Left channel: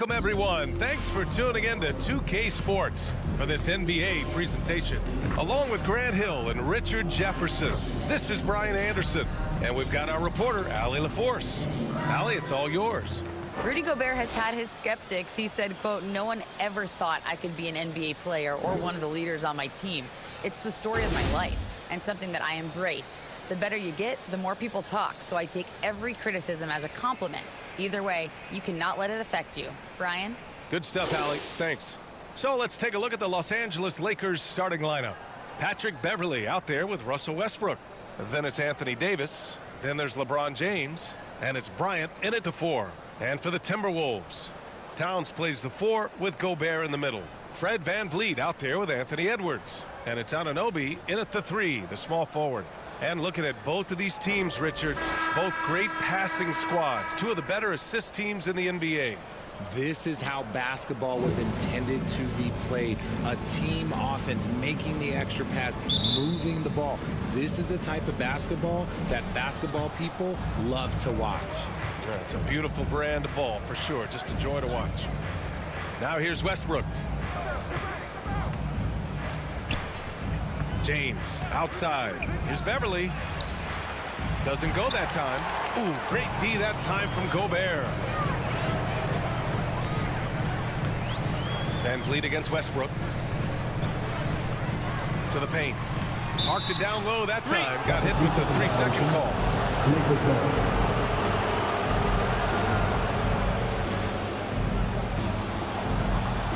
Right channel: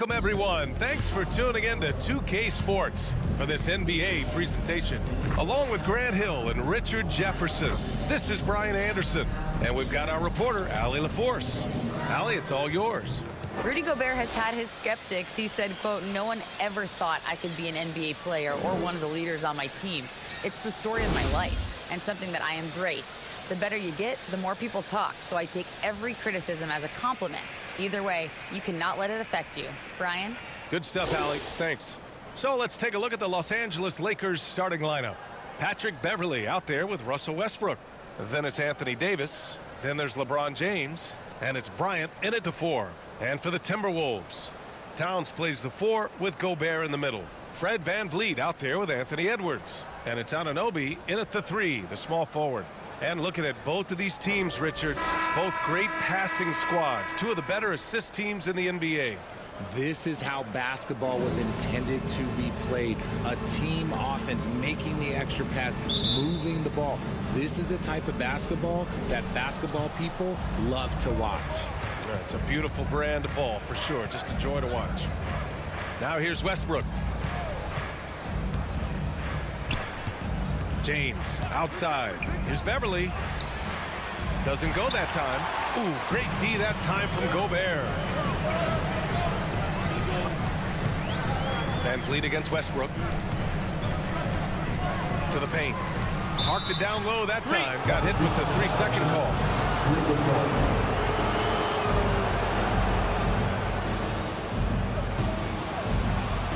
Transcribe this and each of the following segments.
Welcome, everyone. Thanks for tuning in to 2K Sports for this NBA presentation. Along with Grant Hill and Richard Jefferson, this is Brian Anderson, and we've got our reporter, Allie LaForce. Allie, it's all yours. Rudy Gobert has had his skeptics. He said, quote, "No one ever thought I could be an NBA player or one of the leaders on my team. It's the story of my life and something that I embrace. The better you get, the more people talk, so I take every criticism as a compliment. Either way, you cannot let it affect you." Brian? Good stuff, Allie. Thanks. So let's take a look at the Los Angeles Lakers starting lineup. Patrick Beverley out there with Russell Westbrook. Then it's Anthony Davis. Then there's LeBron James. And it's Bryant in at the 4. And for the Timberwolves, Towns plays the 4 with Gobert in the middle. Fred VanVleet out there with Anthony Edwards. And it's Anunoby in at the 3, the small forward. And looking at both of these teams, Richard, both great passing squads, two of the better assist teams in the NBA. This is how basketball was intended to be played. A team offense, making the extra pass, moving the ball. This is the type of basketball that basketball people love to watch. It's a beautiful brand of ball for sure. Just a joy to watch. Now here's Westbrook. James outside. Here's Beverley. Doesn't go that time. Ooh, great D that time from Gobert. VanVleet against Westbrook. To the paint. Parked it down low that time. Got hit with the 3-second call.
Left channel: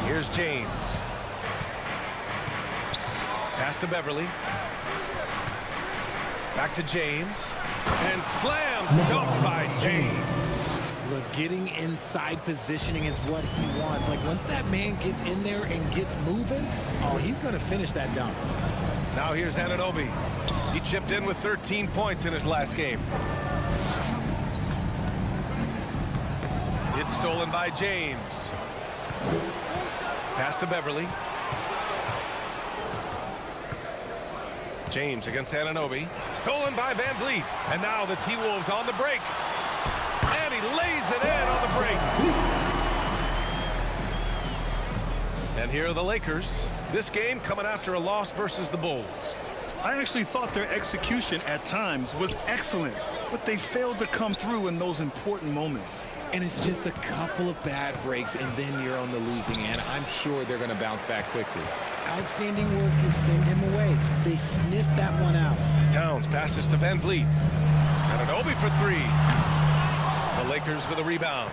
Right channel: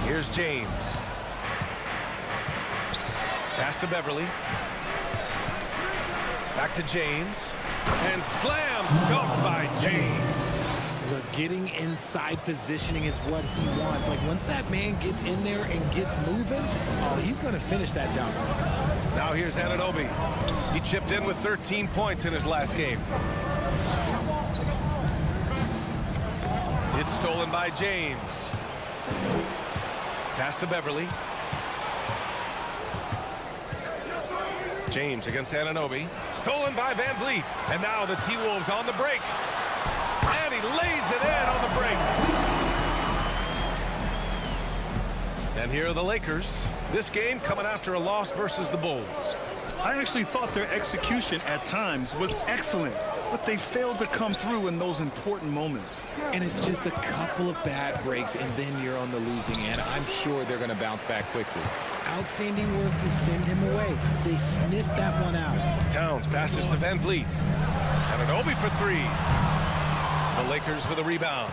Here's James. Pass to Beverley. Back to James. And slam dunk by James. Look, getting inside positioning is what he wants. Like, once that man gets in there and gets moving, oh, he's going to finish that dunk. Now here's Anunoby. He chipped in with 13 points in his last game. It's stolen by James. Pass to Beverley. James against Anunoby. Stolen by VanVleet. And now the T-Wolves on the break. And he lays it in on the break. And here are the Lakers. This game coming after a loss versus the Bulls. I actually thought their execution at times was excellent, but they failed to come through in those important moments. And it's just a couple of bad breaks, and then you're on the losing end. I'm sure they're going to bounce back quickly. Outstanding work to send him away. They sniffed that one out. Towns passes to VanVleet. Anunoby for 3. The Lakers with a rebound.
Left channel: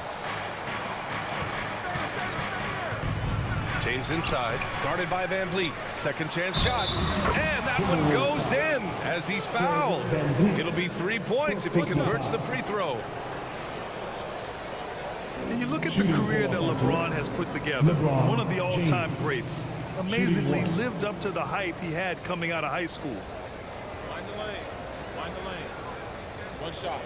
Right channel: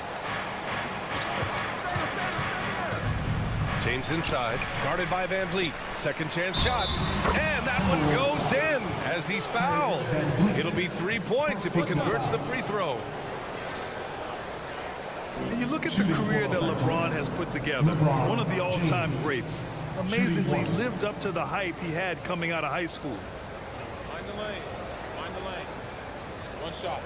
James inside, guarded by VanVleet. Second chance shot, and that one goes in as he's fouled. It'll be 3 points if he converts the free throw. And you look at the career that LeBron has put together, one of the all-time greats. Amazingly lived up to the hype he had coming out of high school. Find the lane. Find the lane. One shot.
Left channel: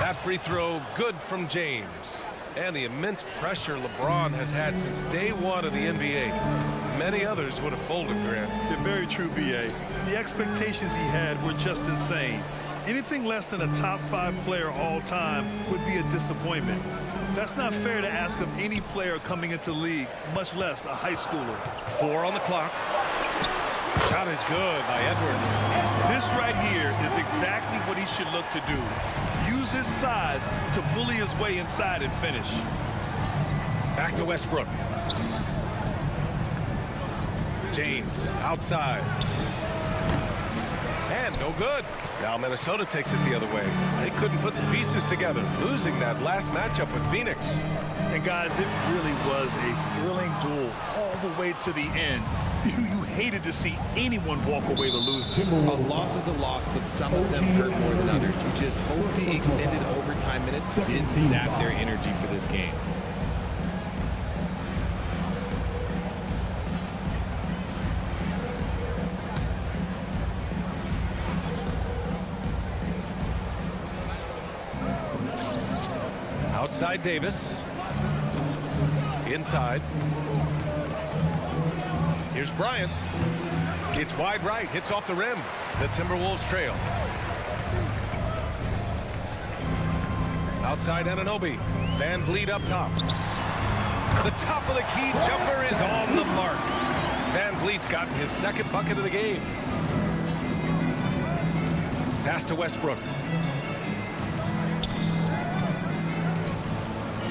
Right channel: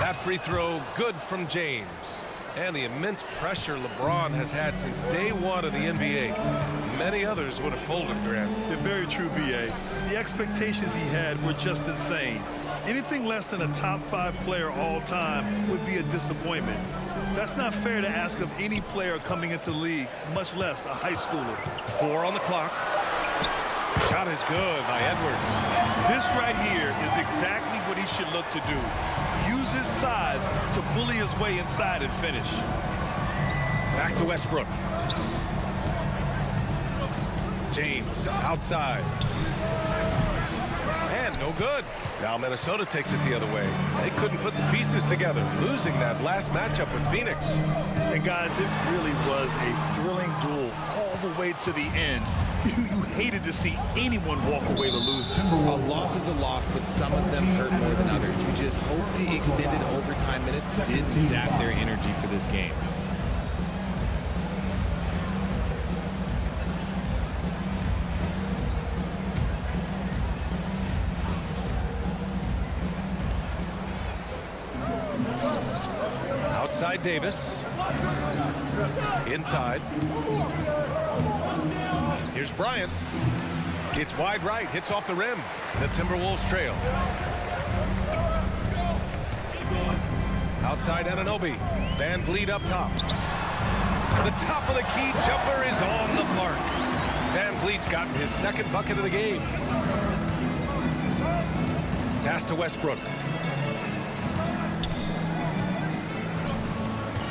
That free throw good from James. And the immense pressure LeBron has had since day one of the NBA. Many others would have folded, Grant. They're very true, B.A. The expectations he had were just insane. Anything less than a top 5 player all time would be a disappointment. That's not fair to ask of any player coming into the league, much less a high schooler. 4 on the clock. Shot is good by Edwards. This right here is exactly what he should look to do. Use his size to bully his way inside and finish. Back to Westbrook. James outside. And no good. Now Minnesota takes it the other way. They couldn't put the pieces together, losing that last matchup with Phoenix. And guys, it really was a thrilling duel all the way to the end. You hated to see anyone walk away the loser. A loss is a loss, but some of them hurt more than others. You just hope the extended overtime minutes didn't zap their energy for this game. Outside Davis. Inside. Here's Bryant. It's wide right, hits off the rim. The Timberwolves trail. Outside Anunoby. Van Vliet up top. The top of the key jumper is on the mark. Van Vliet's gotten his second bucket of the game. Pass to Westbrook.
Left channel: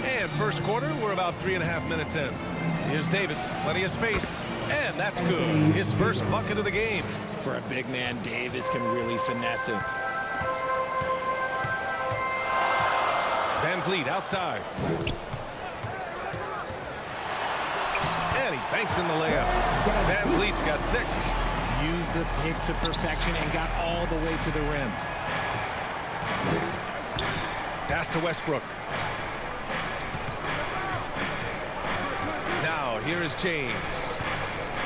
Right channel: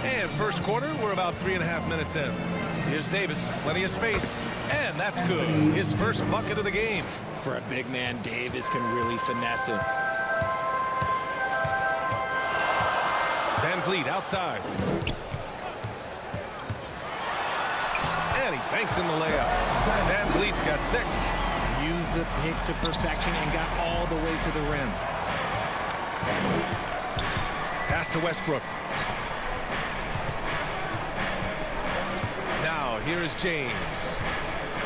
And first quarter, we're about 3.5 minutes in. Here's Davis, plenty of space, and that's good. His first bucket of the game. For a big man, Davis can really finesse it. Van Vliet outside. And he banks in the layup. Van Vliet's got 6. Used the pick to perfection and got all the way to the rim. Pass to Westbrook. Now, here is James.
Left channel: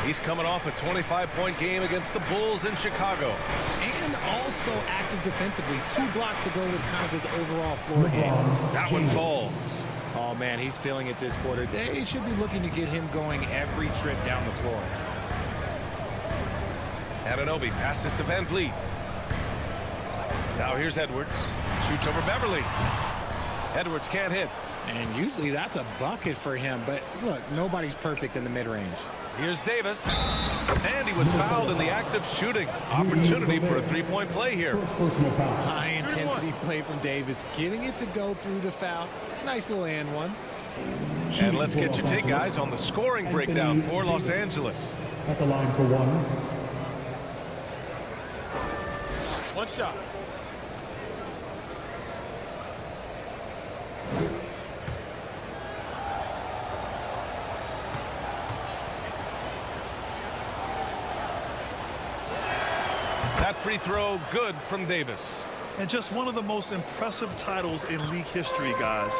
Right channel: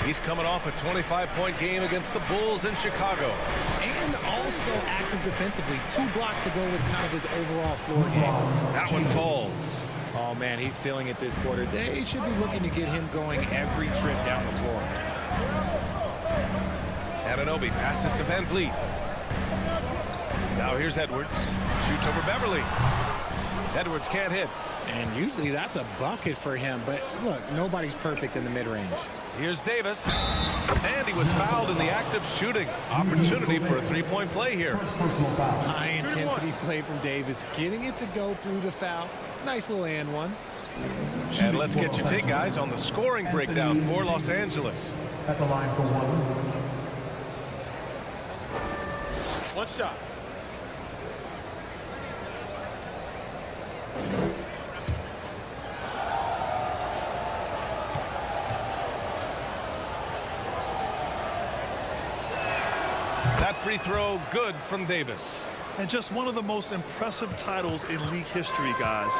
He's coming off a 25-point game against the Bulls in Chicago. And also active defensively. 2 blocks ago with kind of his overall floor game. That one falls. Oh, man, he's feeling it this quarter. They should be looking to get him going every trip down the floor. Anunoby passes to Van Vliet. Now here's Edwards. Shoots over Beverly. Edwards can't hit. And usually that's a bucket for him. But look, nobody's perfect in the mid-range. Here's Davis. And he was fouled in the act of shooting. Opportunity for a 3-point play here. High-intensity play from Davis. Getting it to go through the foul. Nice little and one. And let's get your take, guys, on the scoring breakdown for Los Angeles. At the line for one. One shot. That free throw good from Davis. And just one of the most impressive titles in league history, guys.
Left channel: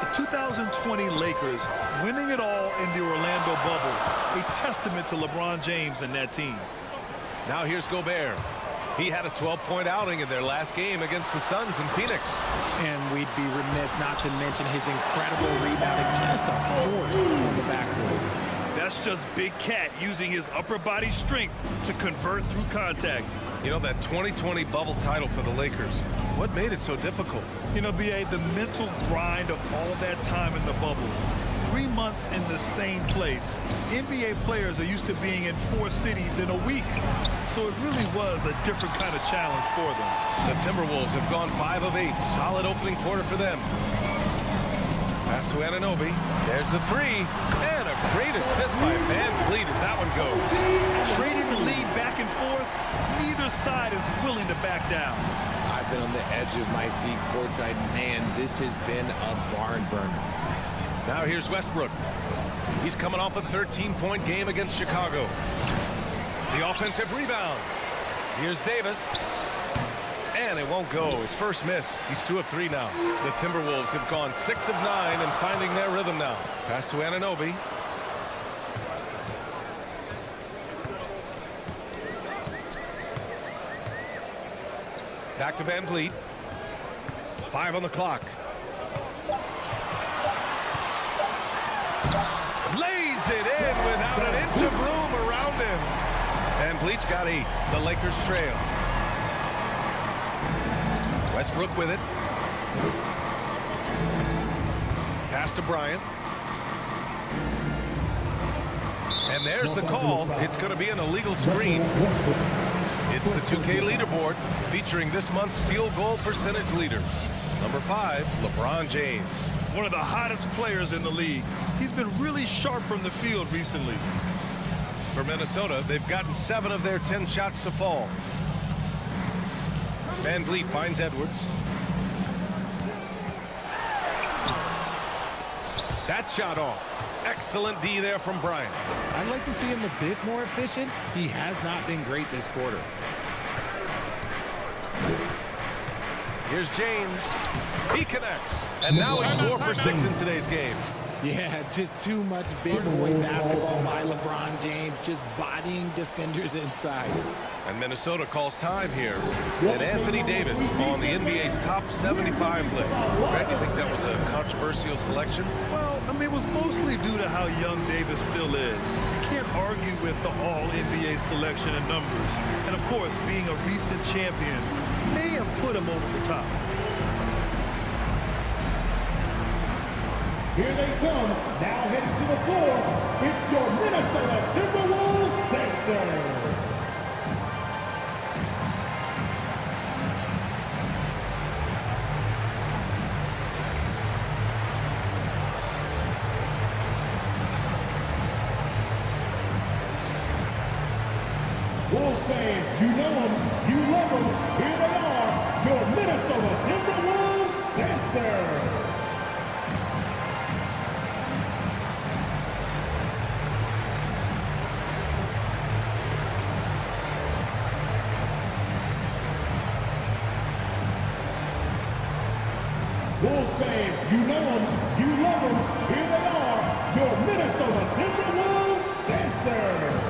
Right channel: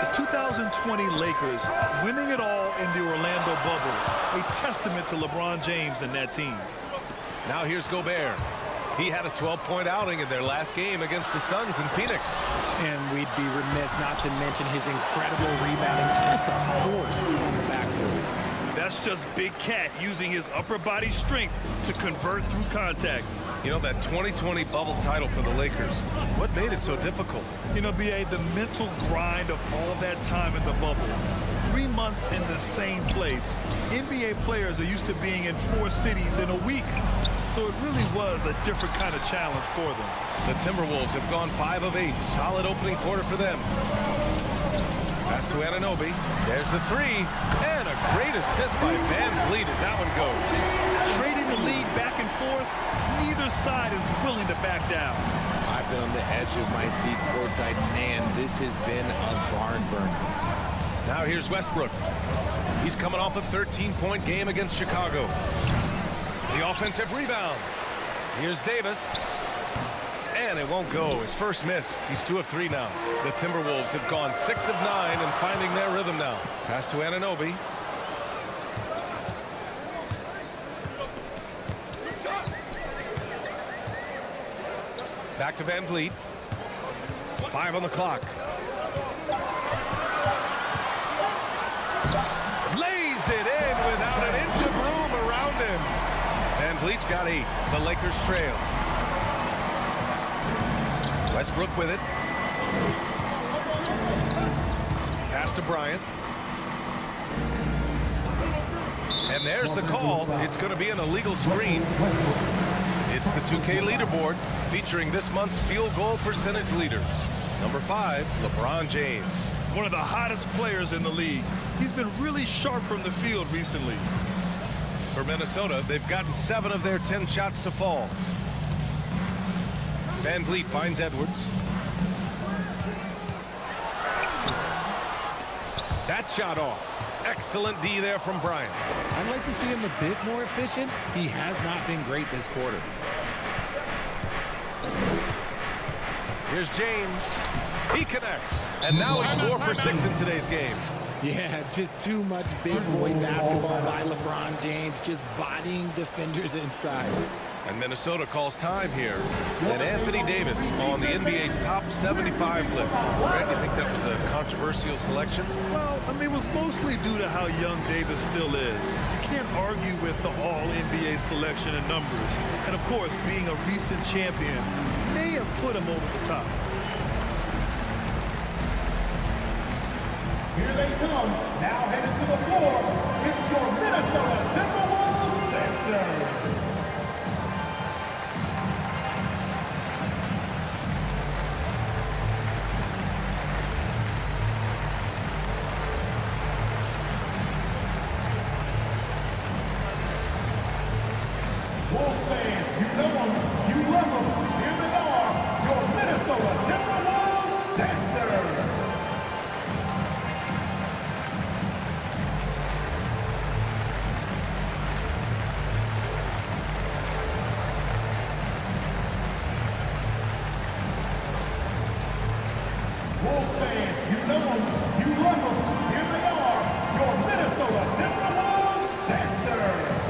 The 2020 Lakers winning it all in the Orlando bubble. A testament to LeBron James and that team. Now here's Gobert. He had a 12-point outing in their last game against the Suns in Phoenix. And we'd be remiss not to mention his incredible rebounding. Just a force on the backboard. That's just Big Cat using his upper body strength to convert through contact. You know, that 2020 bubble title for the Lakers, what made it so difficult? You know, B.A., the mental grind of all that time in the bubble. 3 months in the same place. NBA players are used to being in 4 cities in a week. So it really was a different kind of challenge for them. The Timberwolves have gone 5 of 8. Solid opening quarter for them. Pass to Anunoby. There's the 3. And a great assist by Van Vliet as that one goes. Trading the lead back and forth, neither side is willing to back down. I've been on the edge of my seat courtside. Man, this has been a barn burner. Now here's Westbrook. He's coming off a 13-point game against Chicago. The offensive rebound. Here's Davis. And it won't go. His first miss. He's 2 of 3 now. The Timberwolves have gone 6 of 9 and finding their rhythm now. Pass to Anunoby. Back to Van Vliet. 5 on the clock. Lays it in without an inch of room around him. Van Vliet's got 8. The Lakers trail. Westbrook with it. Pass to Bryant. And there's the call. It's going to be an illegal screen. It's the 2K leaderboard featuring this month's field goal percentage leaders. Number 5, LeBron James. One of the hottest players in the league. He's been really sharp from the field recently. For Minnesota, they've gotten 7 of their 10 shots to fall. Van Vliet finds Edwards. That shot off. Excellent D there from Bryant. I'd like to see him a bit more efficient. He has not been great this quarter. Here's James. He connects. And now he's 4 for 6 in today's game. Yeah, just too much big boy basketball by LeBron James, just bodying defenders inside. And Minnesota calls time here. And Anthony Davis on the NBA's top 75 list. Grant, do you think that was a controversial selection? Well, I mean, it was mostly due to how young Davis still is. You can't argue with the all-NBA selection and numbers. And, of course, being a recent champion may have put him over the top. Here they come, now headed to the floor. It's your Minnesota Timberwolves dancers. Wolves fans, you know them, you love them. Here they are, your Minnesota Timberwolves dancers. Wolves fans, you know them, you love them. Here they are, your Minnesota Timberwolves dancers.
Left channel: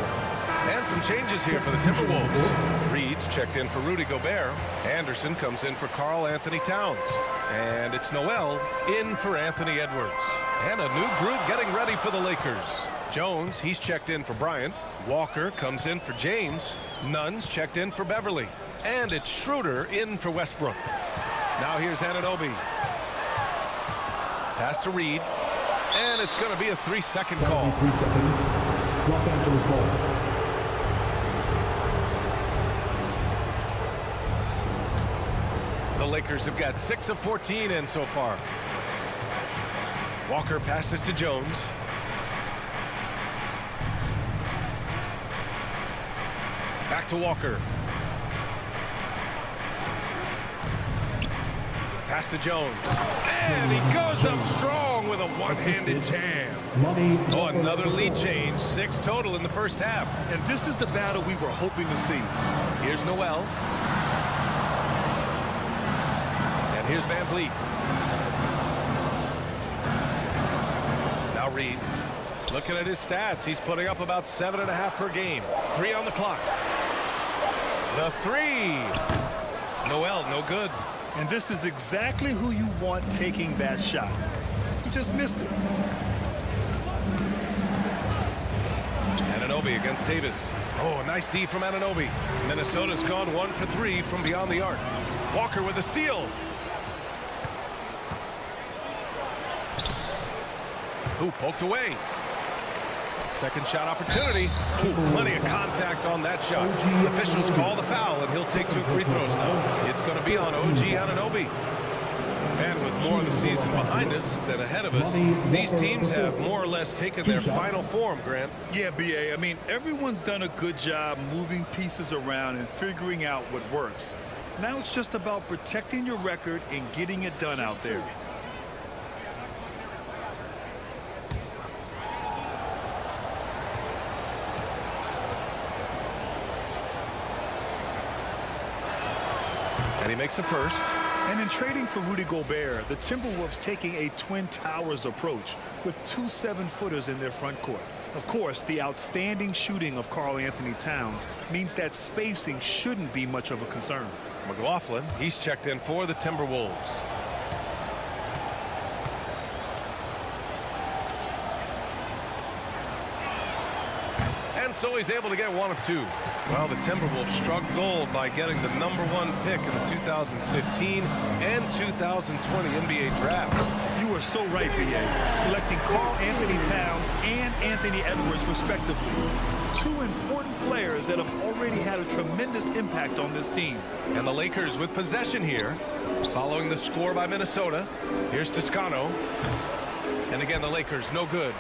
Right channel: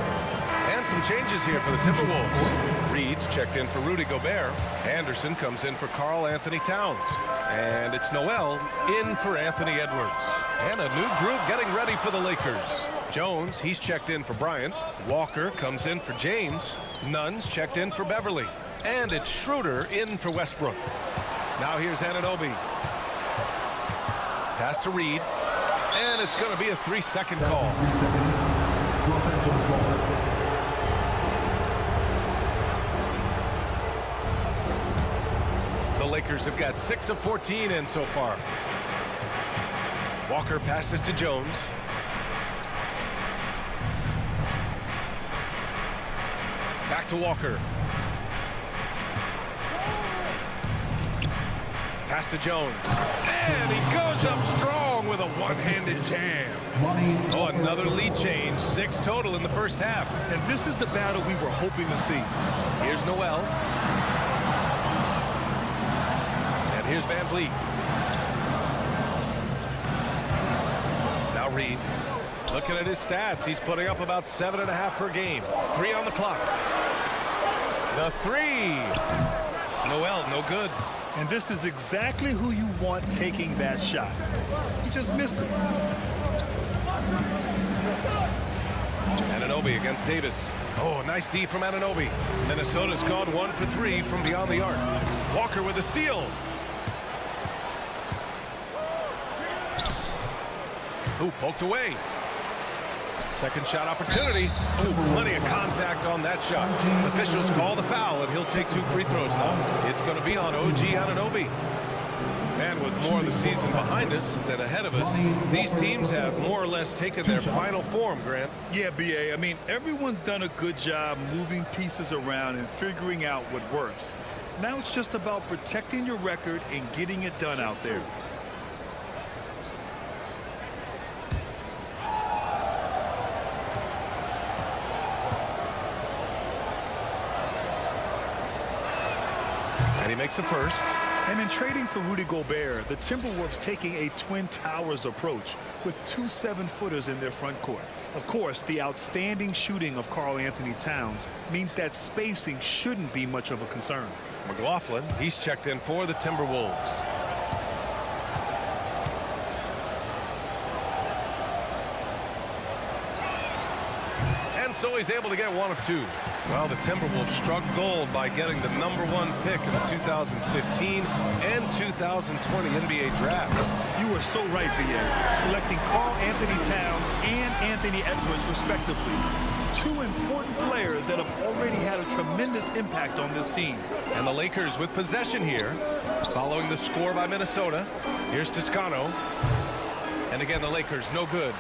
And some changes here for the Timberwolves. Reed's checked in for Rudy Gobert. Anderson comes in for Karl-Anthony Towns. And it's Noel in for Anthony Edwards. And a new group getting ready for the Lakers. Jones, he's checked in for Bryant. Walker comes in for James. Nunn's checked in for Beverly. And it's Schroeder in for Westbrook. Now here's Anunoby. Pass to Reed. And it's going to be a 3-second call. 3 seconds. Los Angeles ball. The Lakers have got 6 of 14 in so far. Walker passes to Jones. Back to Walker. Pass to Jones. And he goes up strong with a one-handed jam. Oh, another lead change. 6 total in the first half. And this is the battle we were hoping to see. Here's Noel. And here's Van Vliet. Now Reed. Looking at his stats, he's putting up about 7.5 per game. 3 on the clock. The 3. Noel, no good. And this is exactly who you want taking that shot. He just missed it. Anunoby against Davis. Oh, nice D from Anunoby. Minnesota's gone 1 for 3 from beyond the arc. Walker with a steal. Ooh, poked away. Second shot opportunity. Ooh, plenty of contact on that shot. Officials call the foul, and he'll take 2 free throws now. It's going to be on OG Anunoby. And with more of the season behind us than ahead of us, these teams have more or less taken their final form, Grant. Yeah, B.A. I mean, everyone's done a good job moving pieces around and figuring out what works. Now it's just about protecting your record and getting it done out there. And he makes a first. And in trading for Rudy Gobert, the Timberwolves taking a Twin Towers approach with 2 7-footers in their front court. Of course, the outstanding shooting of Karl-Anthony Towns means that spacing shouldn't be much of a concern. McLaughlin, he's checked in for the Timberwolves. And so he's able to get 1 of 2. Well, the Timberwolves struck gold by getting the #1 pick in the 2015 and 2020 NBA drafts. You are so right, B.A. Selecting Karl-Anthony Towns and Anthony Edwards, respectively. 2 important players that have already had a tremendous impact on this team. And the Lakers with possession here, following the score by Minnesota. Here's Toscano. And again, the Lakers, no good.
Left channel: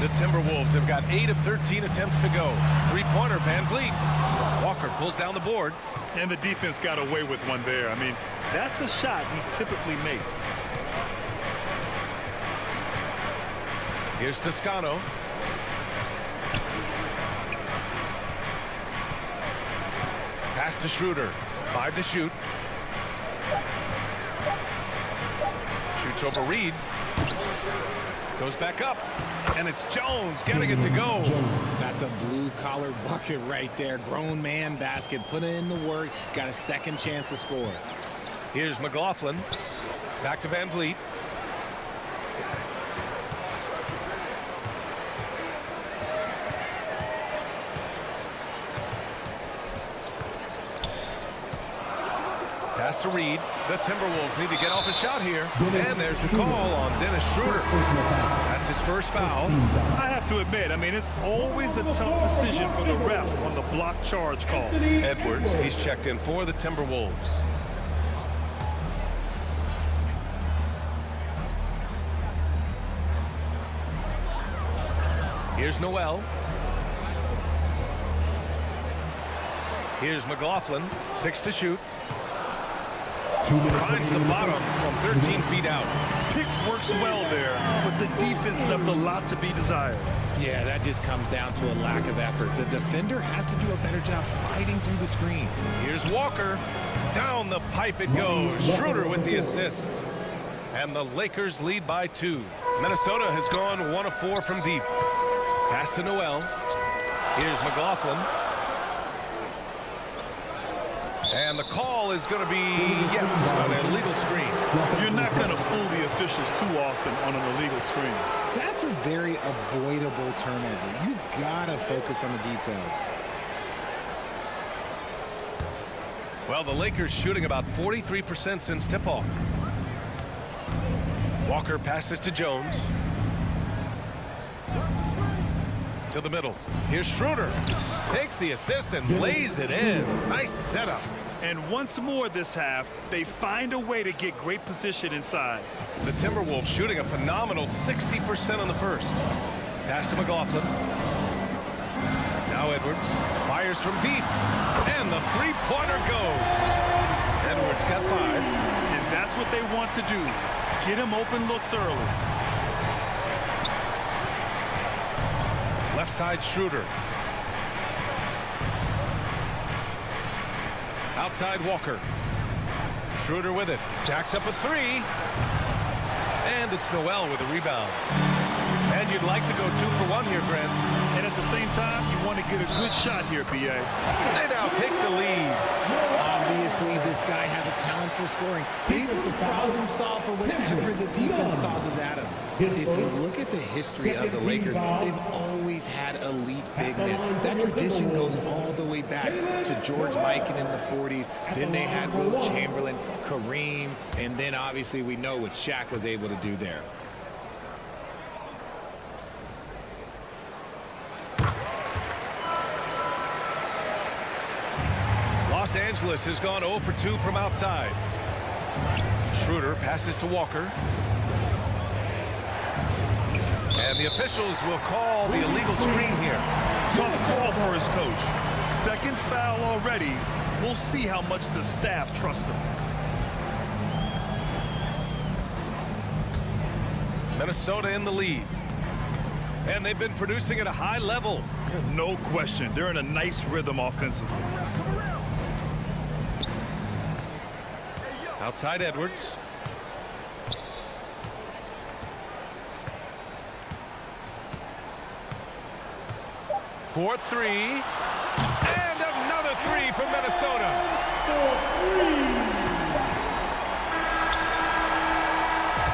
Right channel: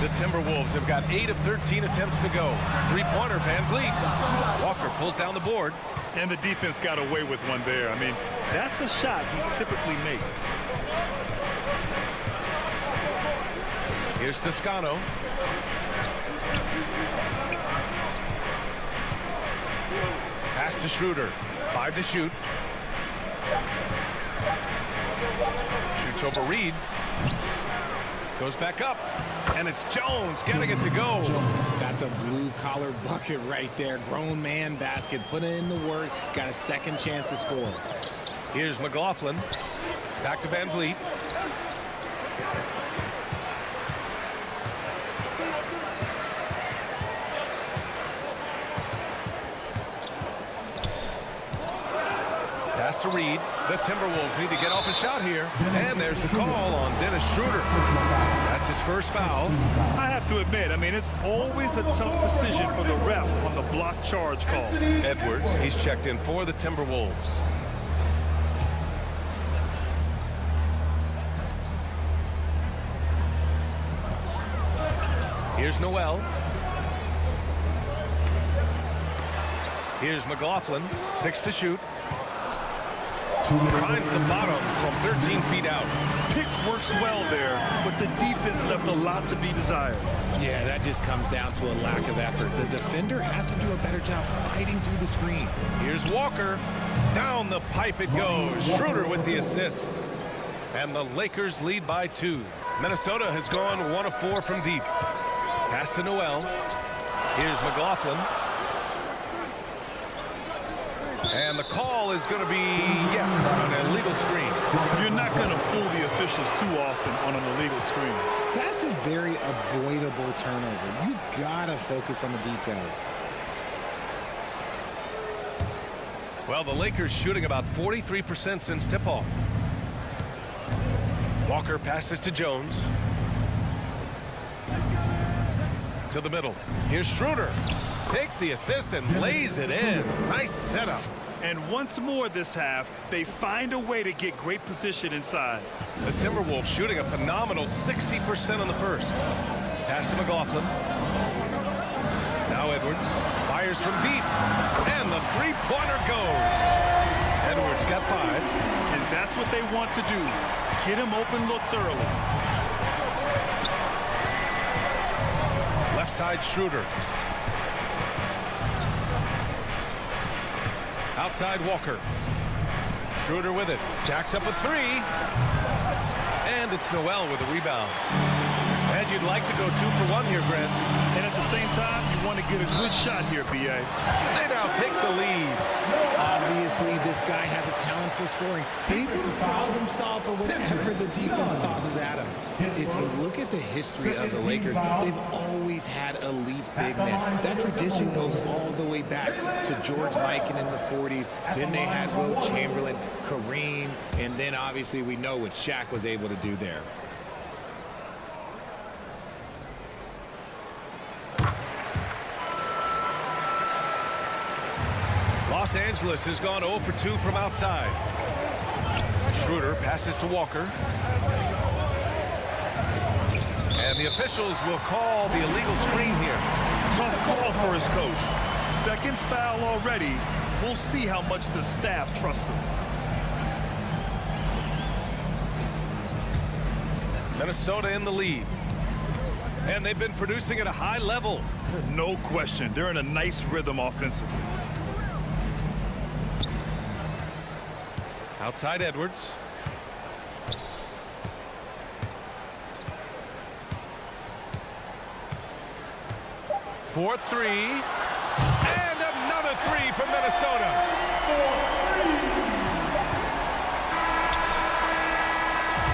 The Timberwolves have got 8 of 13 attempts to go. 3-pointer, Van Vliet. Walker pulls down the board. And the defense got away with one there. I mean, that's a shot he typically makes. Here's Toscano. Pass to Schroeder. 5 to shoot. Shoots over Reed. Goes back up. And it's Jones getting it to go. That's a blue-collar bucket right there. Grown man basket. Put in the work. Got a second chance to score. Here's McLaughlin. Back to Van Vliet. Pass to Reed. The Timberwolves need to get off a shot here. And there's the call on Dennis Schroeder. That's his first foul. I have to admit, I mean, it's always a tough decision for the ref on the block charge call. Edwards, he's checked in for the Timberwolves. Here's Noel. Here's McLaughlin. 6 to shoot. Finds the bottom from 13 feet out. Pick works well there, but the defense left a lot to be desired. Yeah, that just comes down to a lack of effort. The defender has to do a better job fighting through the screen. Here's Walker. Down the pipe it goes. Schroeder with the assist. And the Lakers lead by 2. Minnesota has gone 1 of 4 from deep. Pass to Noel. Here's McLaughlin. And the call is going to be, yes, an illegal screen. You're not going to fool the officials too often on an illegal screen. That's a very avoidable turnover. You gotta focus on the details. Well, the Lakers shooting about 43% since tip-off. Walker passes to Jones. To the middle. Here's Schroeder. Takes the assist and lays it in. Nice setup. And once more this half, they find a way to get great position inside. The Timberwolves shooting a phenomenal 60% on the first. Pass to McLaughlin. Now Edwards fires from deep. And the three-pointer goes. Edwards got 5. And that's what they want to do. Get him open looks early. Left side Schroeder. Outside Walker. Schroeder with it. Jacks up a 3. And it's Noel with a rebound. And you'd like to go 2 for 1 here, Grant. And at the same time, you want to get a good shot here, B.A. They now take the lead. Obviously, this guy has a talent for scoring. Able to problem solve for whatever the defense tosses at him. If you look at the history of the Lakers, they've always had elite big men. That tradition goes all the way back to George Mikan in the 40s. Then they had Wilt Chamberlain, Kareem, and then obviously we know what Shaq was able to do there. Los Angeles has gone 0 for 2 from outside. Schroeder passes to Walker. And the officials will call the illegal screen here. Tough call for his coach. Second foul already. We'll see how much the staff trusts him. Minnesota in the lead. And they've been producing at a high level. No question. They're in a nice rhythm offensively. Outside Edwards. For 3. And another 3 from Minnesota.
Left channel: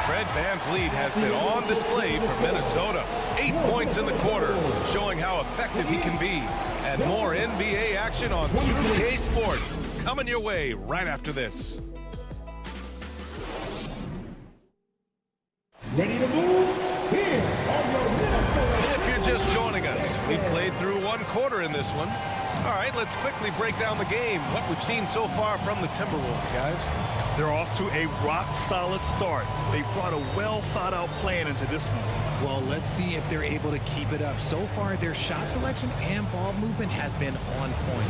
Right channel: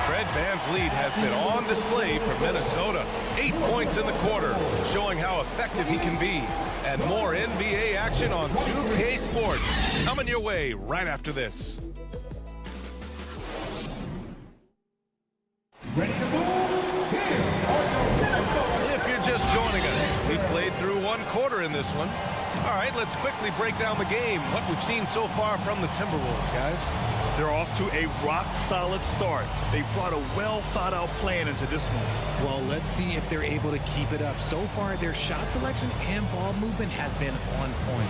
Fred Van Vliet has been on display for Minnesota. 8 points in the quarter, showing how effective he can be. And more NBA action on 2K Sports coming your way right after this. Ready to move? Here are your Minnesota. If you're just joining us, we've played through 1 quarter in this one. All right, let's quickly break down the game. What we've seen so far from the Timberwolves, guys. They're off to a rock-solid start. They brought a well-thought-out plan into this one. Well, let's see if they're able to keep it up. So far, their shot selection and ball movement has been on point.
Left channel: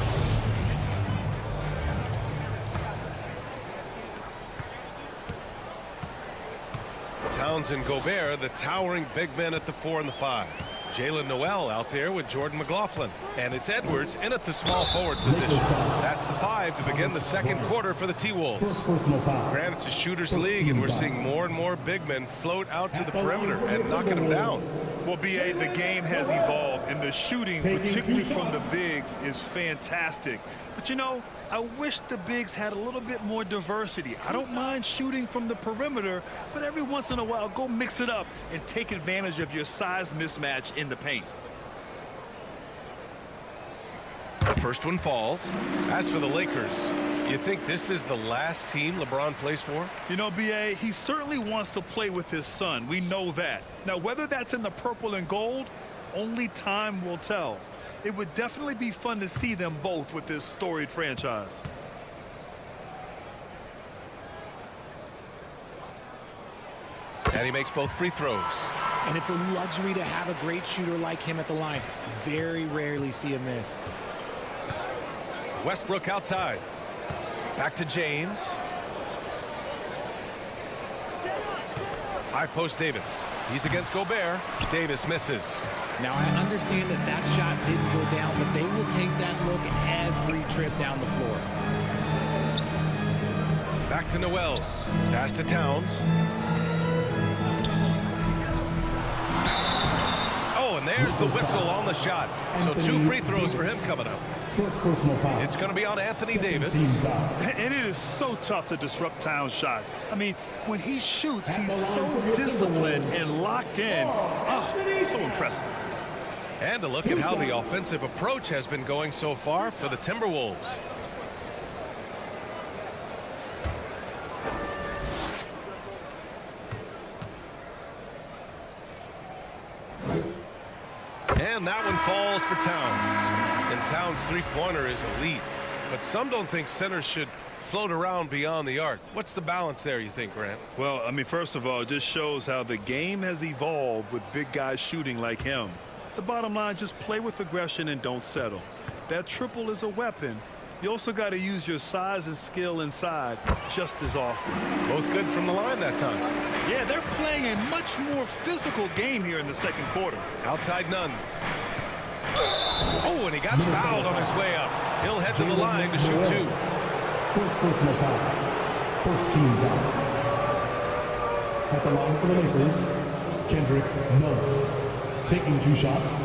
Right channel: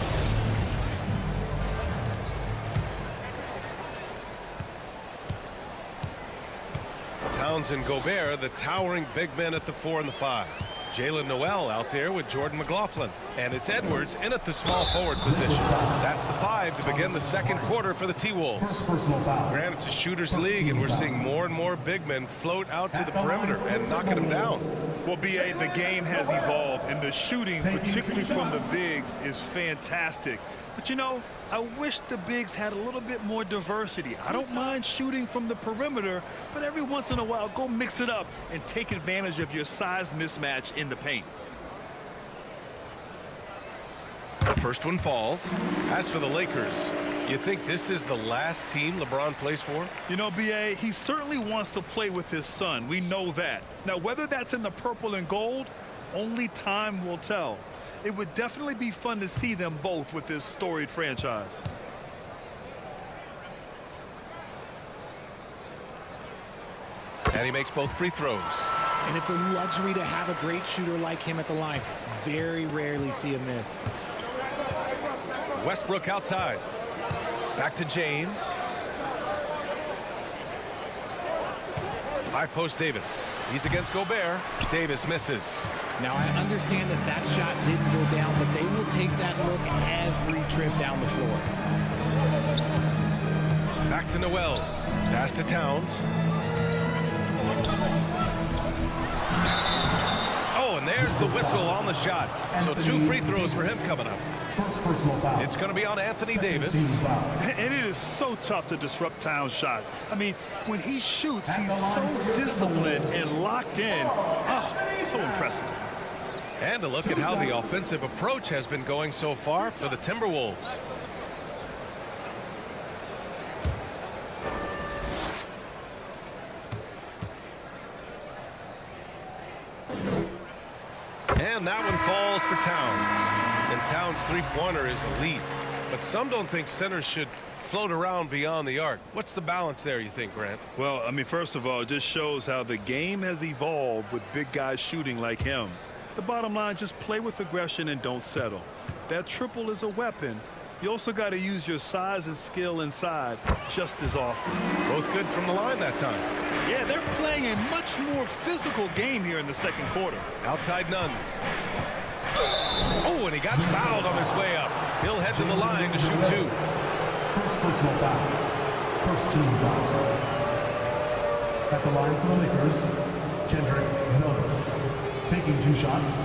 Towns and Gobert, the towering big men at the 4 and the 5. Jalen Noel out there with Jordan McLaughlin. And it's Edwards in at the small forward position. That's the 5 to begin the second quarter for the T-Wolves. First personal foul. Granted, it's a shooter's league, and we're seeing more and more big men float out to the perimeter and knocking them down. Well, B.A., the game has evolved, and the shooting, particularly from the bigs, is fantastic. But, you know, I wish the bigs had a little bit more diversity. I don't mind shooting from the perimeter, but every once in a while, go mix it up and take advantage of your size mismatch in the paint. The first one falls. As for the Lakers, you think this is the last team LeBron plays for? You know, B.A., he certainly wants to play with his son. We know that. Now, whether that's in the purple and gold, only time will tell. It would definitely be fun to see them both with this storied franchise. And he makes both free throws. And it's a luxury to have a great shooter like him at the line. Very rarely see a miss. Westbrook outside. Back to James. High post Davis. He's against Gobert. Davis misses. Now, I understand that that shot didn't go down, but they will take that look every trip down the floor. Back to Noel. Pass to Towns. Oh, and there's the whistle on the shot. So 2 free throws for him coming up. First personal foul. It's going to be on Anthony Davis. And it is so tough to disrupt Towns' shot. I mean, when he shoots, he's so disciplined and locked in. Oh, so impressive. And a look at how the offensive approach has been going so far for the Timberwolves. And that one falls for Towns. And Towns' three-pointer is elite. But some don't think centers should float around beyond the arc. What's the balance there, you think, Grant? Well, I mean, first of all, it just shows how the game has evolved with big guys shooting like him. The bottom line, just play with aggression and don't settle. That triple is a weapon. You also got to use your size and skill inside just as often. Both good from the line that time. Yeah, they're playing a much more physical game here in the second quarter. Outside none. Oh, and he got fouled on his way up. He'll head to the line to shoot 2. First personal foul. First team foul. At the line for the Lakers, Kendrick Nunn. Taking 2 shots.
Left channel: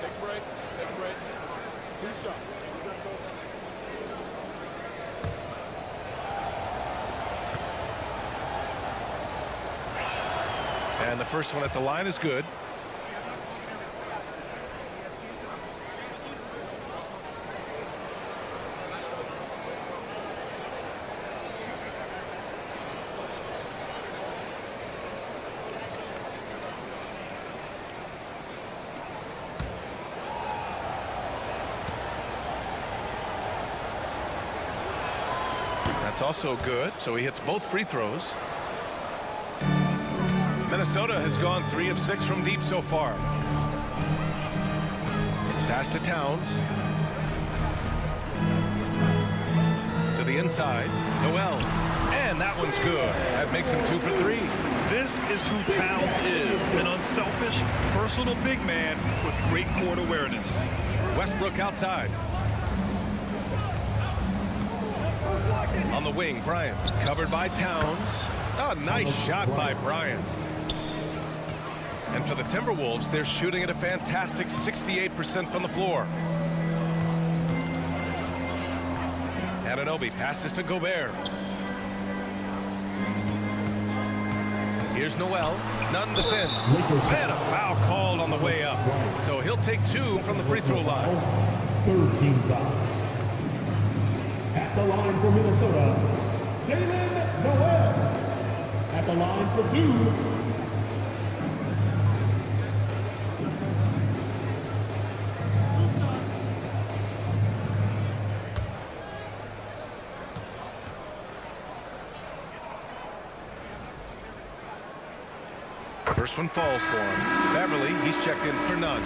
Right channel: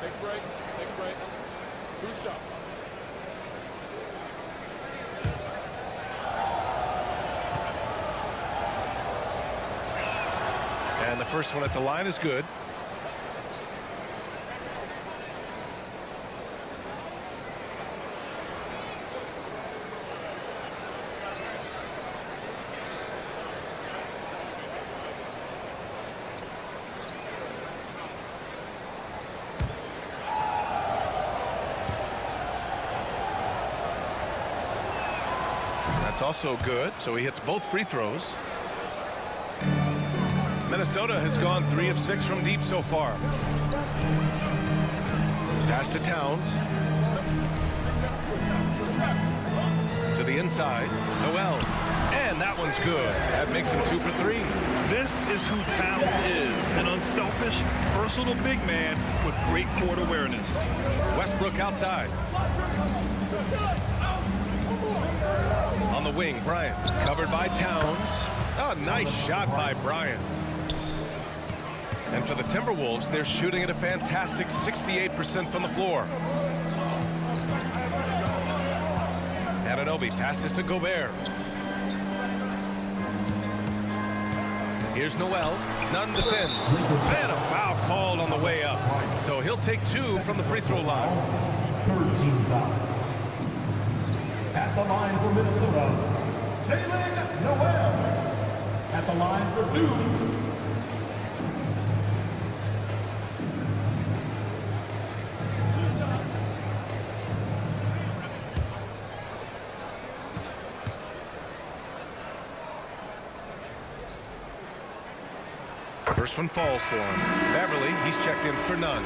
Take a break. Take a break. 2 shots. And the first one at the line is good. That's also good. So he hits both free throws. Minnesota has gone 3 of 6 from deep so far. Pass to Towns. To the inside. Noel. And that one's good. That makes him 2 for 3. This is who Towns is, an unselfish, versatile big man with great court awareness. Westbrook outside. On the wing, Bryant. Covered by Towns. Oh, nice shot by Bryant. And for the Timberwolves, they're shooting at a fantastic 68% from the floor. Anunoby passes to Gobert. Here's Noel. Nunn defends. And a foul called on the way up. So he'll take 2 from the free throw line. Third team foul. At the line for Minnesota, Jalen Noel. At the line for 2. First one falls for him. Beverly, he's checked in for Nunn.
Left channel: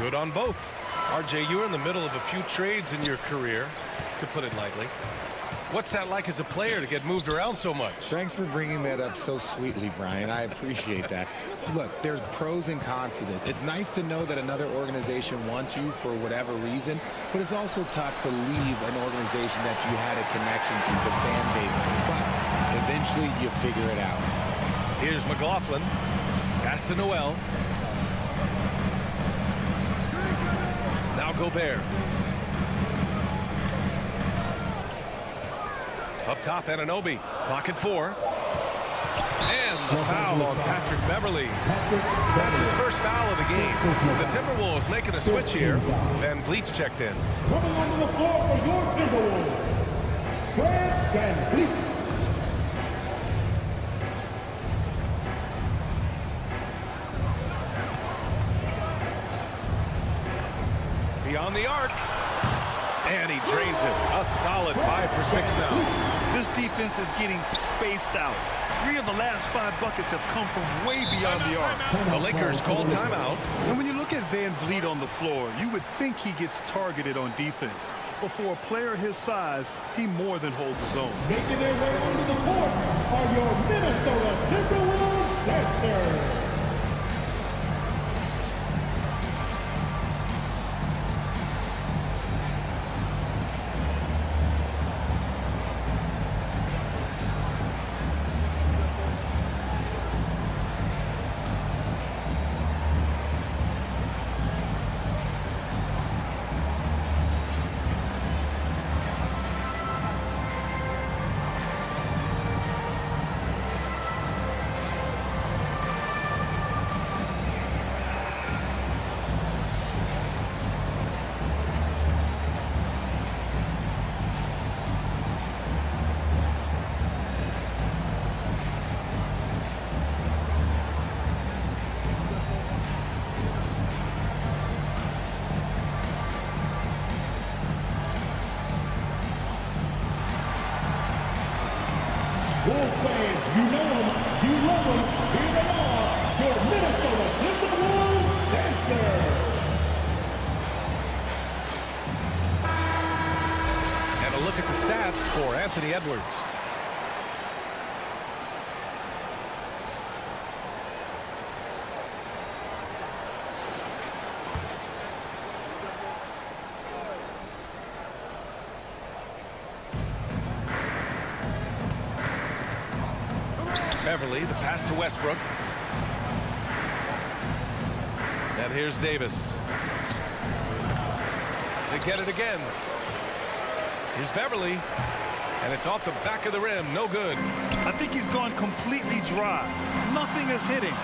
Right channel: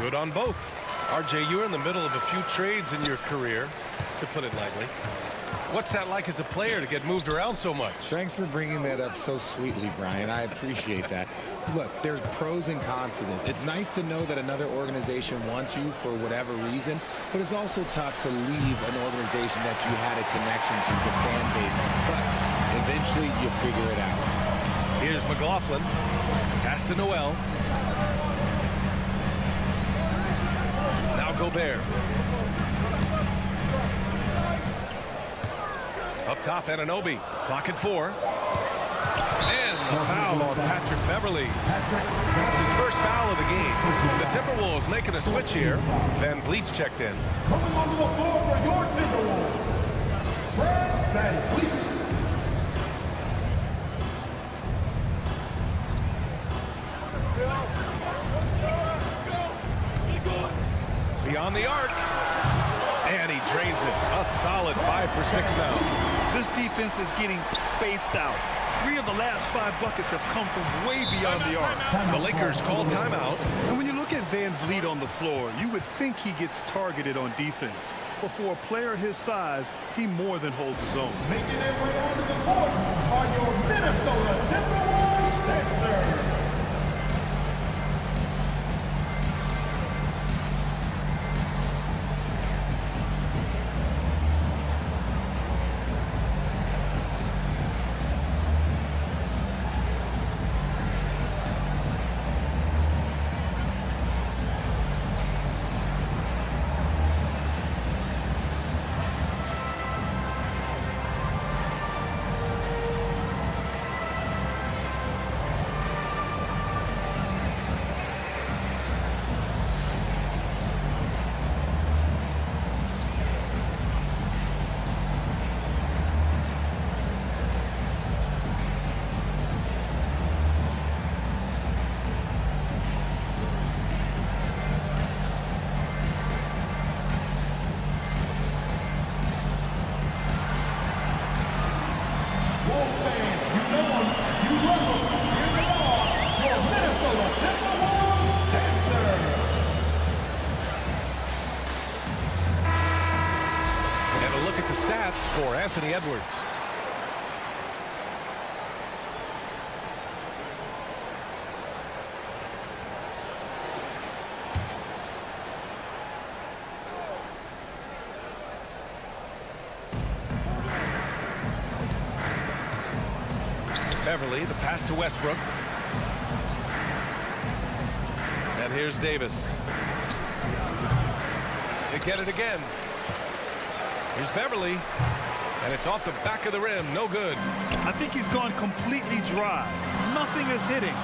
Good on both. RJ, you're in the middle of a few trades in your career, to put it lightly. What's that like as a player to get moved around so much? Thanks for bringing that up so sweetly, Brian. I appreciate that. Look, there's pros and cons to this. It's nice to know that another organization wants you for whatever reason, but it's also tough to leave an organization that you had a connection to, the fan base. But eventually you figure it out. Here's McLaughlin. Pass to Noel. Now Gobert. Up top, Anunoby. Clock at 4. And the foul on Patrick Beverly. That's his first foul of the game. The Timberwolves making a switch here. Van Vliet's checked in. Coming onto the floor for your Timberwolves, Brad Van Vliet. Beyond the arc. And he drains it. A solid 5 for 6 now. This defense is getting spaced out. 3 of the last 5 buckets have come from way beyond the arc. The Lakers call timeout. And when you look at Van Vliet on the floor, you would think he gets targeted on defense. But for a player his size, he more than holds his own. Making their way onto the court are your Minnesota Timberwolves dancers. Wolves fans, you know them, you love them. Here they are, your Minnesota Timberwolves dancers. And a look at the stats for Anthony Edwards. Beverly, the pass to Westbrook. And here's Davis. They get it again. Here's Beverly. And it's off the back of the rim. No good. I think he's gone completely dry. Nothing is hitting.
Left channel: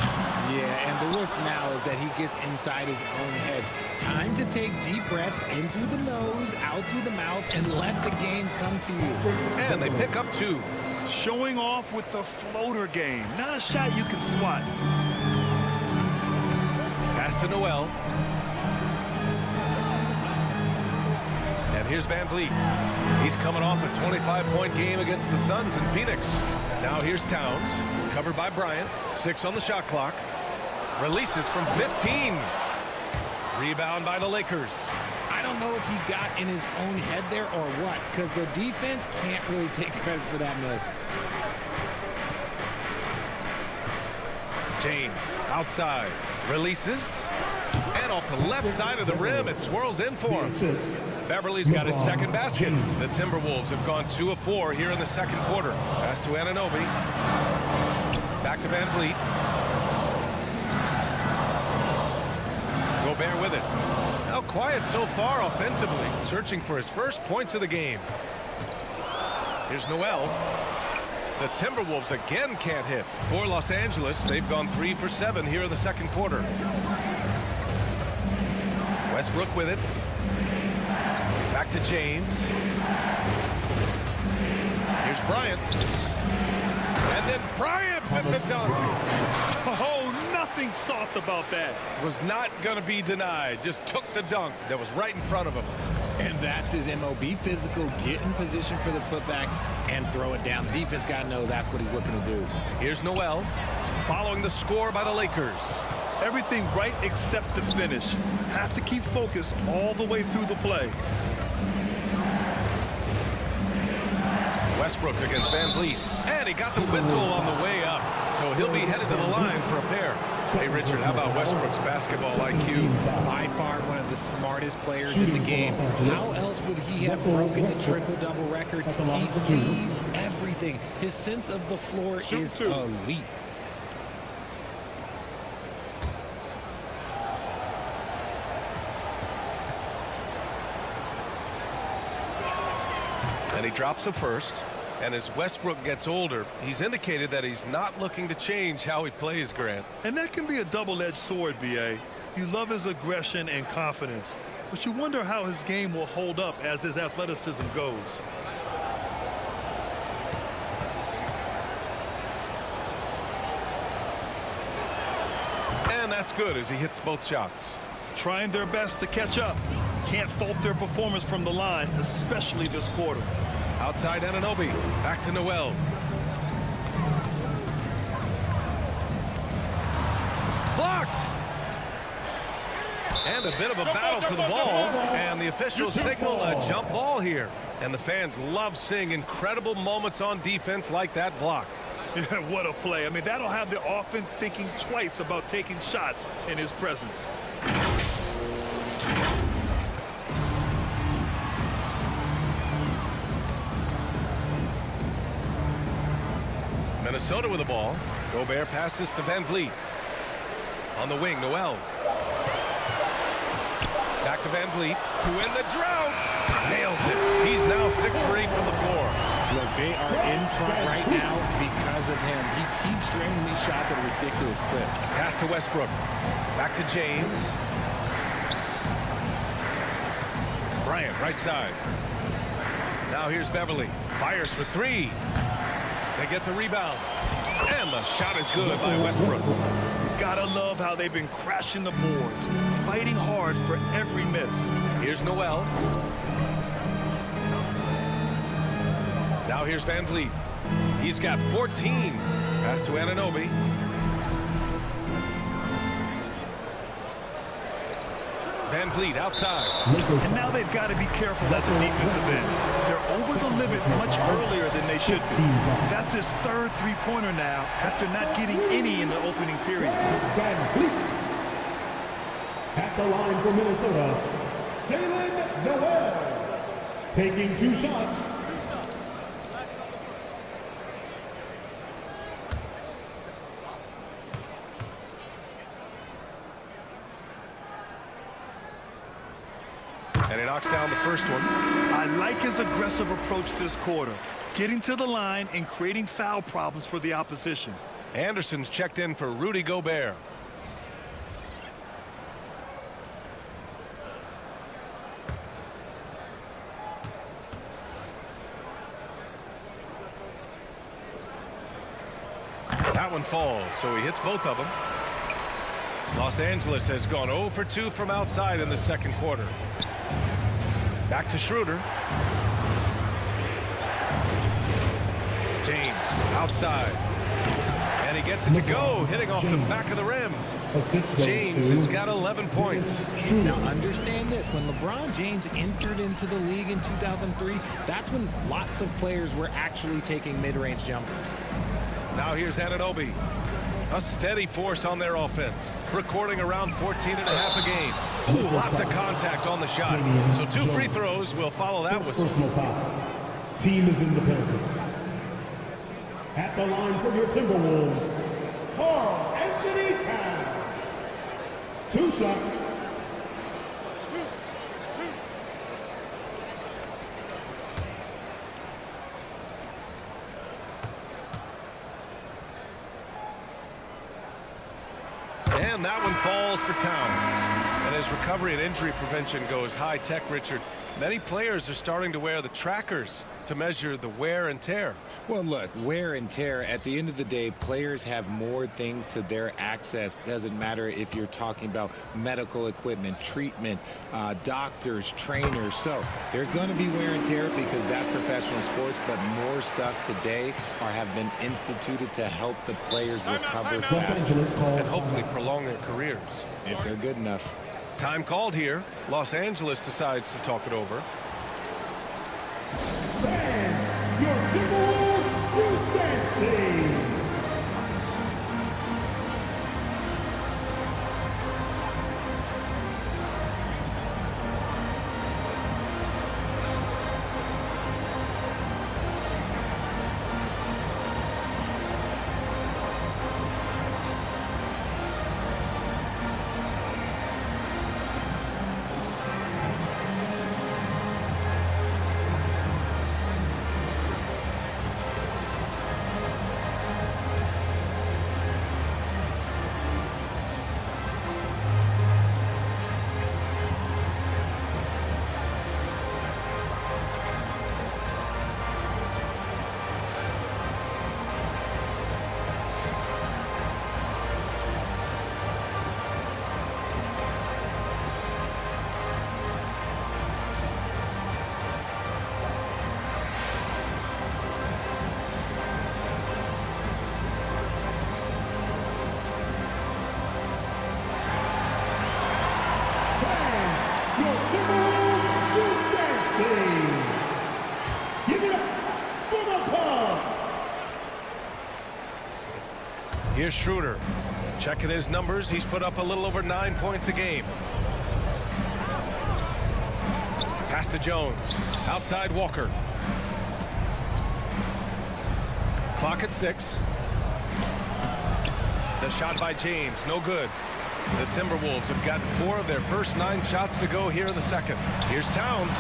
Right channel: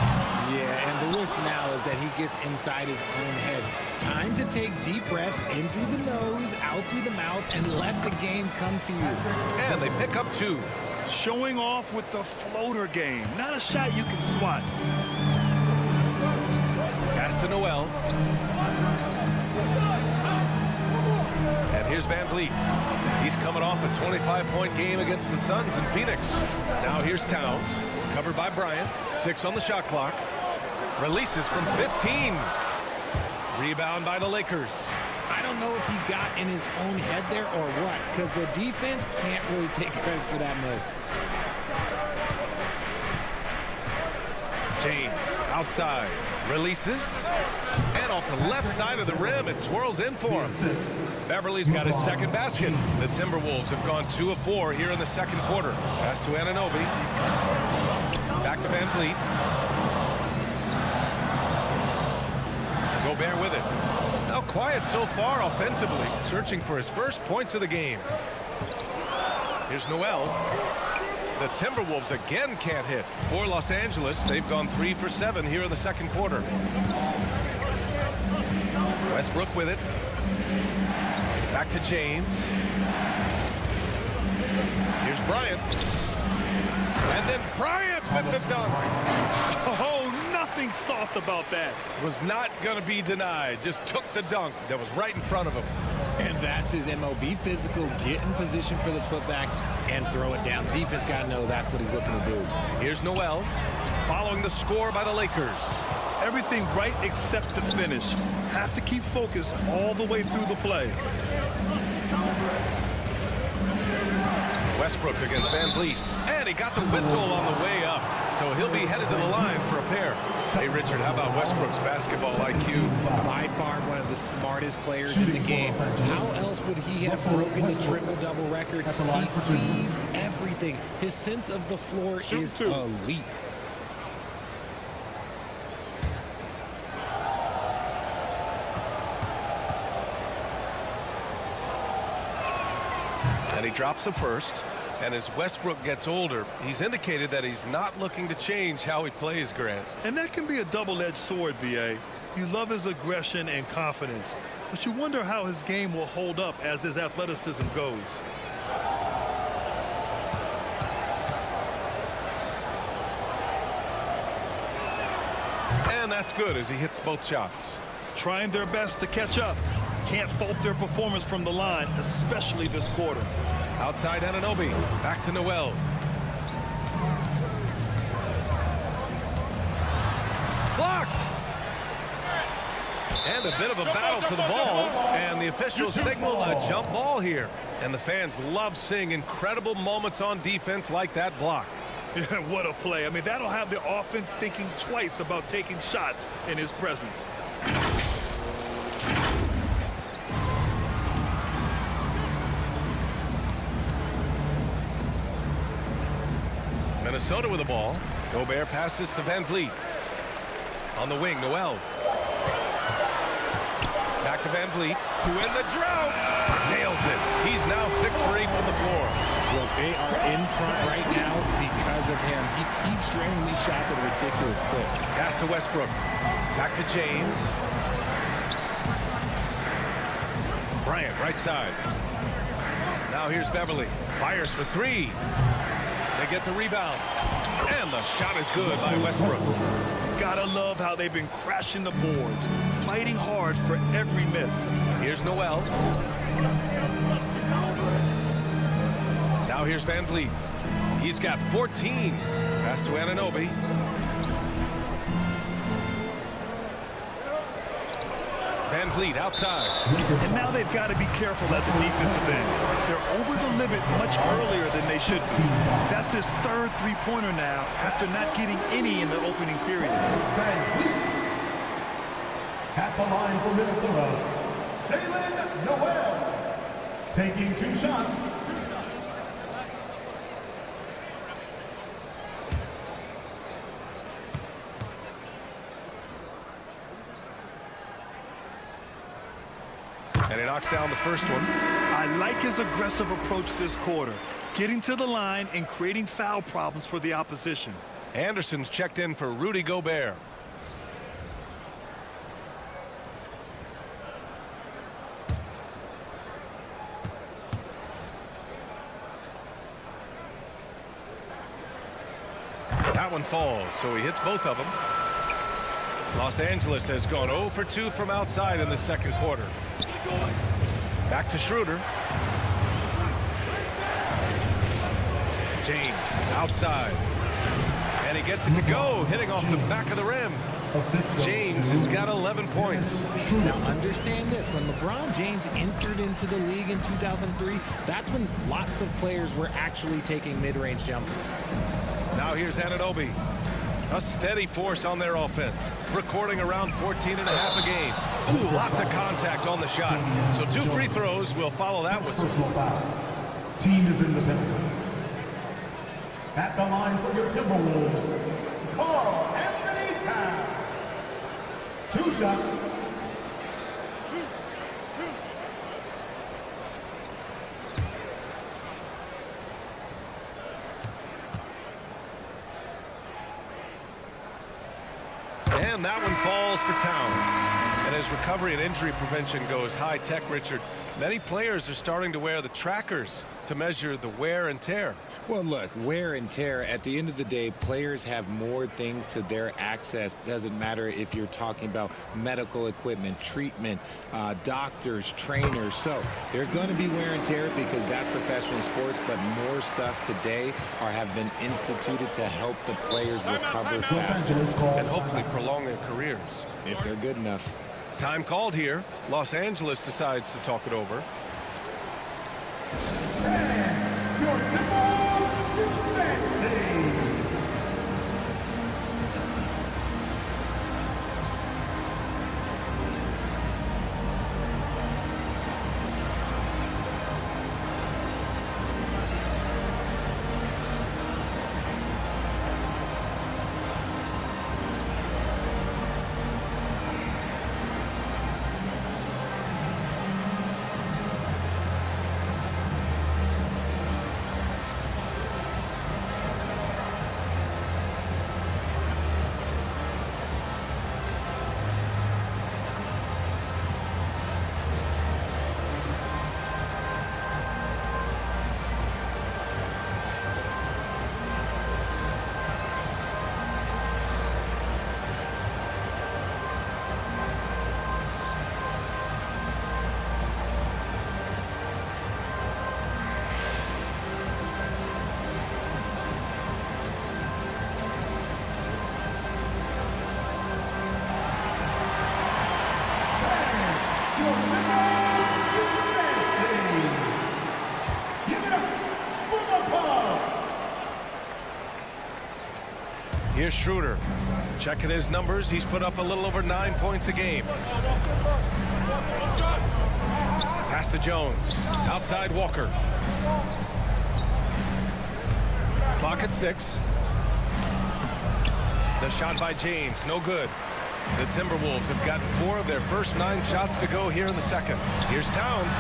Yeah, and the risk now is that he gets inside his own head. Time to take deep breaths in through the nose, out through the mouth, and let the game come to you. And they pick up 2. Showing off with the floater game. Not a shot you can swat. Pass to Noel. And here's Van Vliet. He's coming off a 25-point game against the Suns in Phoenix. Now here's Towns. Covered by Bryant. 6 on the shot clock. Releases from 15. Rebound by the Lakers. I don't know if he got in his own head there or what, because the defense can't really take credit for that miss. James outside. Releases. And off the left side of the rim, it swirls in for him. Beverly's got his second basket. The Timberwolves have gone 2 of 4 here in the second quarter. Pass to Anunoby. Back to Van Vliet. Gobert with it. Now quiet so far offensively, searching for his first points of the game. Here's Noel. The Timberwolves again can't hit. For Los Angeles, they've gone 3 for 7 here in the second quarter. Westbrook with it. Back to James. Here's Bryant. And then Bryant with the dunk. Oh, nothing soft about that. Was not going to be denied. Just took the dunk that was right in front of him. And that's his MO. Be physical, get in position for the putback, and throw it down. The defense got to know that's what he's looking to do. Here's Noel, following the score by the Lakers. Everything right except the finish. Have to keep focused all the way through the play. Westbrook against Van Vliet. And he got the whistle on the way up. So he'll be headed to the line for a pair. Hey, Richard, how about Westbrook's basketball IQ? By far one of the smartest players in the game. How else would he have broken the triple-double record? He sees everything. His sense of the floor is elite. And he drops a first. And as Westbrook gets older, he's indicated that he's not looking to change how he plays, Grant. And that can be a double-edged sword, B.A. You love his aggression and confidence, but you wonder how his game will hold up as his athleticism goes. And that's good as he hits both shots. Trying their best to catch up. Can't fault their performance from the line, especially this quarter. Outside Anunoby. Back to Noel. Blocked. And a bit of a battle for the ball. And the officials signal a jump ball here. And the fans love seeing incredible moments on defense like that block. Yeah, what a play. I mean, that'll have the offense thinking twice about taking shots in his presence. Minnesota with the ball. Gobert passes to Van Vliet. On the wing, Noel. Back to Van Vliet, to win the drought. Nails it. He's now 6 for 8 from the floor. Look, they are in front right now because of him. He keeps draining these shots at a ridiculous clip. Pass to Westbrook. Back to James. Bryant, right side. Now here's Beverly. Fires for 3. They get the rebound. And the shot is good by Westbrook. You gotta love how they've been crashing the boards, fighting hard for every miss. Here's Noel. Now here's Van Vliet. He's got 14. Pass to Anunoby. Van Vliet outside. And now they've got to be careful at the defensive end. They're over the limit much earlier than they should be. That's his third three-pointer now after not getting any in the opening period. Van Vliet. At the line for Minnesota, Jalen Noel. Taking 2 shots. And he knocks down the first one. I like his aggressive approach this quarter, getting to the line and creating foul problems for the opposition. Anderson's checked in for Rudy Gobert. That one falls, so he hits both of them. Los Angeles has gone 0 for 2 from outside in the second quarter. Back to Schroeder. James outside. And he gets it to go, hitting off the back of the rim. James has got 11 points. Now understand this, when LeBron James entered into the league in 2003, that's when lots of players were actually taking mid-range jumpers. Now here's Anunoby. A steady force on their offense, recording around 14.5 a game. Ooh, lots of contact on the shot. So 2 free throws will follow that whistle. Personal foul. Team is in the penalty. At the line for your Timberwolves, Karl-Anthony Towns. 2 shots. And that one falls for Towns. And as recovery and injury prevention goes high tech, Richard, many players are starting to wear the trackers to measure the wear and tear. Well, look, wear and tear, at the end of the day, players have more things to their access. Doesn't matter if you're talking about medical equipment, treatment, doctors, trainers. So there's going to be wear and tear because that's professional sports, but more stuff today have been instituted to help the players recover faster. And hopefully prolong their careers. If they're good enough. Time called here. Los Angeles decides to talk it over. Fans, your Timberwolves defense team. Your Timberwolves defense team. Give it up for the Pubs. Here's Schroeder. Checking his numbers. He's put up a little over 9 points a game. Pass to Jones. Outside Walker. Clock at 6. The shot by James. No good. The Timberwolves have gotten 4 of their first 9 shots to go here in the second. Here's Towns.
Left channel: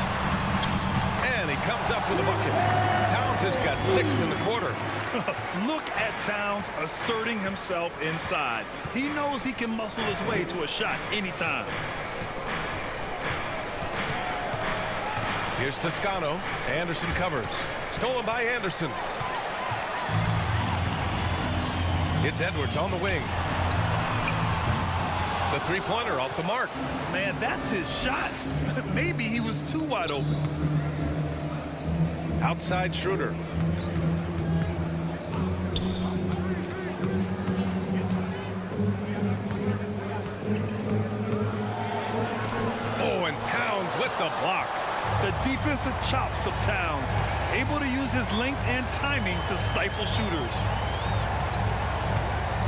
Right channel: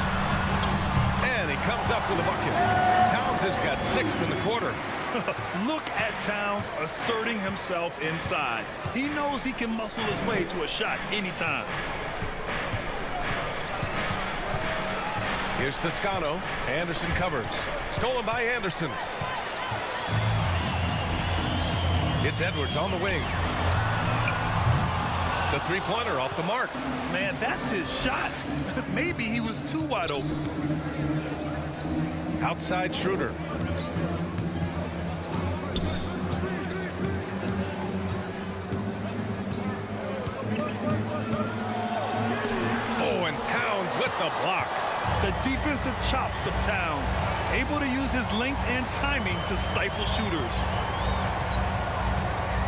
And he comes up with a bucket. Towns has got 6 in the quarter. Look at Towns asserting himself inside. He knows he can muscle his way to a shot anytime. Here's Toscano. Anderson covers. Stolen by Anderson. It's Edwards on the wing. The three-pointer off the mark. Man, that's his shot. Maybe he was too wide open. Outside Schroeder. Oh, and Towns with the block. The defensive chops of Towns, able to use his length and timing to stifle shooters.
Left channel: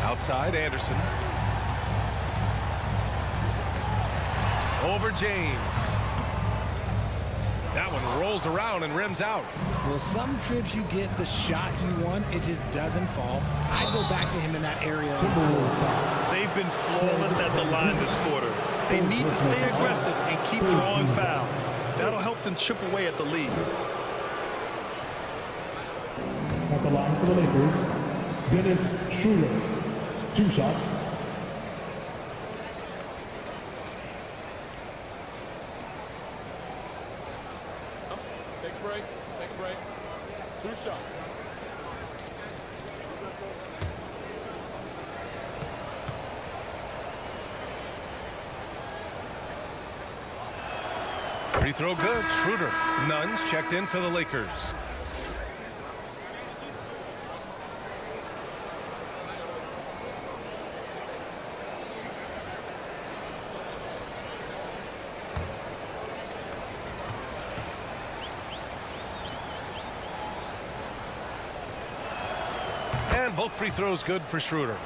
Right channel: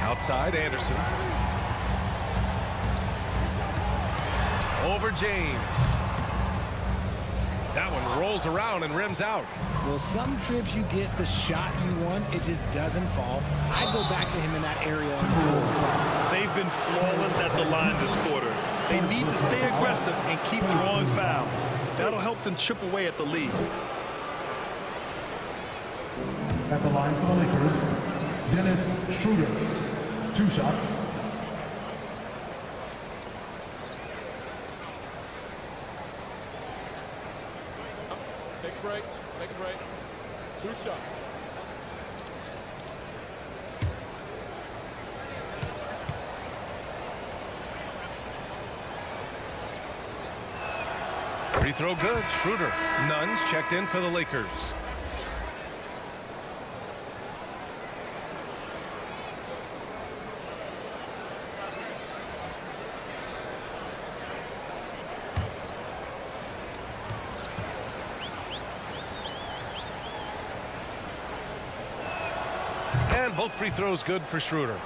Outside Anderson. Over James. That one rolls around and rims out. Well, some trips you get the shot you want, it just doesn't fall. I go back to him in that area. They've been flawless at the line this quarter. They need to stay aggressive and keep drawing fouls. That'll help them chip away at the lead. At the line for the Lakers, Dennis Schroeder. 2 shots. Take a break. Take a break. 2 shots. Free throw good. Schroeder. Nuns checked in for the Lakers. And both free throws good for Schroeder.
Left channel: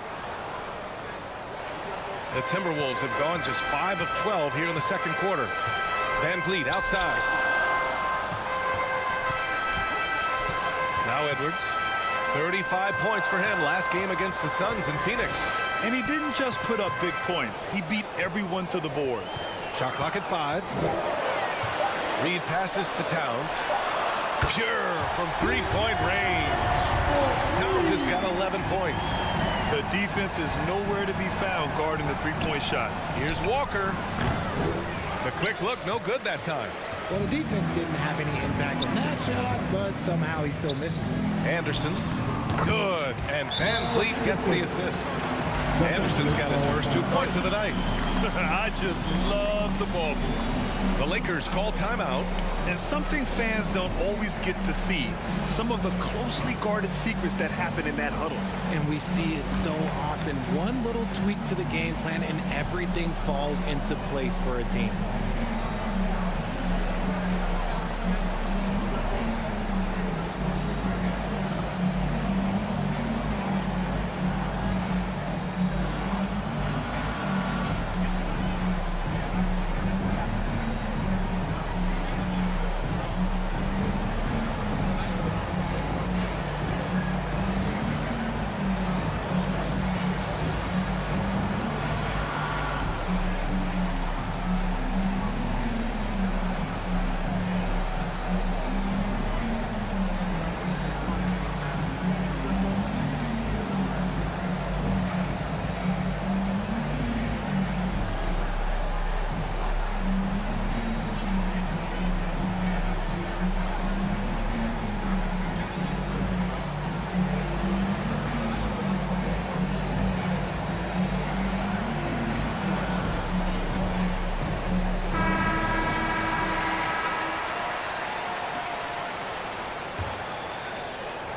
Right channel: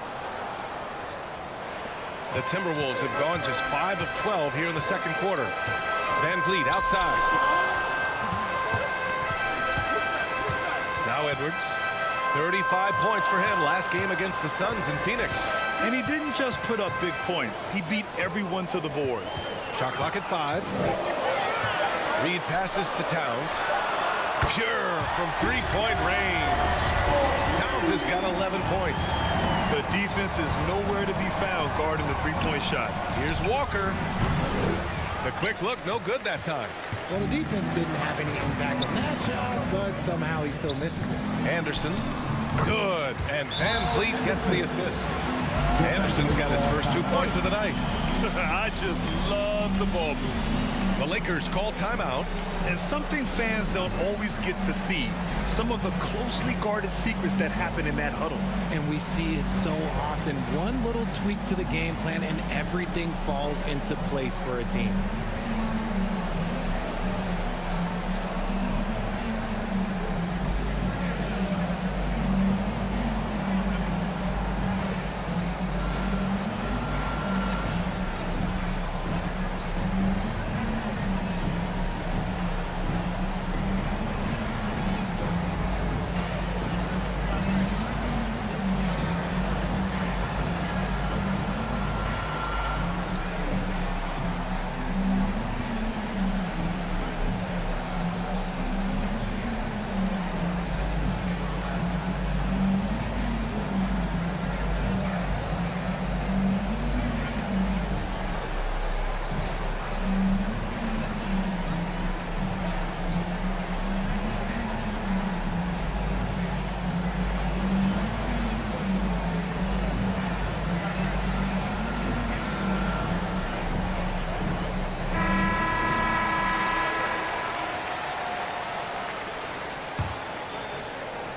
The Timberwolves have gone just 5 of 12 here in the second quarter. Van Vliet outside. Now Edwards. 35 points for him last game against the Suns in Phoenix. And he didn't just put up big points. He beat everyone to the boards. Shot clock at 5. Reed passes to Towns. Pure from three-point range. Towns has got 11 points. The defense is nowhere to be found guarding the three-point shot. Here's Walker. The quick look, no good that time. Well, the defense didn't have any impact on that shot, but somehow he still misses it. Anderson. Good. And Van Vliet gets the assist. Anderson's got his first 2 points of the night. I just love the ball move. The Lakers call timeout. And something fans don't always get to see, some of the closely guarded secrets that happen in that huddle. And we see it so often. One little tweak to the game plan and everything falls into place for a team.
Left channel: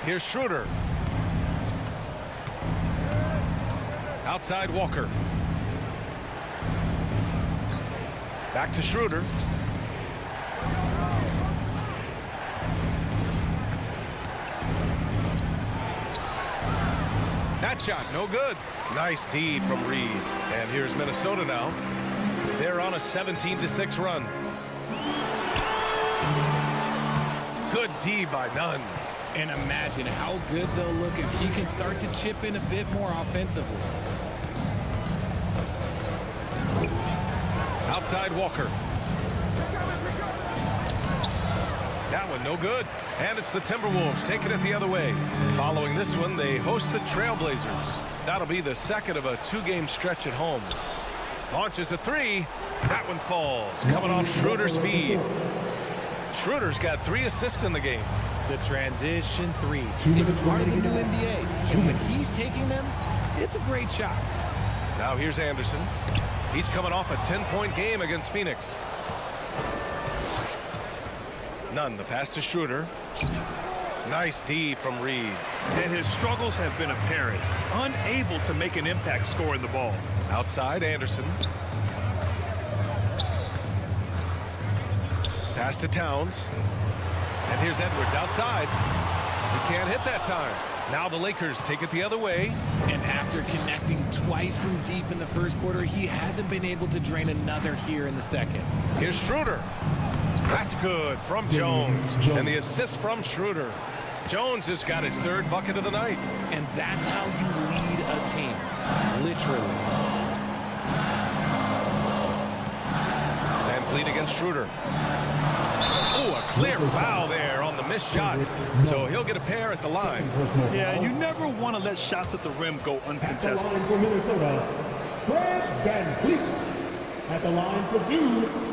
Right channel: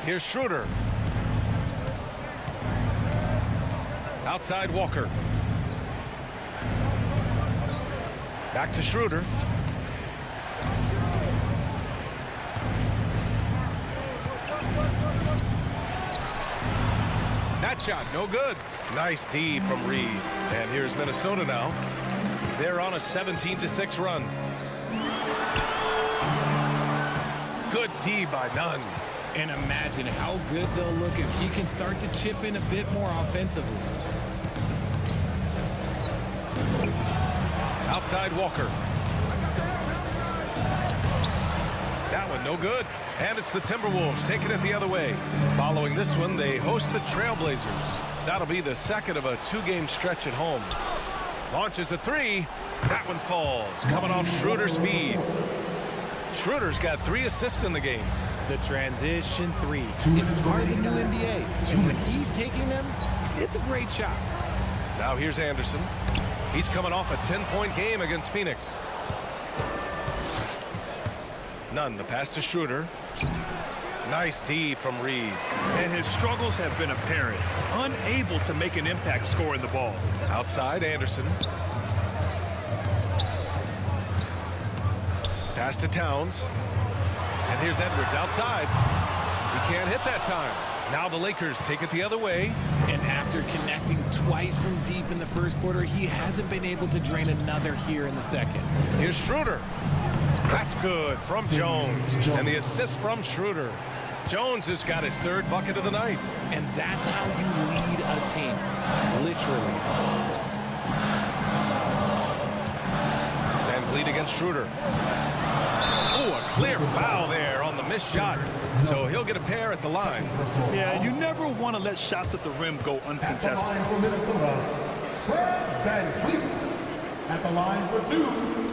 Here's Schroeder. Outside Walker. Back to Schroeder. That shot, no good. Nice D from Reed. And here's Minnesota now. They're on a 17-6 run. Good D by Nunn. And imagine how good they'll look if he can start to chip in a bit more offensively. Outside Walker. That one no good. And it's the Timberwolves taking it the other way. Following this one, they host the Trailblazers. That'll be the second of a two-game stretch at home. Launches a three. That one falls. Coming off Schroeder's feed. Schroeder's got 3 assists in the game. The transition three. It's part of the new NBA. And when he's taking them, it's a great shot. Now here's Anderson. He's coming off a 10-point game against Phoenix. Nunn, the pass to Schroeder. Nice D from Reed. And his struggles have been apparent. Unable to make an impact scoring the ball. Outside Anderson. Pass to Towns. And here's Edwards outside. He can't hit that time. Now the Lakers take it the other way. And after connecting twice from deep in the first quarter, he hasn't been able to drain another here in the second. Here's Schroeder. That's good from Jones. And the assist from Schroeder. Jones has got his 3rd bucket of the night. And that's how you lead a team. Literally. Van Vliet against Schroeder. Oh, a clear foul there on the missed shot. So he'll get a pair at the line. Yeah, you never want to let shots at the rim go uncontested. At the line for Minnesota, Fred Van Vliet. At the line for 2.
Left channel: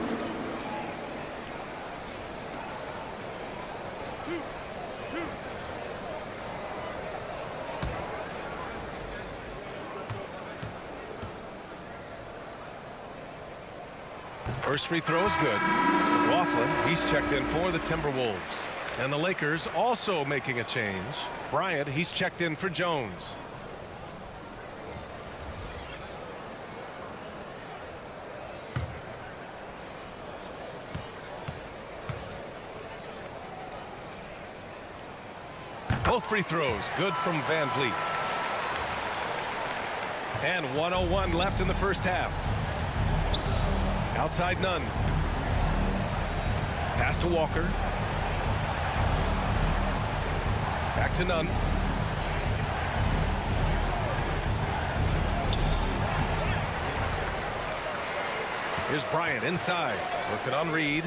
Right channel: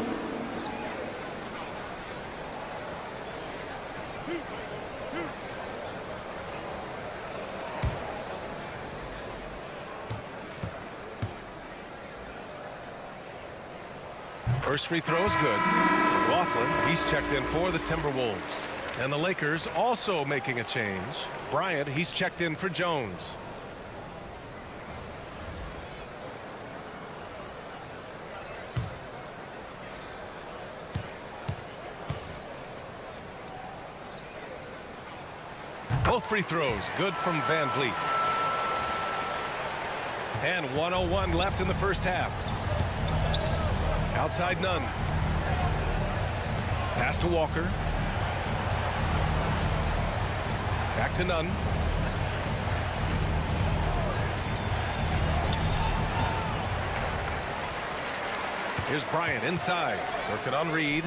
First free throw is good. Laughlin, he's checked in for the Timberwolves. And the Lakers also making a change. Bryant, he's checked in for Jones. Both free throws good from Van Vliet. And 1:01 left in the first half. Outside Nunn. Pass to Walker. Back to Nunn. Here's Bryant inside. Working on Reed.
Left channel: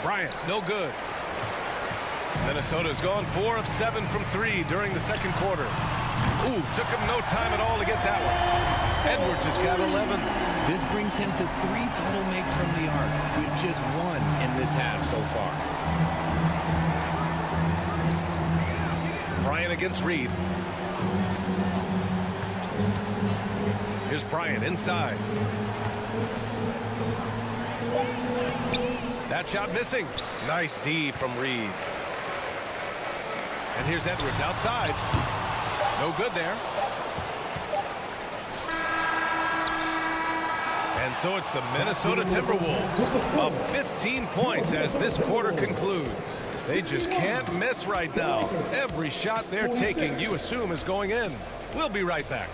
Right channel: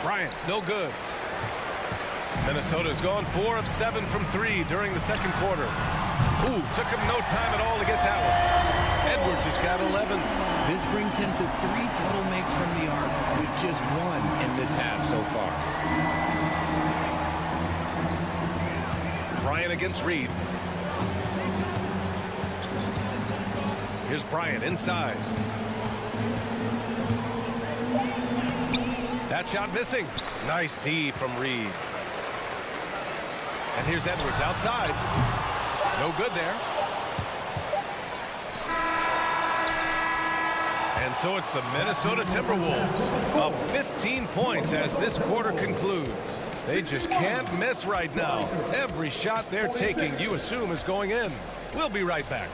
Bryant, no good. Minnesota's gone 4 of 7 from 3 during the second quarter. Ooh, took him no time at all to get that one. Edwards has got 11. This brings him to 3 total makes from the arc, with just 1 in this half so far. Bryant against Reed. Here's Bryant inside. That shot missing. Nice D from Reed. And here's Edwards outside. No good there. And so it's the Minnesota Timberwolves up 15 points as this quarter concludes. They just can't miss right now. Every shot they're taking, you assume, is going in. We'll be right back.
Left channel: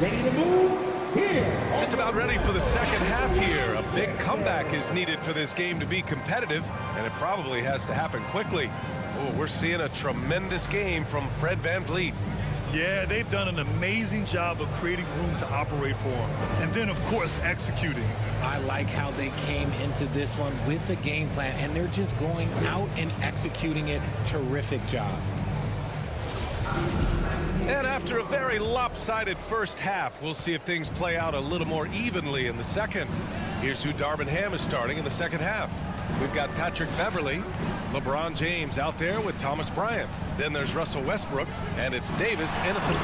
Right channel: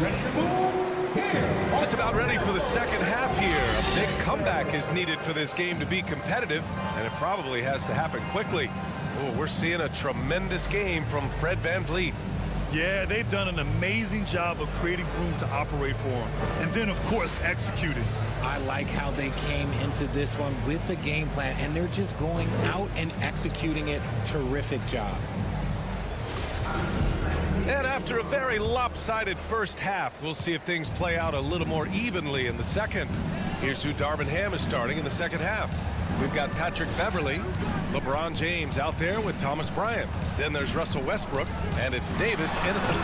Ready to move? Here. Just about ready for the second half here. A big comeback is needed for this game to be competitive, and it probably has to happen quickly. Oh, we're seeing a tremendous game from Fred VanVleet. Yeah, they've done an amazing job of creating room to operate for him. And then, of course, executing. I like how they came into this one with a game plan, and they're just going out and executing it. Terrific job. And after a very lopsided first half, we'll see if things play out a little more evenly in the second. Here's who Darvin Ham is starting in the second half. We've got Patrick Beverley, LeBron James out there with Thomas Bryant. Then there's Russell Westbrook, and it's Davis in at the 5.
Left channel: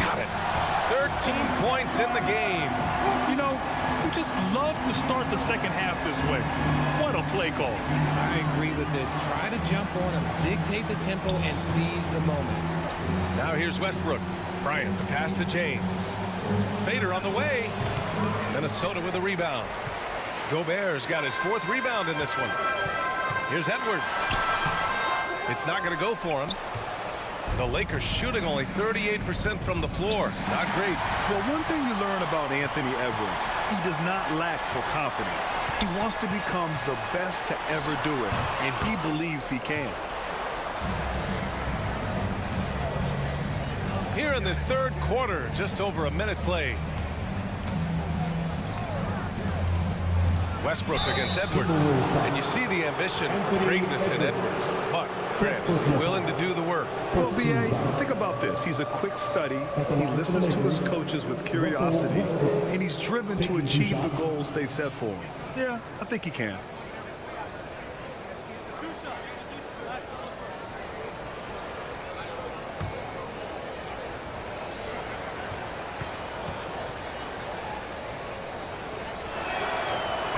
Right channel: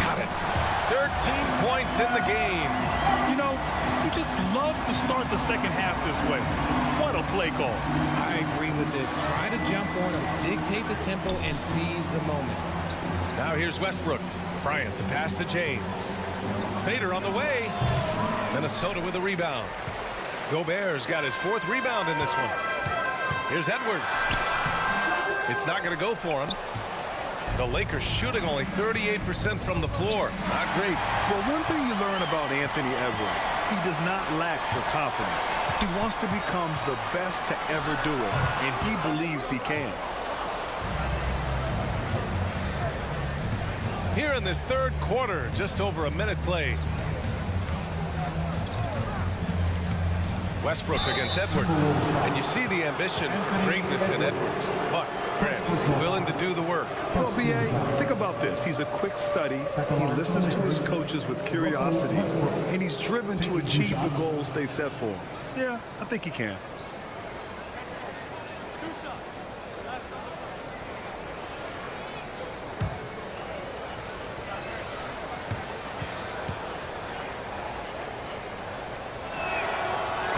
Got it. 13 points in the game. You know, you just love to start the second half this way. What a play call. I agree with this. Try to jump on him, dictate the tempo, and seize the moment. Now here's Westbrook. Bryant, the pass to James. Fader on the way. Minnesota with a rebound. Gobert's got his 4th rebound in this one. Here's Edwards. It's not going to go for him. The Lakers shooting only 38% from the floor. Not great. Well, one thing you learn about Anthony Edwards, he does not lack for confidence. He wants to become the best to ever do it, and he believes he can. Here in this third quarter, just over a minute played. Westbrook against Edwards. And you see the ambition for greatness in Edwards. But, Grant, is he willing to do the work? Well, B.A., think about this. He's a quick study. He listens to his coaches with curiosity, and he's driven to achieve the goals they set for him. Yeah, I think he can.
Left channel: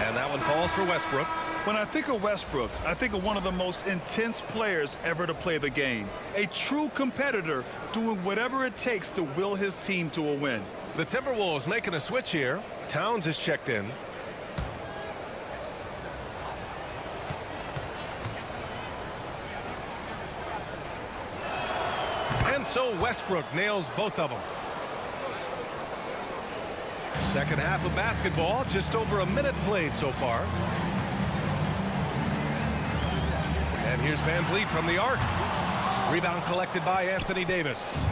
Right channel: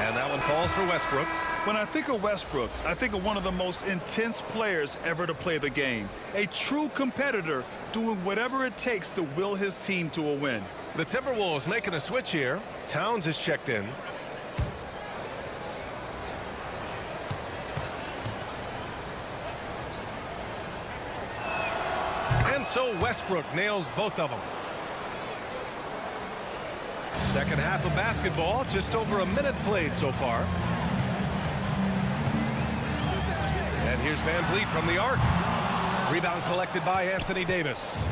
And that one falls for Westbrook. When I think of Westbrook, I think of one of the most intense players ever to play the game. A true competitor doing whatever it takes to will his team to a win. The Timberwolves making a switch here. Towns is checked in. And so Westbrook nails both of them. Second half of basketball, just over a minute played so far. And here's VanVleet from the arc. Rebound collected by Anthony Davis.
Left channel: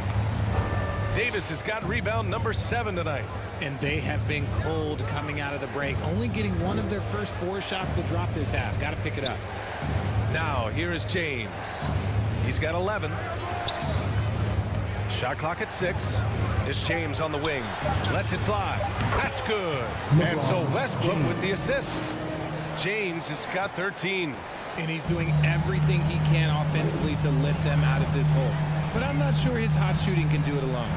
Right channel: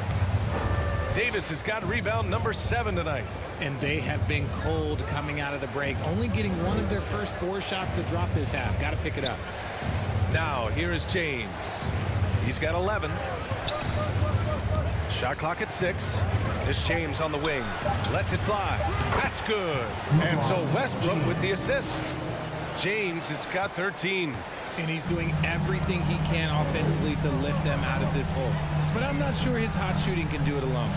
Davis has got rebound number 7 tonight. And they have been cold coming out of the break, only getting one of their first 4 shots to drop this half. Got to pick it up. Now here is James. He's got 11. Shot clock at 6. It's James on the wing. Lets it fly. That's good. And so Westbrook with the assist. James has got 13. And he's doing everything he can offensively to lift them out of this hole. But I'm not sure his hot shooting can do it alone.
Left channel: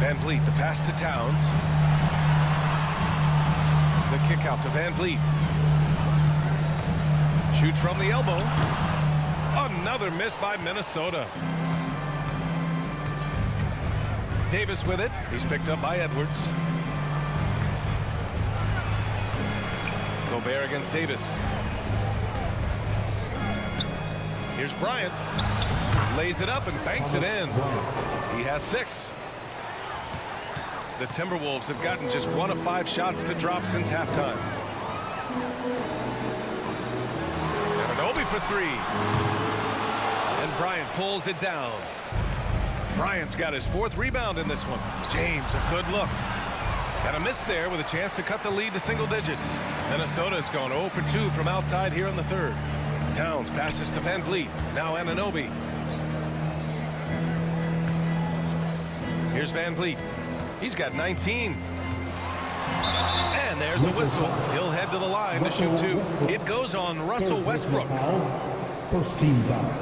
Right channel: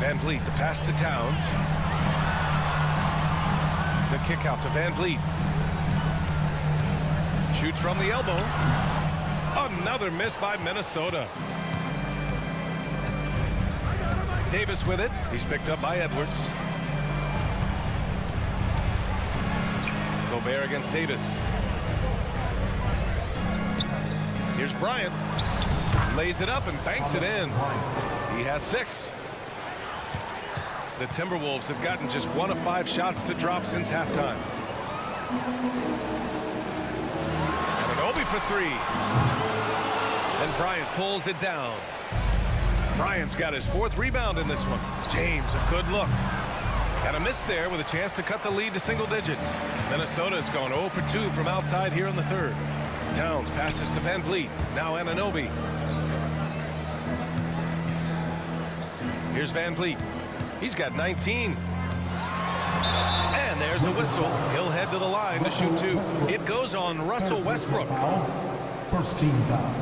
VanVleet, the pass to Towns. The kick out to VanVleet. Shoots from the elbow. Another miss by Minnesota. Davis with it. He's picked up by Edwards. Gobert against Davis. Here's Bryant. Lays it up and banks it in. He has 6. The Timberwolves have gotten just 1 of 5 shots to drop since halftime. And Anunoby for 3. And Bryant pulls it down. Bryant's got his 4th rebound in this one. James, a good look. Got a miss there with a chance to cut the lead to single digits. Minnesota's gone 0 for 2 from outside here in the third. Towns passes to VanVleet. Now Anunoby. Here's Van Vliet. He's got 19. And there's a whistle. He'll head to the line to shoot two. It goes on Russell Westbrook. First team foul.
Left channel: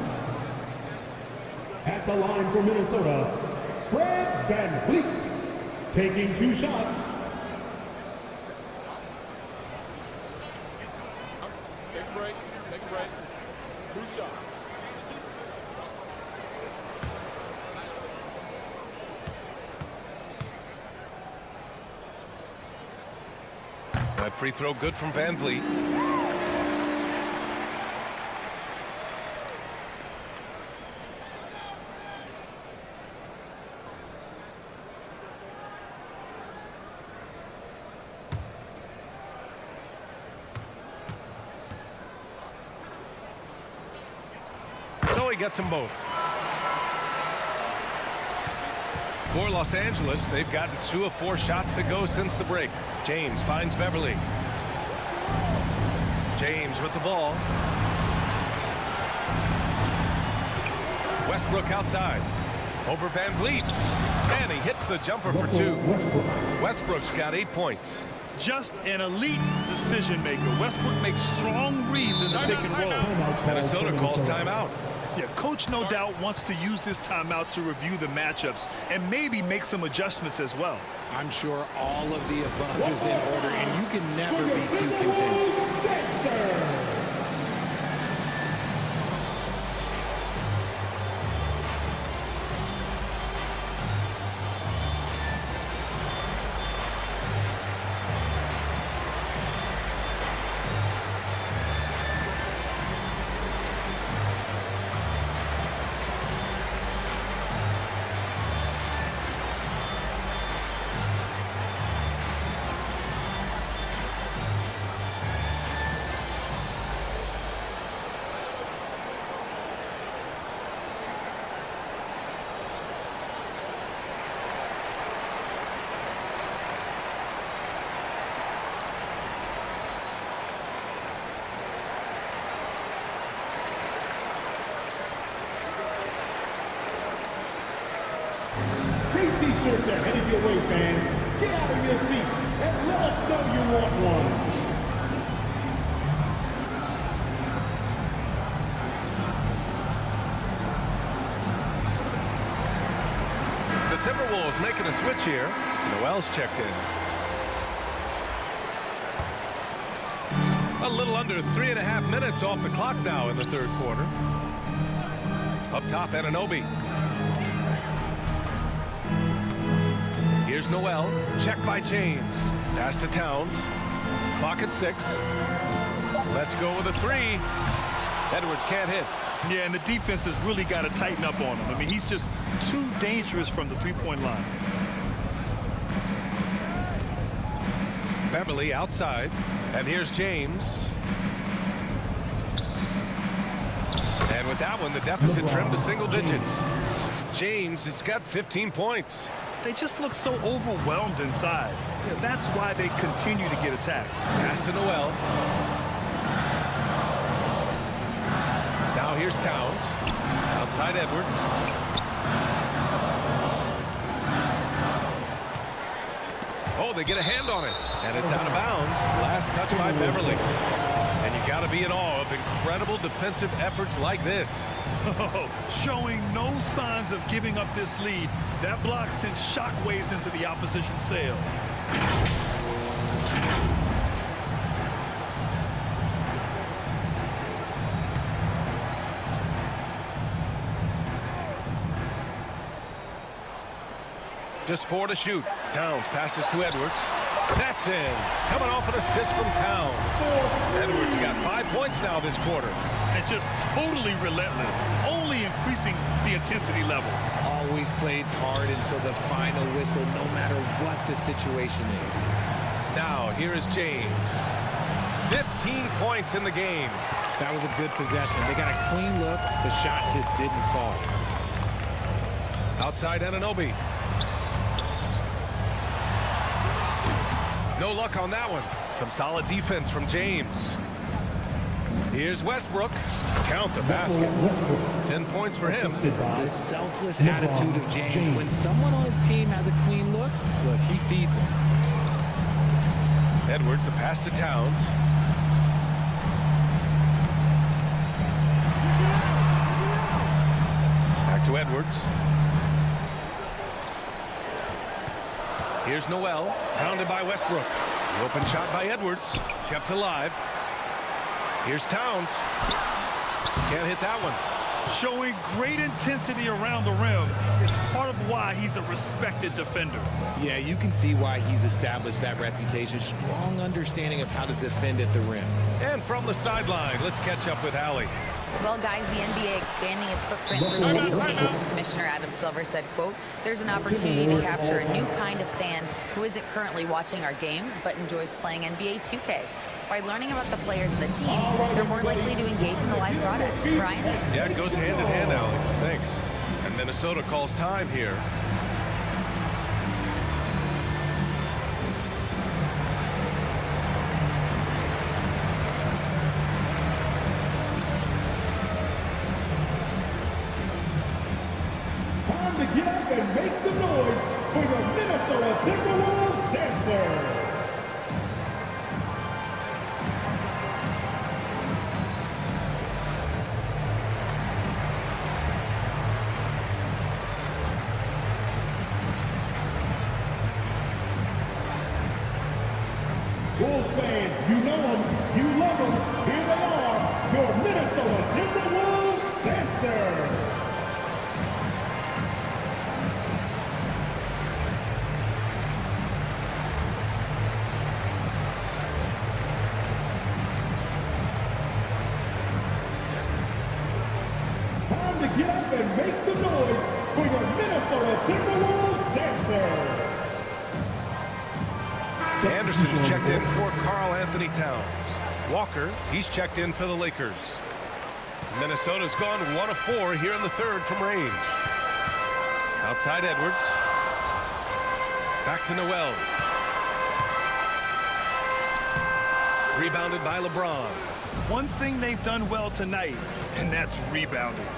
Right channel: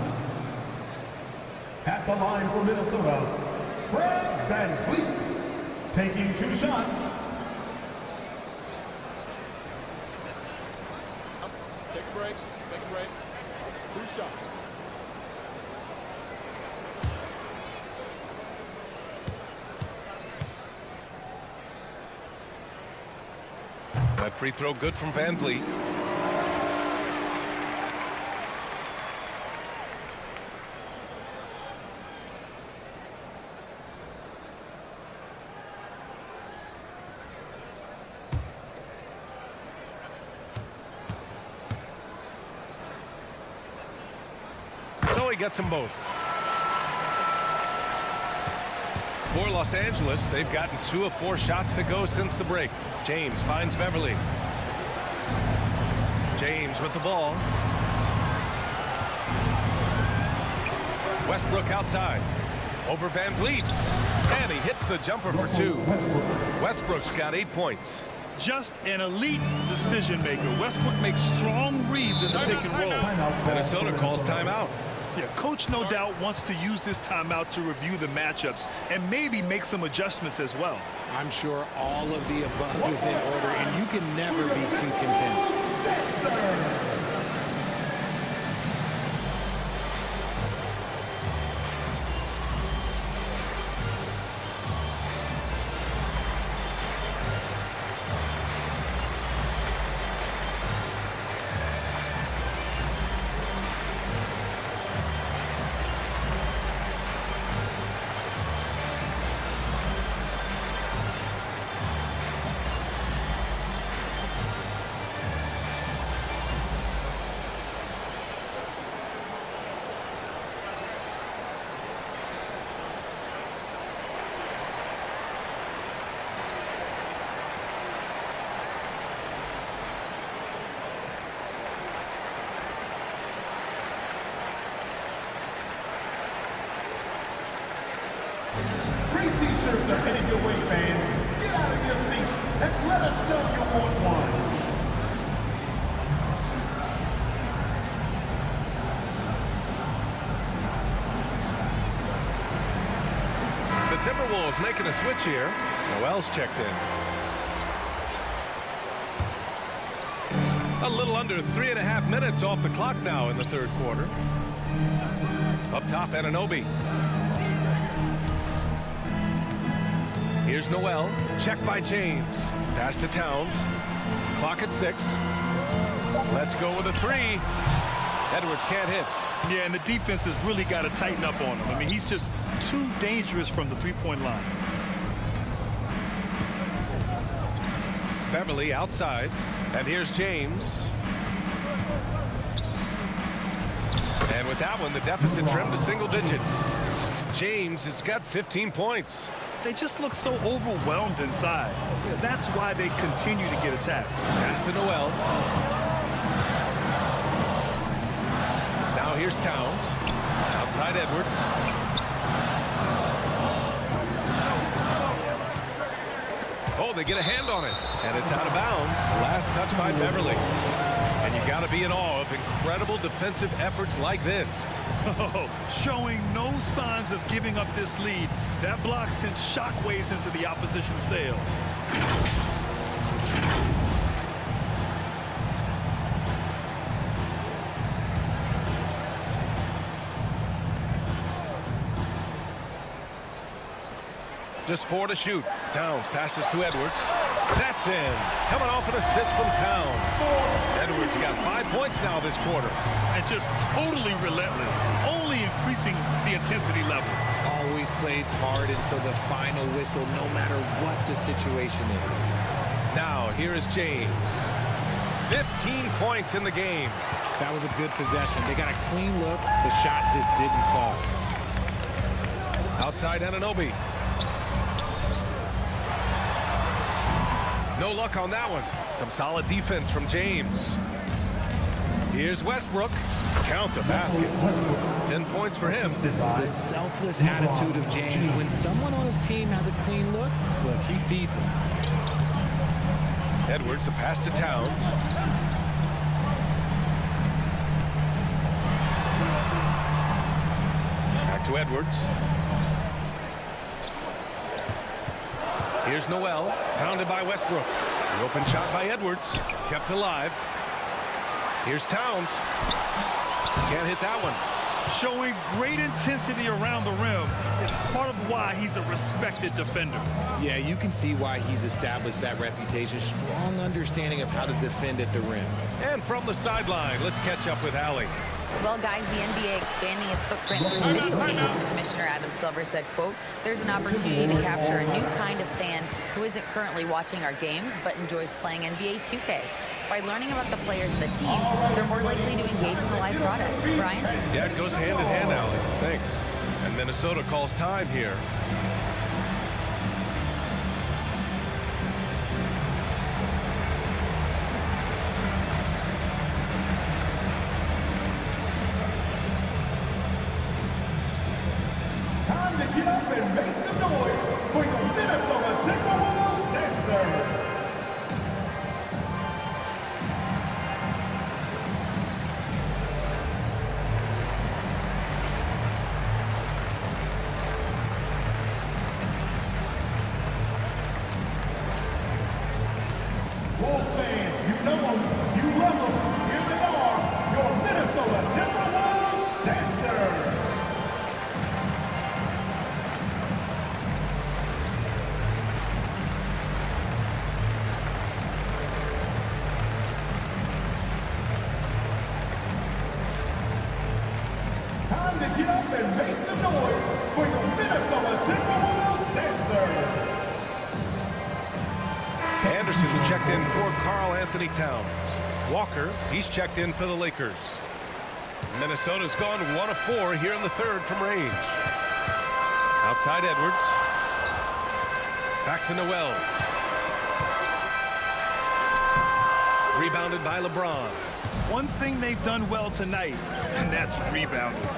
At the line for Minnesota, Brad Van Vliet, taking 2 shots. Take a break. Take a break. 2 shots. That free throw good from Van Vliet. So he gets them both. For Los Angeles, they've gotten 2 of 4 shots to go since the break. James finds Beverly. James with the ball. Westbrook outside. Over Van Vliet. And he hits the jumper for 2. Westbrook's got 8 points. Just an elite decision maker. Westbrook makes strong reads in the pick and roll. Minnesota calls timeout. Yeah, coach no doubt wants to use this timeout to review the matchups and maybe make some adjustments as well. I'm sure all of the above is in order, and you can never be too content. Free t-shirts are headed your way, fans. Get out of your seats and let us know you want one. The Timberwolves making a switch here. Noel's checked in. A little under 3.5 minutes off the clock now in the third quarter. Up top, Anunoby. Here's Noel. Check by James. Pass to Towns. Clock at 6. Let's go with a 3. Edwards can't hit. Yeah, and the defense has really got to tighten up on him. I mean, he's just too dangerous from the three-point line. Beverly outside. And here's James. And with that one, the deficit trimmed to single digits. James has got 15 points. They just look so overwhelmed inside. Yeah, that's why they continue to get attacked. Pass to Noel. Now here's Towns. Outside Edwards. Oh, they get a hand on it. And it's out of bounds. Last touch by Beverly. And you got to be in awe of incredible defensive efforts like this. Oh, showing no signs of giving up this lead. That block sent shockwaves into the opposition sails. Just 4 to shoot. Towns passes to Edwards. That's in. Coming off an assist from Towns. Edwards got 5 points now this quarter. And just totally relentless, only increasing the intensity level. Always plays hard until the final whistle, no matter what the situation is. Now, here is James. 15 points in the game. That was a good possession. They got a clean look. The shot just didn't fall. Outside Anunoby. No luck on that one. Some solid defense from James. Here's Westbrook. Count the basket. Westbrook. 10 points for him. Assisted by The selfless LeBron attitude of James. When someone on his team has a clean look, he feeds him. Edwards, the pass to Towns. Back to Edwards. Here's Noel, pounded by Westbrook. The open shot by Edwards, kept alive. Here's Towns. Can't hit that one. Showing great intensity around the rim. It's part of why he's a respected defender. Yeah, you can see why he's established that reputation. Strong understanding of how to defend at the rim. And from the sideline, let's catch up with Allie. Well, guys, the NBA expanding its footprint through video games. Commissioner Adam Silver said, quote, there's an opportunity to capture a new kind of fan who isn't currently watching our games but enjoys playing NBA 2K. By learning about the players and the teams, they're more likely to engage in the live product. Brian? Yeah, it goes hand in hand, Allie. Thanks. And Minnesota calls time here. Time to get up and make some noise for the Minnesota Timberwolves dancers. Wolves fans, you know them, you love them. Here they are, your Minnesota Timberwolves dancers. Time to get up and make some noise for the Minnesota Timberwolves dancers. Anderson's checked in for Karl-Anthony Towns. Walker, he's checked in for the Lakers. Minnesota's gone 1 of 4 here in the third from range. Outside Edwards. Back to Noel. Rebounded by LeBron. One thing they've done well tonight, and that's rebounding.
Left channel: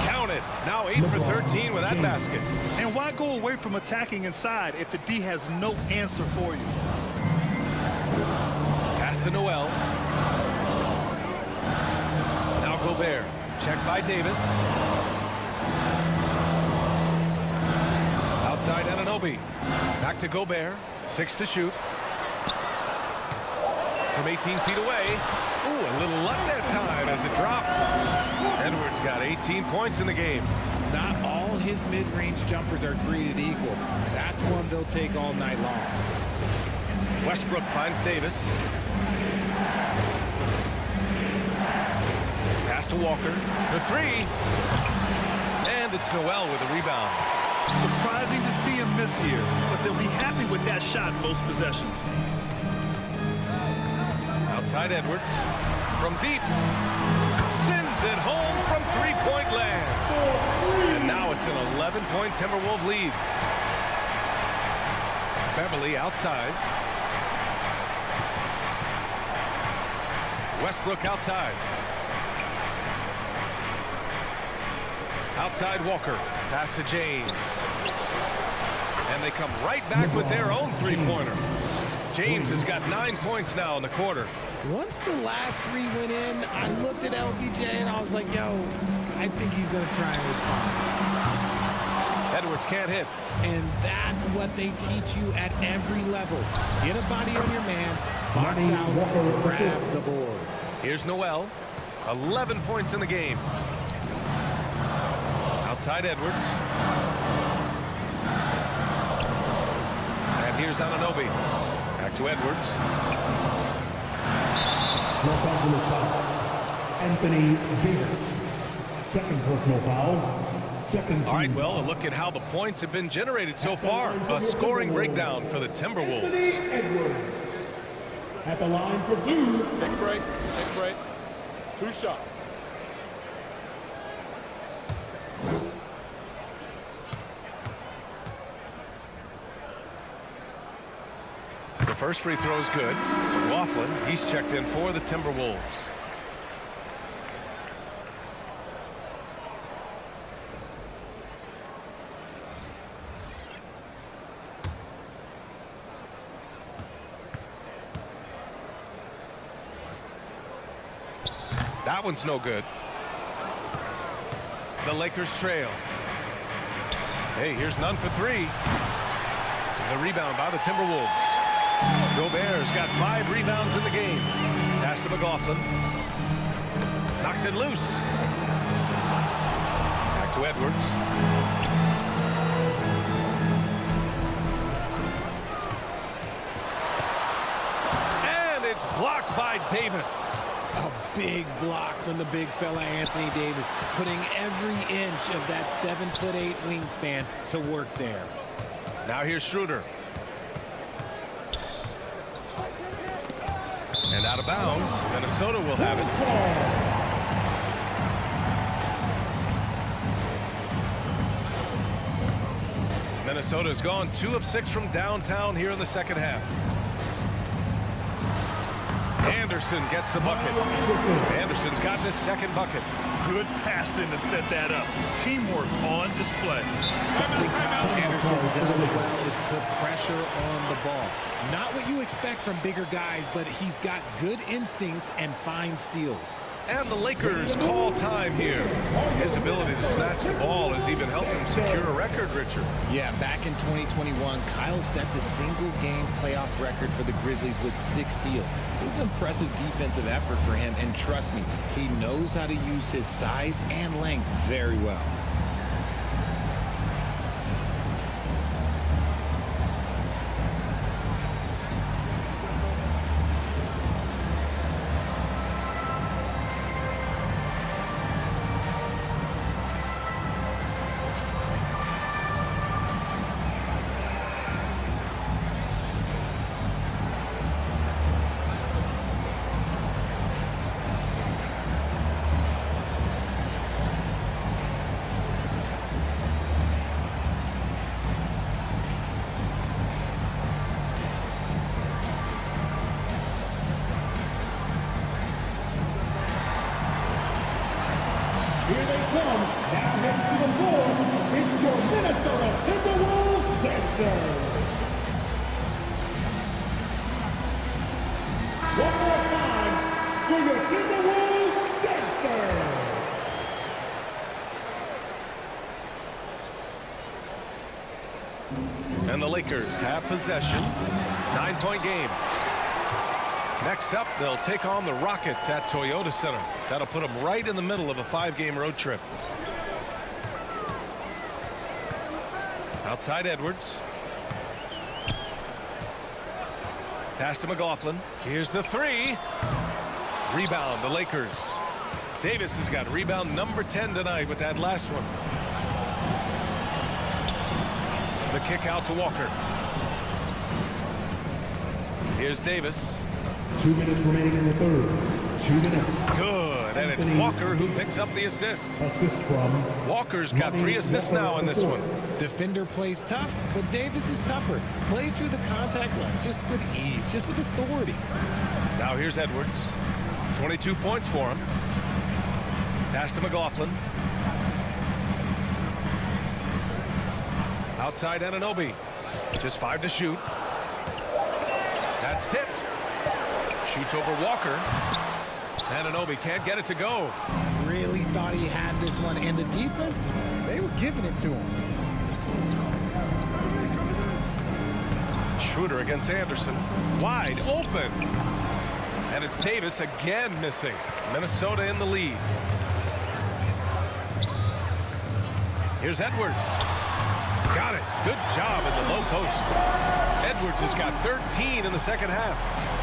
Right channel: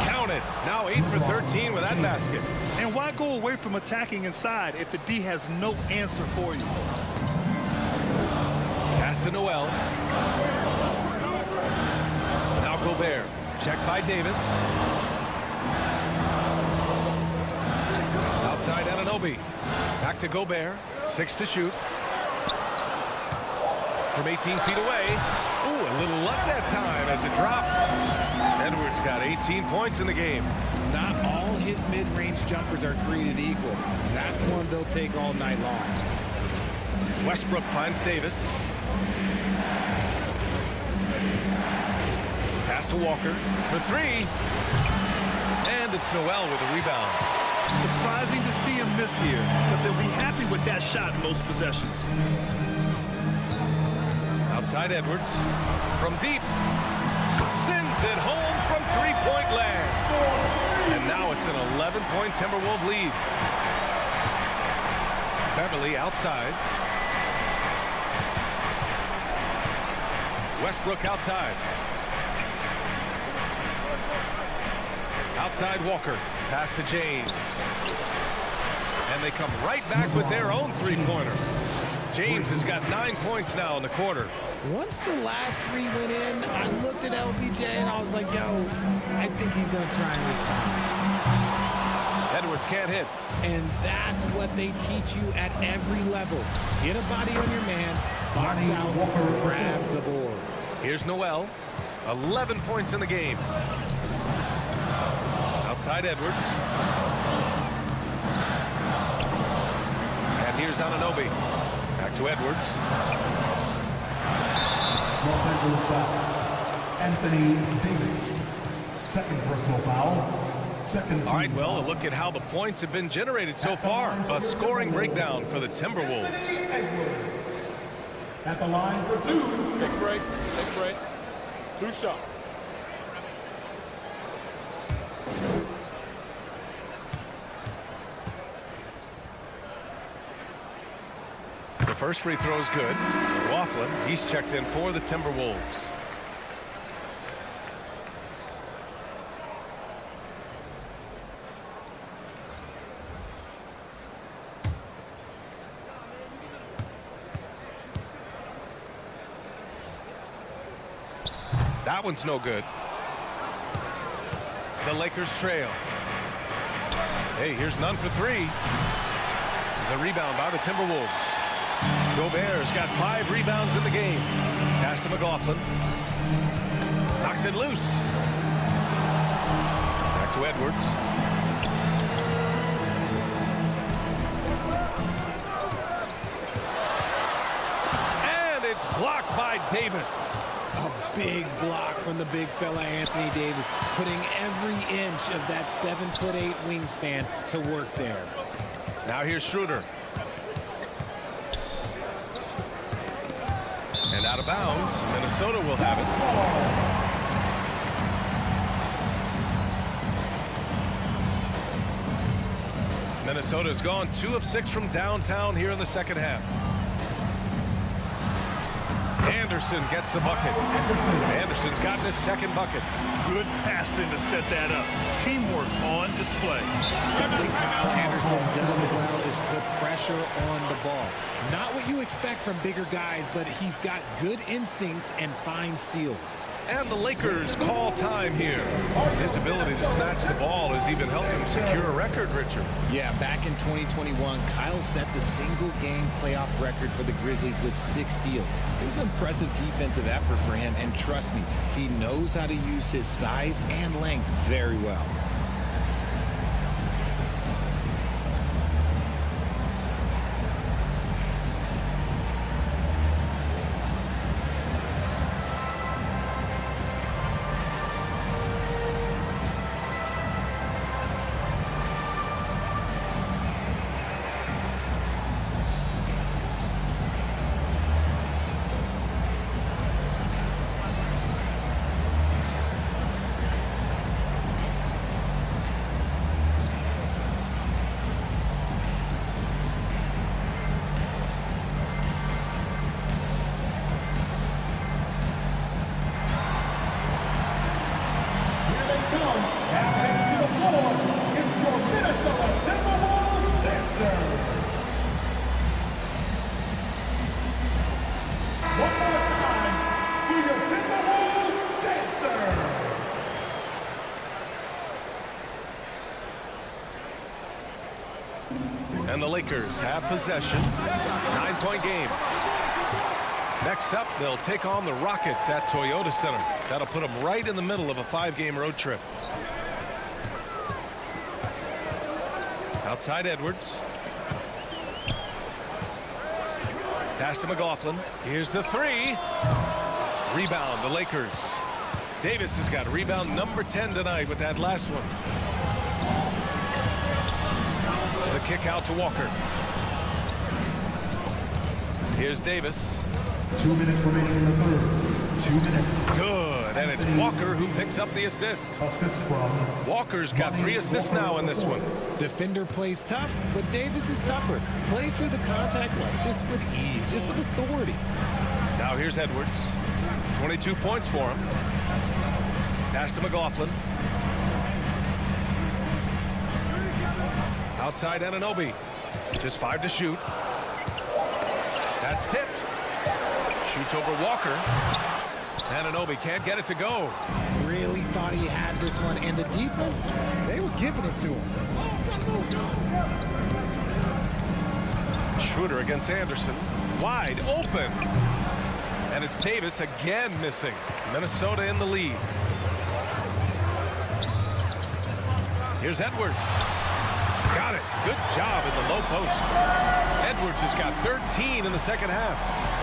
Counted. Now 8 for 13 with that basket. And why go away from attacking inside if the D has no answer for you? Pass to Noel. Now Gobert. Checked by Davis. Outside Anunoby. Back to Gobert. 6 to shoot. From 18 feet away. Ooh, a little luck that time as it drops. Edwards got 18 points in the game. Not all his mid-range jumpers are created equal. That's one they'll take all night long. Westbrook finds Davis. Pass to Walker. For 3. And it's Noel with a rebound. Surprising to see him miss here, but they'll be happy with that shot most possessions. Outside Edwards. From deep. Sends it home from three-point land. And now it's an 11-point Timberwolves lead. Beverly outside. Westbrook outside. Outside Walker. Pass to James. And they come right back with their own three-pointer. James has got 9 points now in the quarter. Once the last 3 went in, I looked at LBJ and I was like, yo, I think he's going to try and respond. Edwards can't hit. And that's what they teach you at every level. Get a body on your man, box out, grab the board. Here's Noel. 11 points in the game. Outside Edwards. And here's Anunoby. Back to Edwards. Los Angeles foul. Anthony Davis. Second personal foul. Second. All right, well, a look at how the points have been generated so far. A scoring breakdown for the Timberwolves. Anthony Edwards. At the line for 2. Take a break. Take a break. 2 shots. First free throw is good. McLaughlin, he's checked in for the Timberwolves. That one's no good. The Lakers trail. Hey, here's none for three. The rebound by the Timberwolves. Gobert's got 5 rebounds in the game. Pass to McLaughlin. Knocks it loose. Back to Edwards. And it's blocked by Davis. A big block from the big fella Anthony Davis, putting every inch of that 7'8" wingspan to work there. Now here's Schroeder. And out of bounds. Minnesota will have it. Minnesota's gone 2 of 6 from downtown here in the second half. Anderson gets the bucket. Anderson's gotten his second bucket. Good passing to set that up. Teamwork on display. Something Karl-Anderson does well is put pressure on the ball. Not what you expect from bigger guys, but he's got good instincts and fine steals. And the Lakers call time here. His ability to snatch the ball has even helped him secure a record, Richard. Yeah, back in 2021, Kyle set the single-game playoff record for the Grizzlies with 6 steals. It was an impressive defensive effort for him, and trust me, he knows how to use his size and length very well. Here they come, now heading to the floor. It's your Minnesota Timberwolves dancers. One more time for your Timberwolves dancers. And the Lakers have possession. 9-point game. Next up, they'll take on the Rockets at Toyota Center. That'll put them right in the middle of a 5-game road trip. Outside Edwards. Pass to McLaughlin. Here's the 3. Rebound, the Lakers. Davis has got rebound number 10 tonight with that last one. The kick out to Walker. Here's Davis. 2 minutes remaining in the third. 2 minutes. Good, and it's Walker who picks up the assist. Assist from Walker's got 3 assists now in this one. Defender plays tough, but Davis is tougher. Plays through the contact line just with ease, just with authority. Now here's Edwards. 22 points for him. Pass to McLaughlin. Outside Anunoby. Just 5 to shoot. That's tipped. Shoots over Walker. Anunoby can't get it to go. Really thought he had this one, and the defense, they were giving it to him. Schroeder against Anderson. Wide open. And it's Davis again missing. Minnesota in the lead. Here's Edwards. Got it. Good job in the low post. Edwards has got 13 in the second half.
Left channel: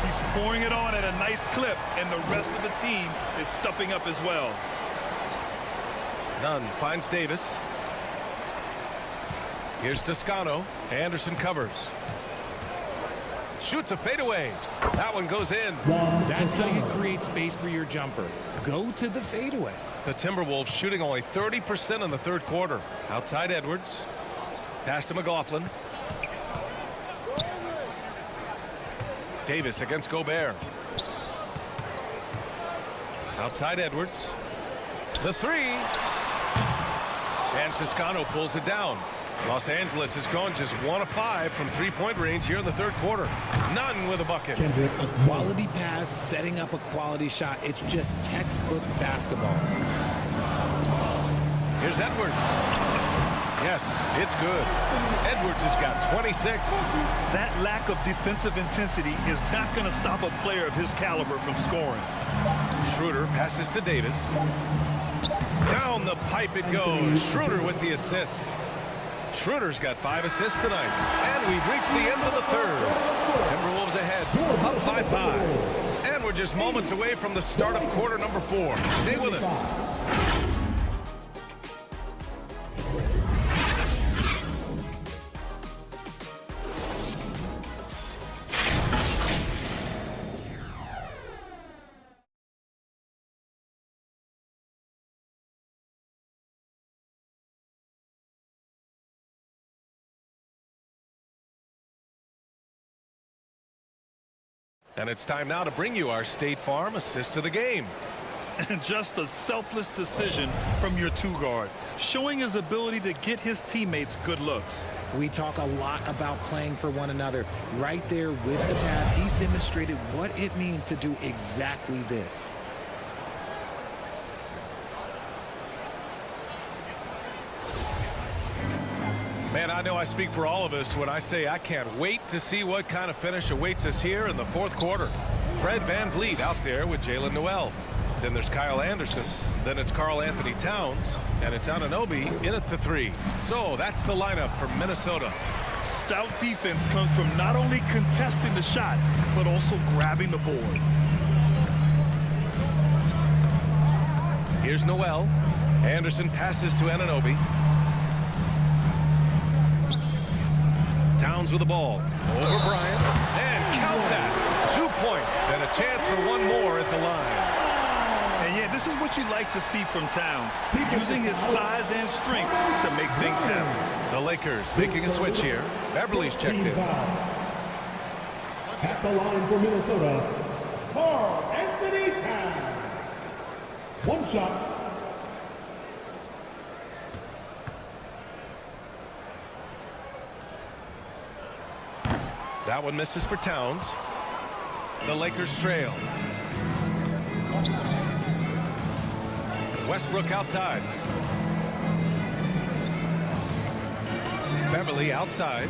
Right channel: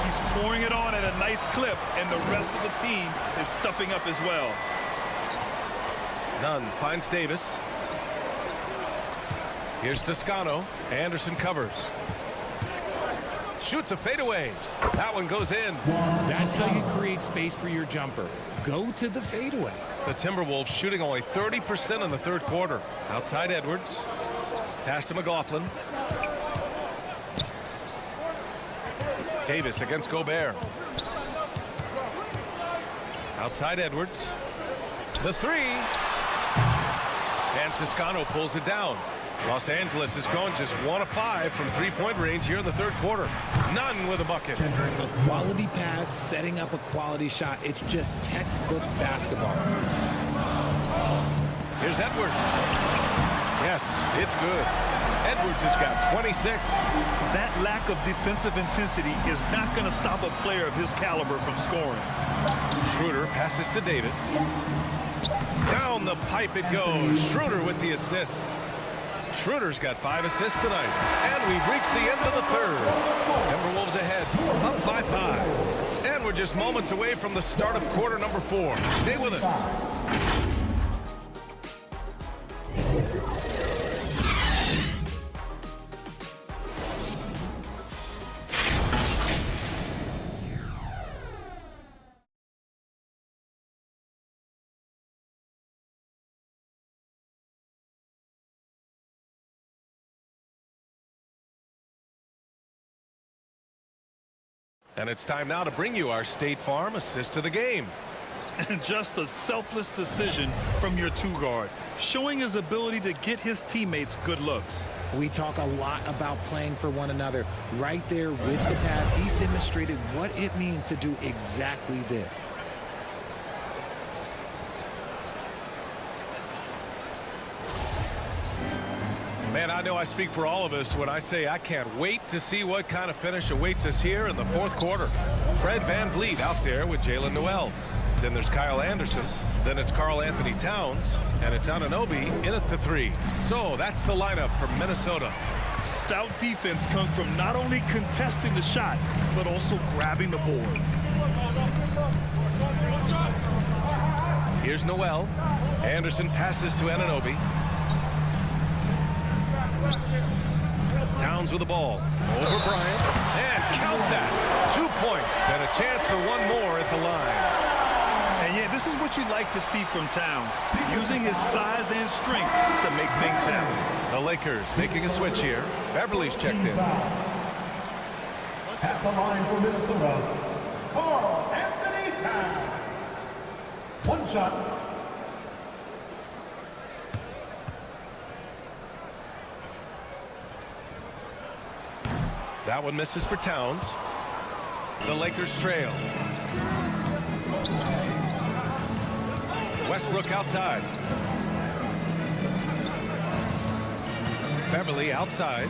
He's pouring it on at a nice clip, and the rest of the team is stepping up as well. Nunn finds Davis. Here's Toscano. Anderson covers. Shoots a fadeaway. That one goes in. That's how you create space for your jumper. Go to the fadeaway. The Timberwolves shooting only 30% in the third quarter. Outside Edwards. Pass to McLaughlin. Davis against Gobert. Outside Edwards. The three. And Toscano pulls it down. Los Angeles has gone just 1 of 5 from three-point range here in the third quarter. None with a bucket. A quality pass, setting up a quality shot. It's just textbook basketball. Here's Edwards. Yes, it's good. Edwards has got 26. That lack of defensive intensity is not going to stop a player of his caliber from scoring. Schroeder passes to Davis. Down the pipe it goes. Schroeder with the assist. Schroeder's got 5 assists tonight. And we've reached the end of the third. Timberwolves ahead, up by 5. And we're just moments away from the start of quarter number 4. Stay with us. And it's time now to bring you our State Farm assist of the game. And just a selfless decision from your two-guard, showing his ability to get his teammates good looks. We talk a lot about playing for one another. Right there with the pass, he's demonstrated what it means to do exactly this. Man, I know I speak for all of us when I say I can't wait to see what kind of finish awaits us here in the fourth quarter. Fred VanVleet out there with Jalen Noel. Then there's Kyle Anderson. Then it's Karl-Anthony Towns. And it's Anunoby in at the 3. So that's the lineup for Minnesota. Stout defense comes from not only contesting the shot, but also grabbing the board. Here's Noel. Anderson passes to Anunoby. Towns with the ball. Over Bryant. And count that. 2 points and a chance for one more at the line. And yeah, this is what you like to see from Towns, using his size and strength to make things happen. The Lakers making a switch here. Beverly's checked in. At the line for Minnesota, Karl-Anthony Towns. One shot. That one misses for Towns. The Lakers trail. Westbrook outside. Beverly outside.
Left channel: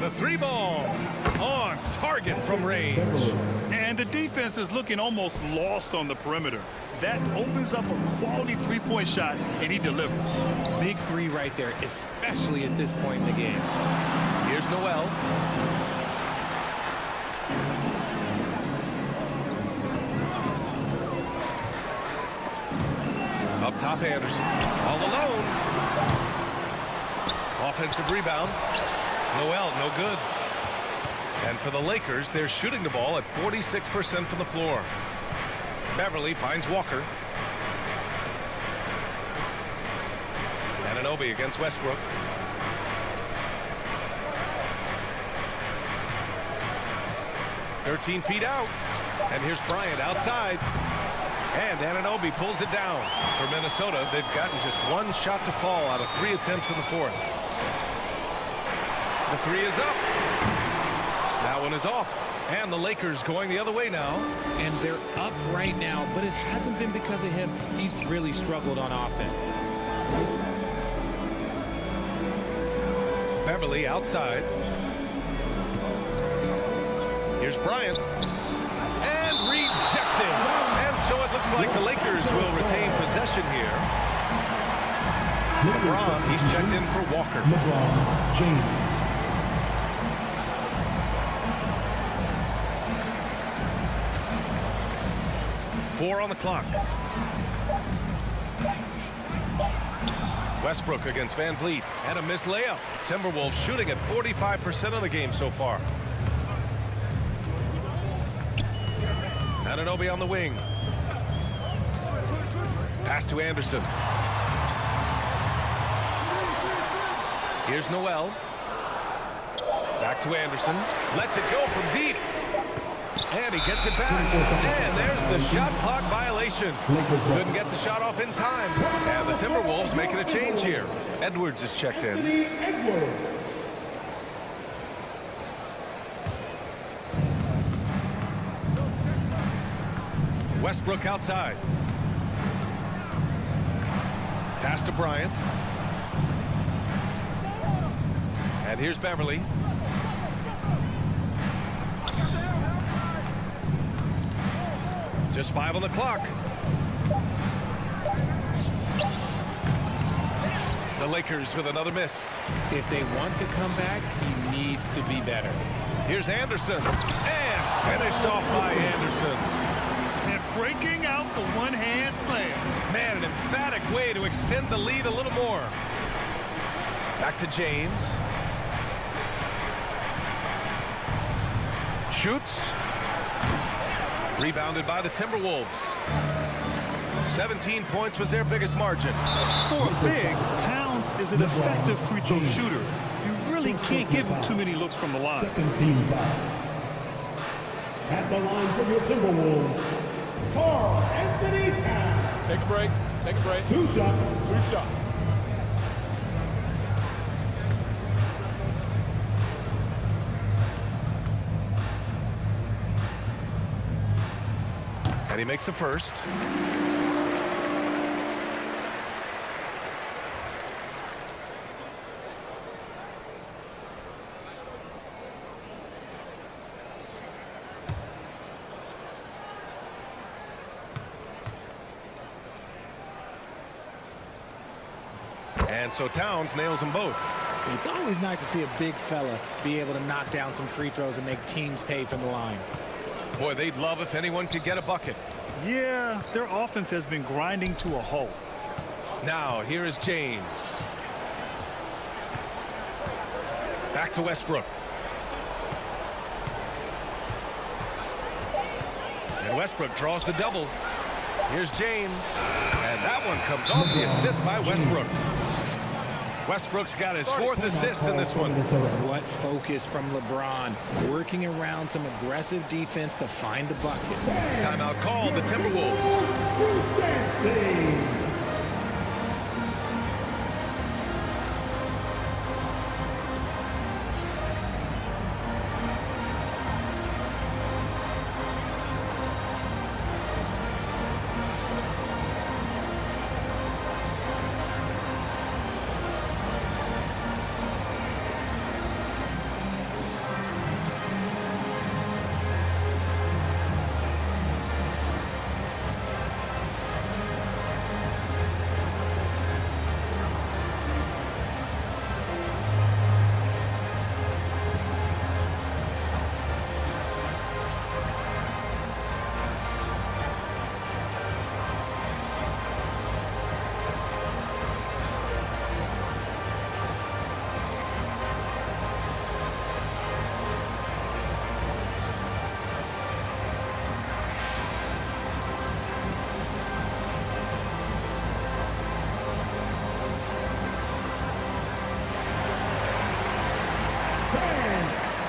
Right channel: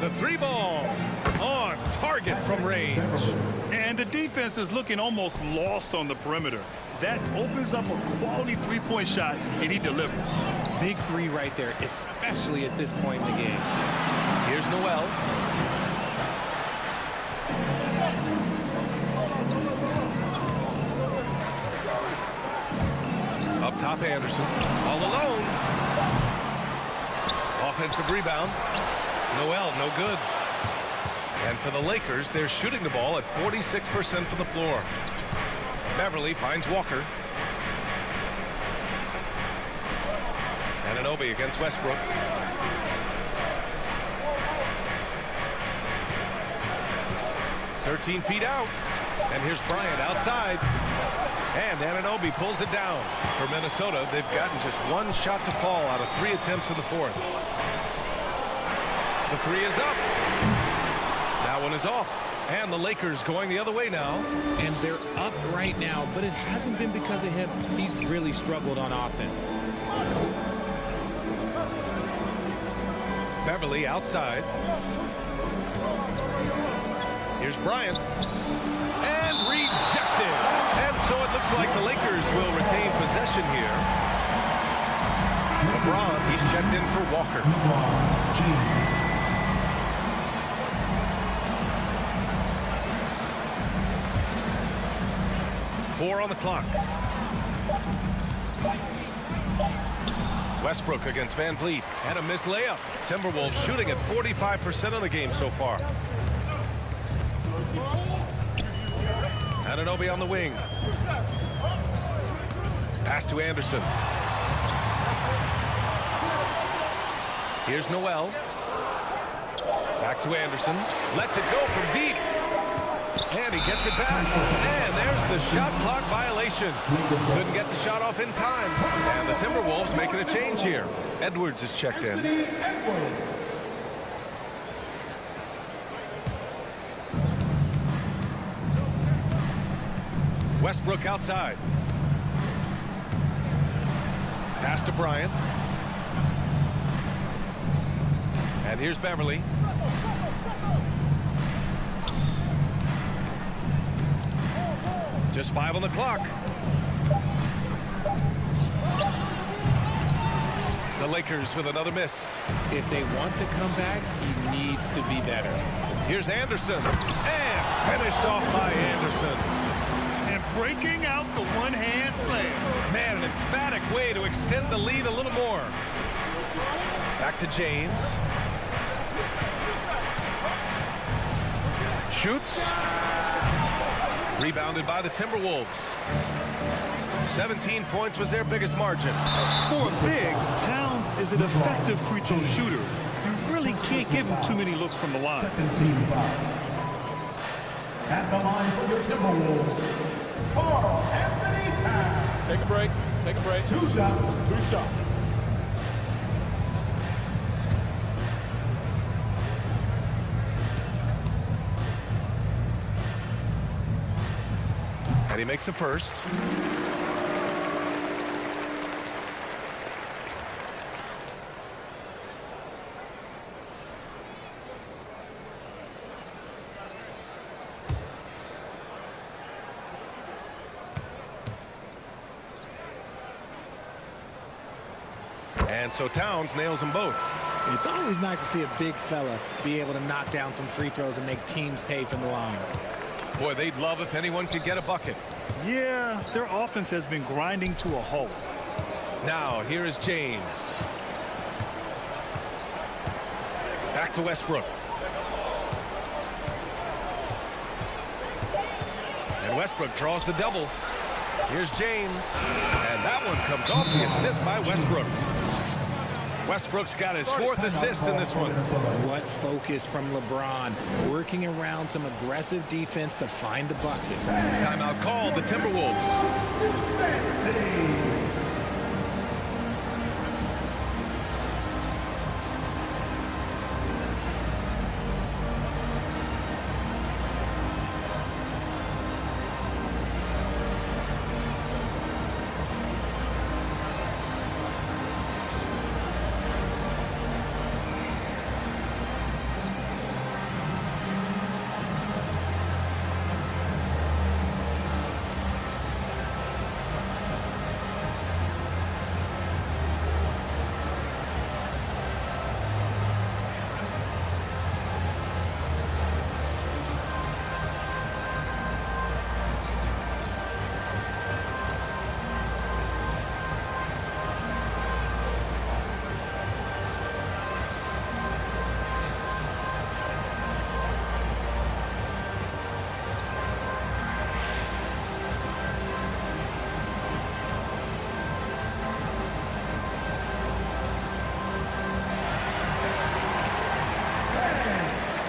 The 3-ball on target from range. And the defense is looking almost lost on the perimeter. That opens up a quality three-point shot, and he delivers. Big 3 right there, especially at this point in the game. Here's Noel. Up top, Anderson. All alone. Offensive rebound. Noel, no good. And for the Lakers, they're shooting the ball at 46% from the floor. Beverly finds Walker. Anunoby against Westbrook. "13 feet out. And here's Bryant outside. And Anunoby pulls it down. For Minnesota, they've gotten just 1 shot to fall out of 3 attempts in the fourth. The 3 is up. That one is off. And the Lakers going the other way now. And they're up right now, but it hasn't been because of him. He's really struggled on offense. Beverly outside. Here's Bryant. And rejected. And so it looks like the Lakers will retain possession here. LeBron, he's checked in for Walker. LeBron James. Four on the clock. Westbrook against VanVleet. And a missed layup. Timberwolves shooting at 45% of the game so far. Anunoby on the wing. Pass to Anderson. Here's Noel. Back to Anderson. Lets it go from deep. And he gets it back. And there's the shot clock violation. Couldn't get the shot off in time. And the Timberwolves making a change here. Edwards is checked in. Westbrook outside. Pass to Bryant. And here's Beverly. Just 5 on the clock. The Lakers with another miss. If they want to come back, he needs to be better. Here's Anderson. And finished off by Anderson. And breaking out the one-hand slam. Man, an emphatic way to extend the lead a little more. Back to James. Shoots. Rebounded by the Timberwolves. 17 points was their biggest margin. For a big, Towns is an effective free throw shooter. You really can't give him too many looks from the line. Second team foul. At the line for your Timberwolves, Karl-Anthony Towns. Take a break. Take a break. 2 shots. 2 shots. And he makes the first. And so Towns nails them both. It's always nice to see a big fella be able to knock down some free throws and make teams pay from the line. Boy, they'd love if anyone could get a bucket. Yeah, their offense has been grinding to a halt. Now, here is James. Back to Westbrook. And Westbrook draws the double. Here's James. And that one comes off the assist by Westbrook. Westbrook's got his 4th assist in this one. What focus from LeBron, working around some aggressive defense to find the bucket. Timeout called, the Timberwolves.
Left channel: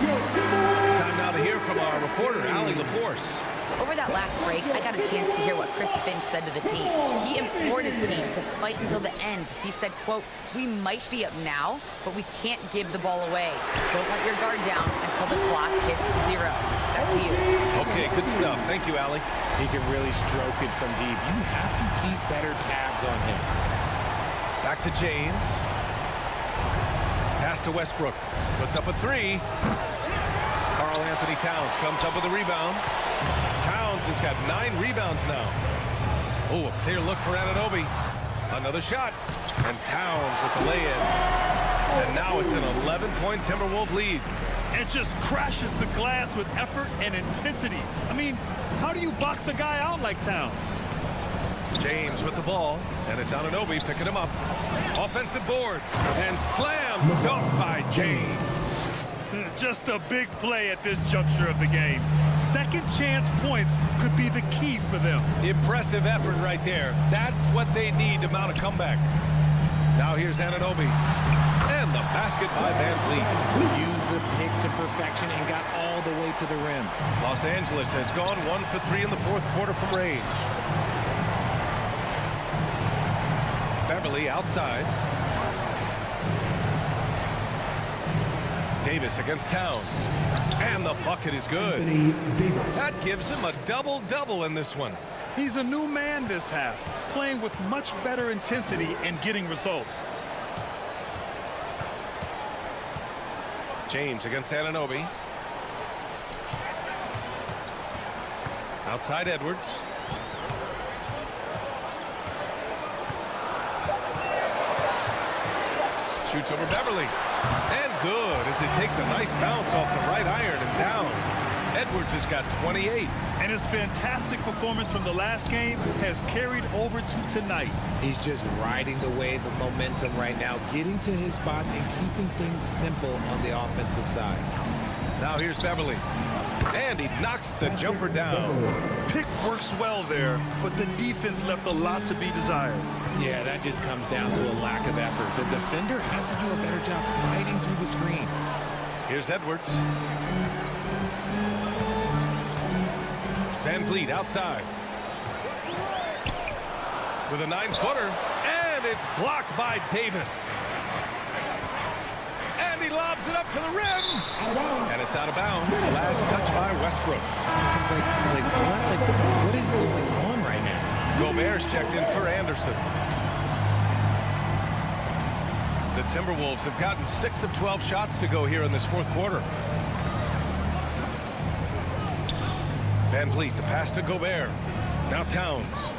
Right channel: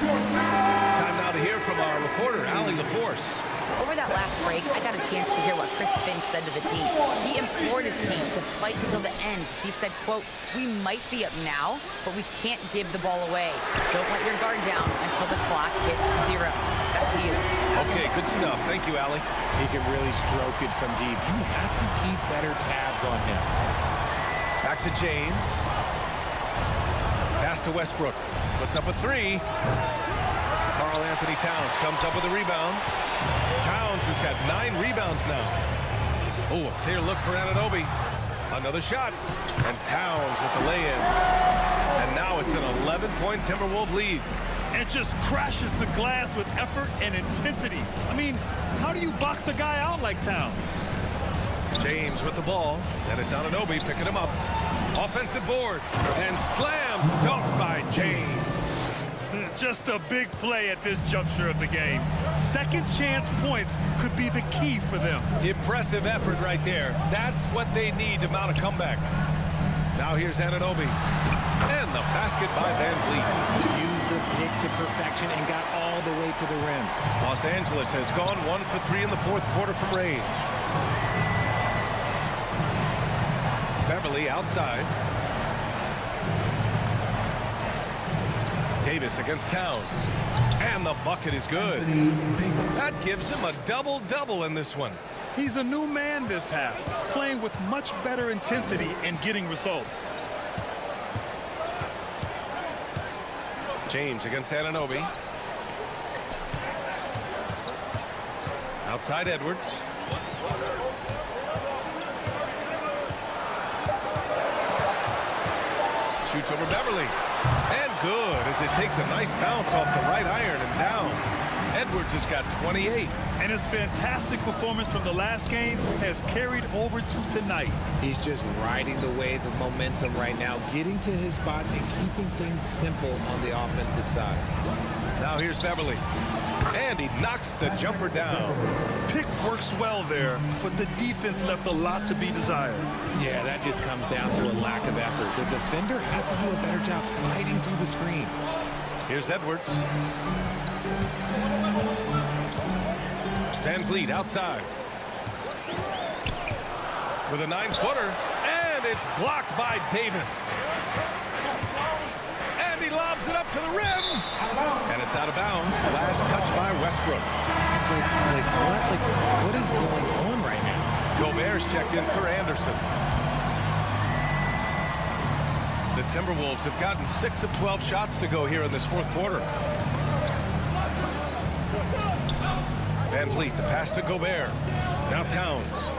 Time now to hear from our reporter, Allie LaForce. Over that last break, I got a chance to hear what Chris Finch said to the team. He implored his team to fight until the end. He said, quote, "We might be up now, but we can't give the ball away. Don't let your guard down until the clock hits 0. Back to you." Okay, good stuff. Thank you, Allie. He can really stroke it from deep. You have to keep better tabs on him. Back to James. Pass to Westbrook. Puts up a 3. Karl-Anthony Towns comes up with a rebound. Towns has got 9 rebounds now. Oh, a clear look for Anunoby. Another shot. And Towns with the lay-in. And now it's an 11-point Timberwolves lead. And just crashes the glass with effort and intensity. I mean, how do you box a guy out like Towns? James with the ball. And it's Anunoby picking him up. Offensive board. And slam dunk by James. Just a big play at this juncture of the game. Second chance points could be the key for them. Impressive effort right there. That's what they need to mount a comeback. Now here's Anunoby. And the basket by Van Vliet. Used the pick to perfection and got all the way to the rim. Los Angeles has gone 1 for 3 in the fourth quarter from range. Beverly outside. Davis against Towns. And the bucket is good. That gives him a double-double in this one. He's a new man this half, playing with much better intensity and getting results. James against Anunoby. Outside Edwards. Shoots over Beverly. And good as it takes a nice bounce off the right iron and down. Edwards has got 28. And his fantastic performance from the last game has carried over to tonight. He's just riding the wave of momentum right now, getting to his spots and keeping things simple on the offensive side. Now here's Beverly. And he knocks the jumper down. Pick works well there, but the defense left a lot to be desired. Yeah, that just comes down to a lack of effort. The defender has to do a better job fighting through the screen. Here's Edwards. Van Vliet outside. With a 9-footer. And it's blocked by Davis. And he lobs it up to the rim. And it's out of bounds. Last touch by Westbrook. What is going on right now? Gobert's checked in for Anderson. The Timberwolves have gotten 6 of 12 shots to go here in this fourth quarter. Van Vliet, the pass to Gobert. Now Towns.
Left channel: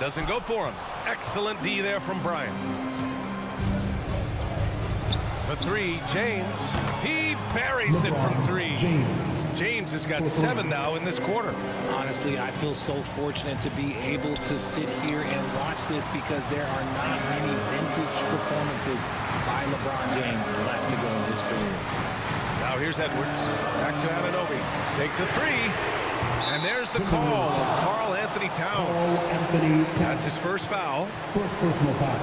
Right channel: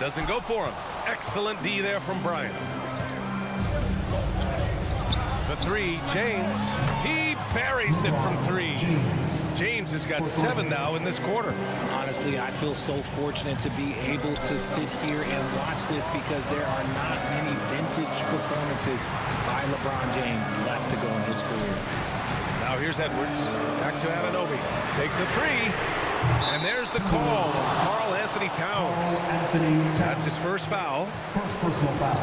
Doesn't go for him. Excellent D there from Bryant. The three, James. He buries it from 3. James has got 7 now in this quarter. Honestly, I feel so fortunate to be able to sit here and watch this because there are not many vintage performances by LeBron James left to go in his career. Now here's Edwards. Back to Anunoby. Takes a 3. And there's the call on Karl-Anthony Towns. That's his first foul. First personal foul.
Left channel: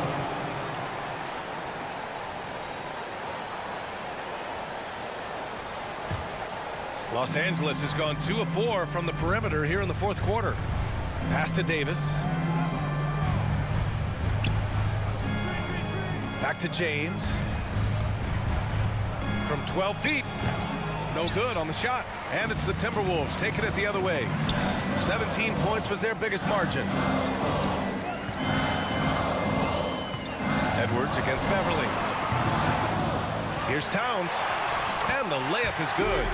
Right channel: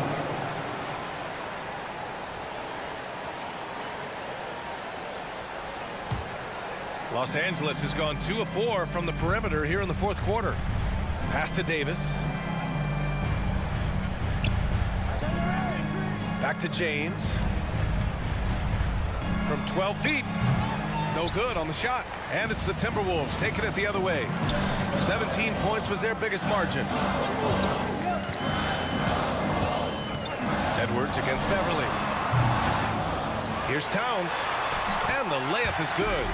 Los Angeles has gone 2 of 4 from the perimeter here in the fourth quarter. Pass to Davis. Back to James. From 12 feet. No good on the shot. And it's the Timberwolves taking it the other way. 17 points was their biggest margin. Edwards against Beverly. Here's Towns. And the layup is good.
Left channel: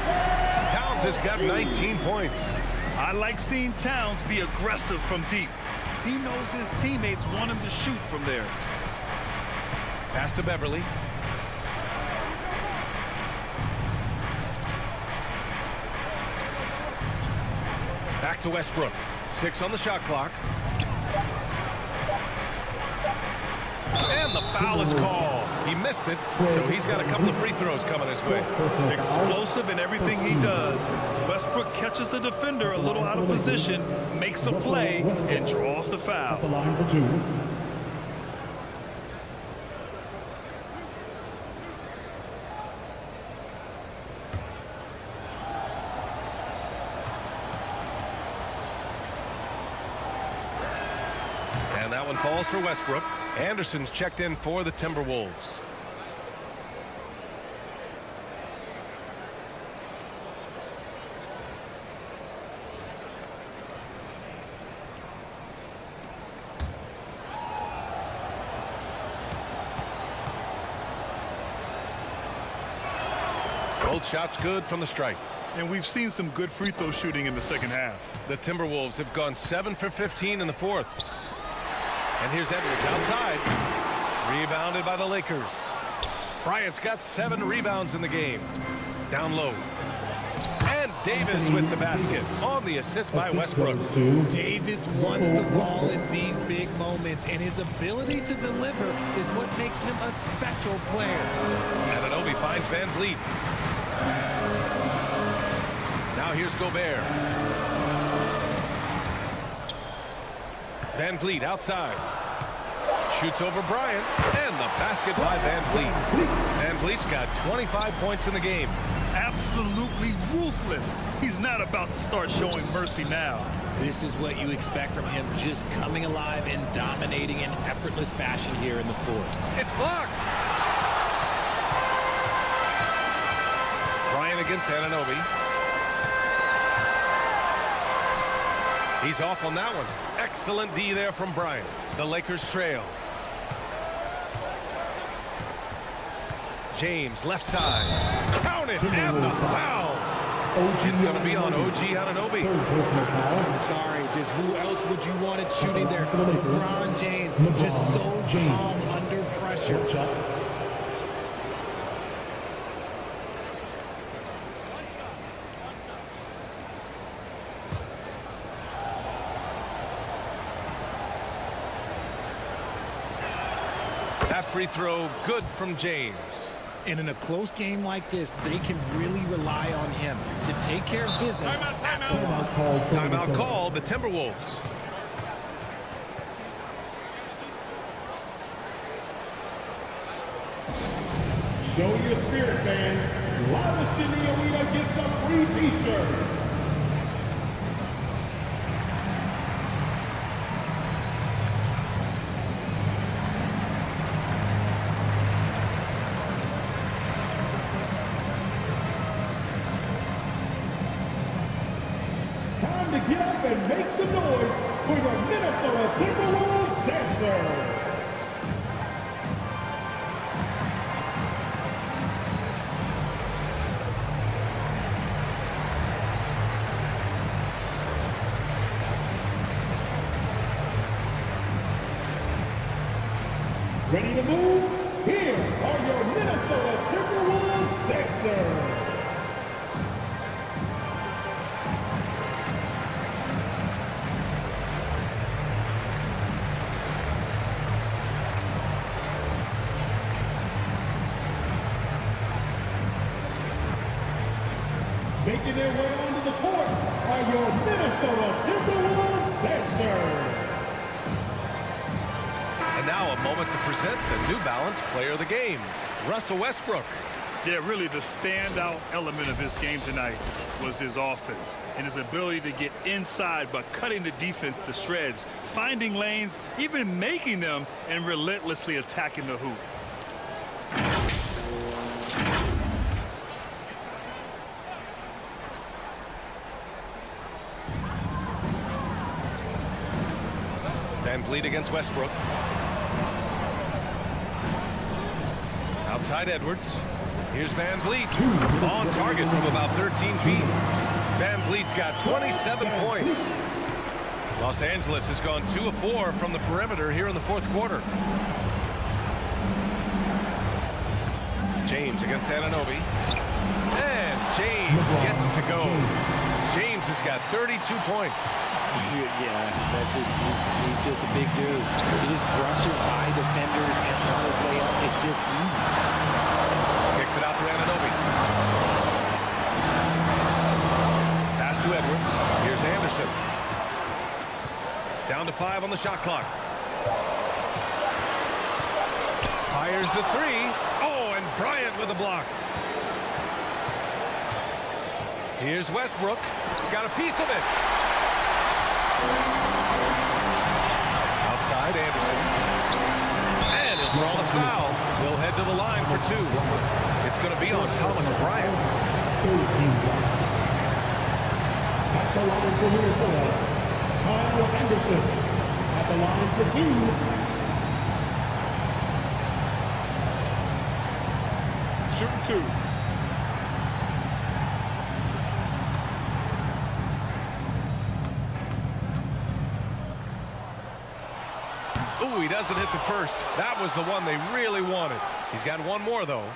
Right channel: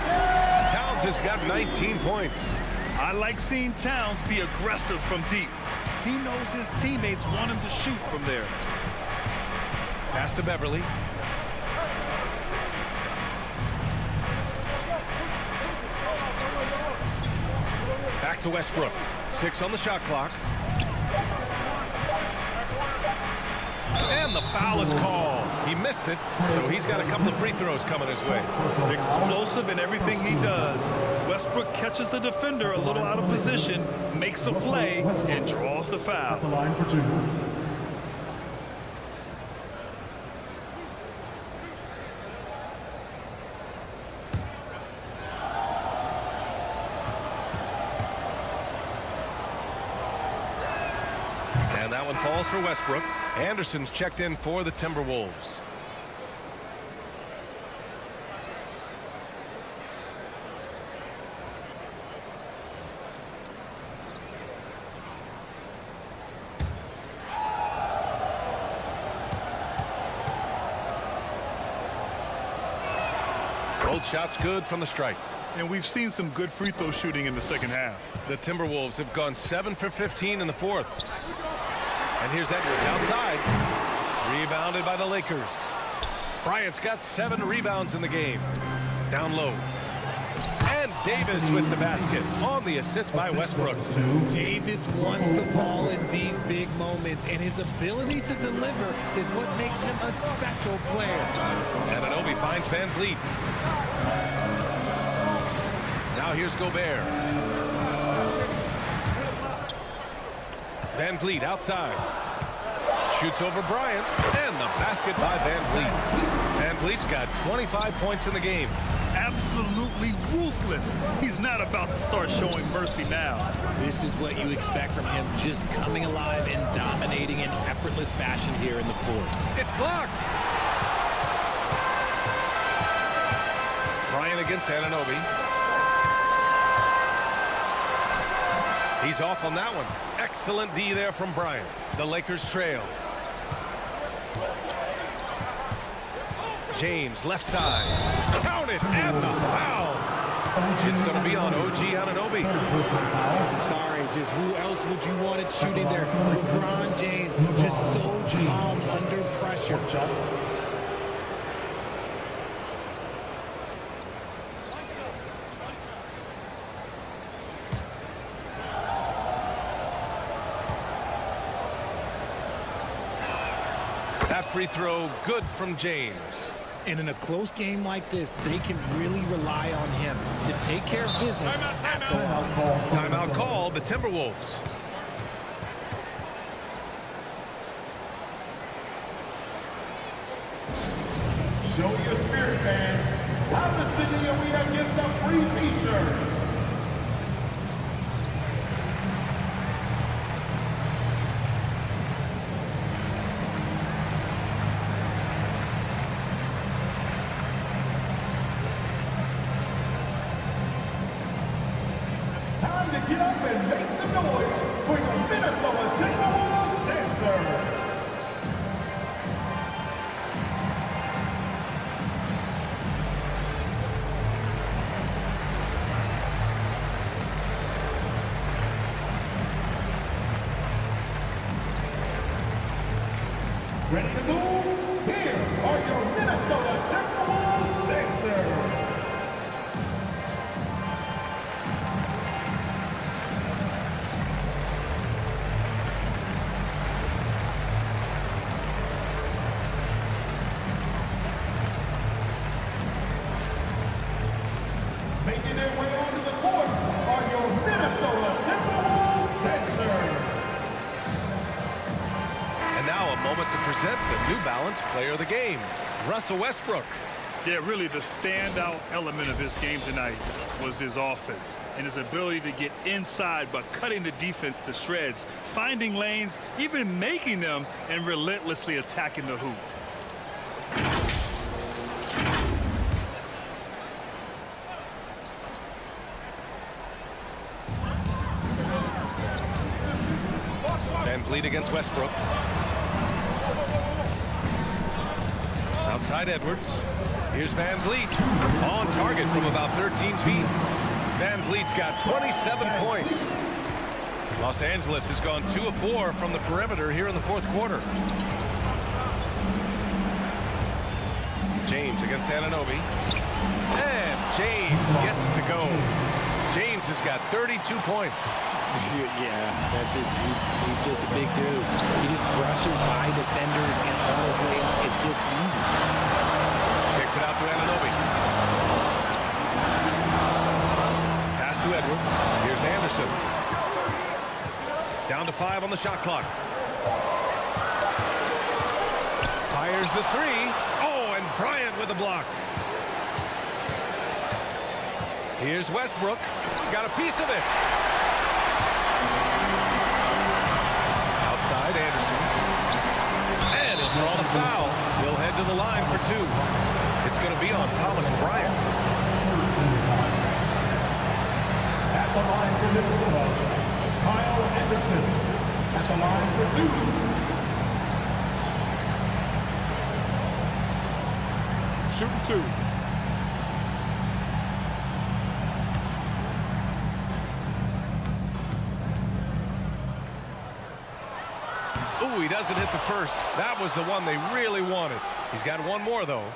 Towns has got 19 points. I like seeing Towns be aggressive from deep. He knows his teammates want him to shoot from there. Pass to Beverly. Back to Westbrook. 6 on the shot clock. And the foul is called. He missed it, so he's got a couple of free throws coming his way. Explosive in everything he does. Westbrook catches the defender a little out of position, makes a play, and draws the foul. The line for 2. And that one falls for Westbrook. Anderson's checked in for the Timberwolves. Both shots good from the strike. And we've seen some good free throw shooting in the second half. The Timberwolves have gone 7 for 15 in the fourth. And here's Edwards outside. Rebounded by the Lakers. Bryant's got 7 rebounds in the game. Down low. And Davis with the basket on the assist by Westbrook. Davis wants the ball in these big moments, and his ability to deliver is what makes him a special player. Anunoby finds Van Vliet. Now here's Gobert. Van Vliet outside. Shoots over Bryant, and the basket by Van Vliet. Van Vliet's got 25 points in the game. Absolutely ruthless. He's not about to start showing mercy now. This is what you expect from him, just coming alive and dominating in effortless fashion here in the fourth. It's blocked. Bryant against Anunoby. He's off on that one. Excellent D there from Bryant. The Lakers trail. James, left side. Count it, and the foul. It's going to be on OG Anunoby. I'm sorry, just who else would you want it shooting there? LeBron James, just so calm under pressure. That free throw good from James. And in a close game like this, they can really rely on him to take care of business at the line. Timeout called, the Timberwolves. Show your spirit, fans. Loudest in the arena gets a free t-shirt. Time to get up and make some noise for the Minnesota Timberwolves dancers. Ready to move? Here are your Minnesota Timberwolves dancers. Making their way onto the court are your Minnesota Timberwolves dancers. And now a moment to present the New Balance Player of the Game, Russell Westbrook. Yeah, really the standout element of his game tonight was his offense and his ability to get inside but cutting the defense to shreds, finding lanes, even making them, and relentlessly attacking the hoop. Van Vliet against Westbrook. Outside Edwards. Here's Van Vliet. On target from about 13 feet. Van Vliet's got 27 points. Los Angeles has gone 2 of 4 from the perimeter here in the fourth quarter. James against Anunoby. And James gets it to go. James has got 32 points. Yeah, that's it. He's just a big dude. He just brushes by defenders and on his way up. It's just easy. Kicks it out to Anunoby. Pass to Edwards. Here's Anderson. Down to 5 on the shot clock. Fires the 3. Oh, and Bryant with a block. Here's Westbrook. Got a piece of it. Outside, Anderson. And he'll draw the foul. He'll head to the line for 2. It's going to be on Thomas Bryant. 13 foul. At the line for Minnesota, Kyle Anderson. At the line for 2. Shooting 2. Ooh, he doesn't hit the first. That was the one they really wanted. He's got one more, though.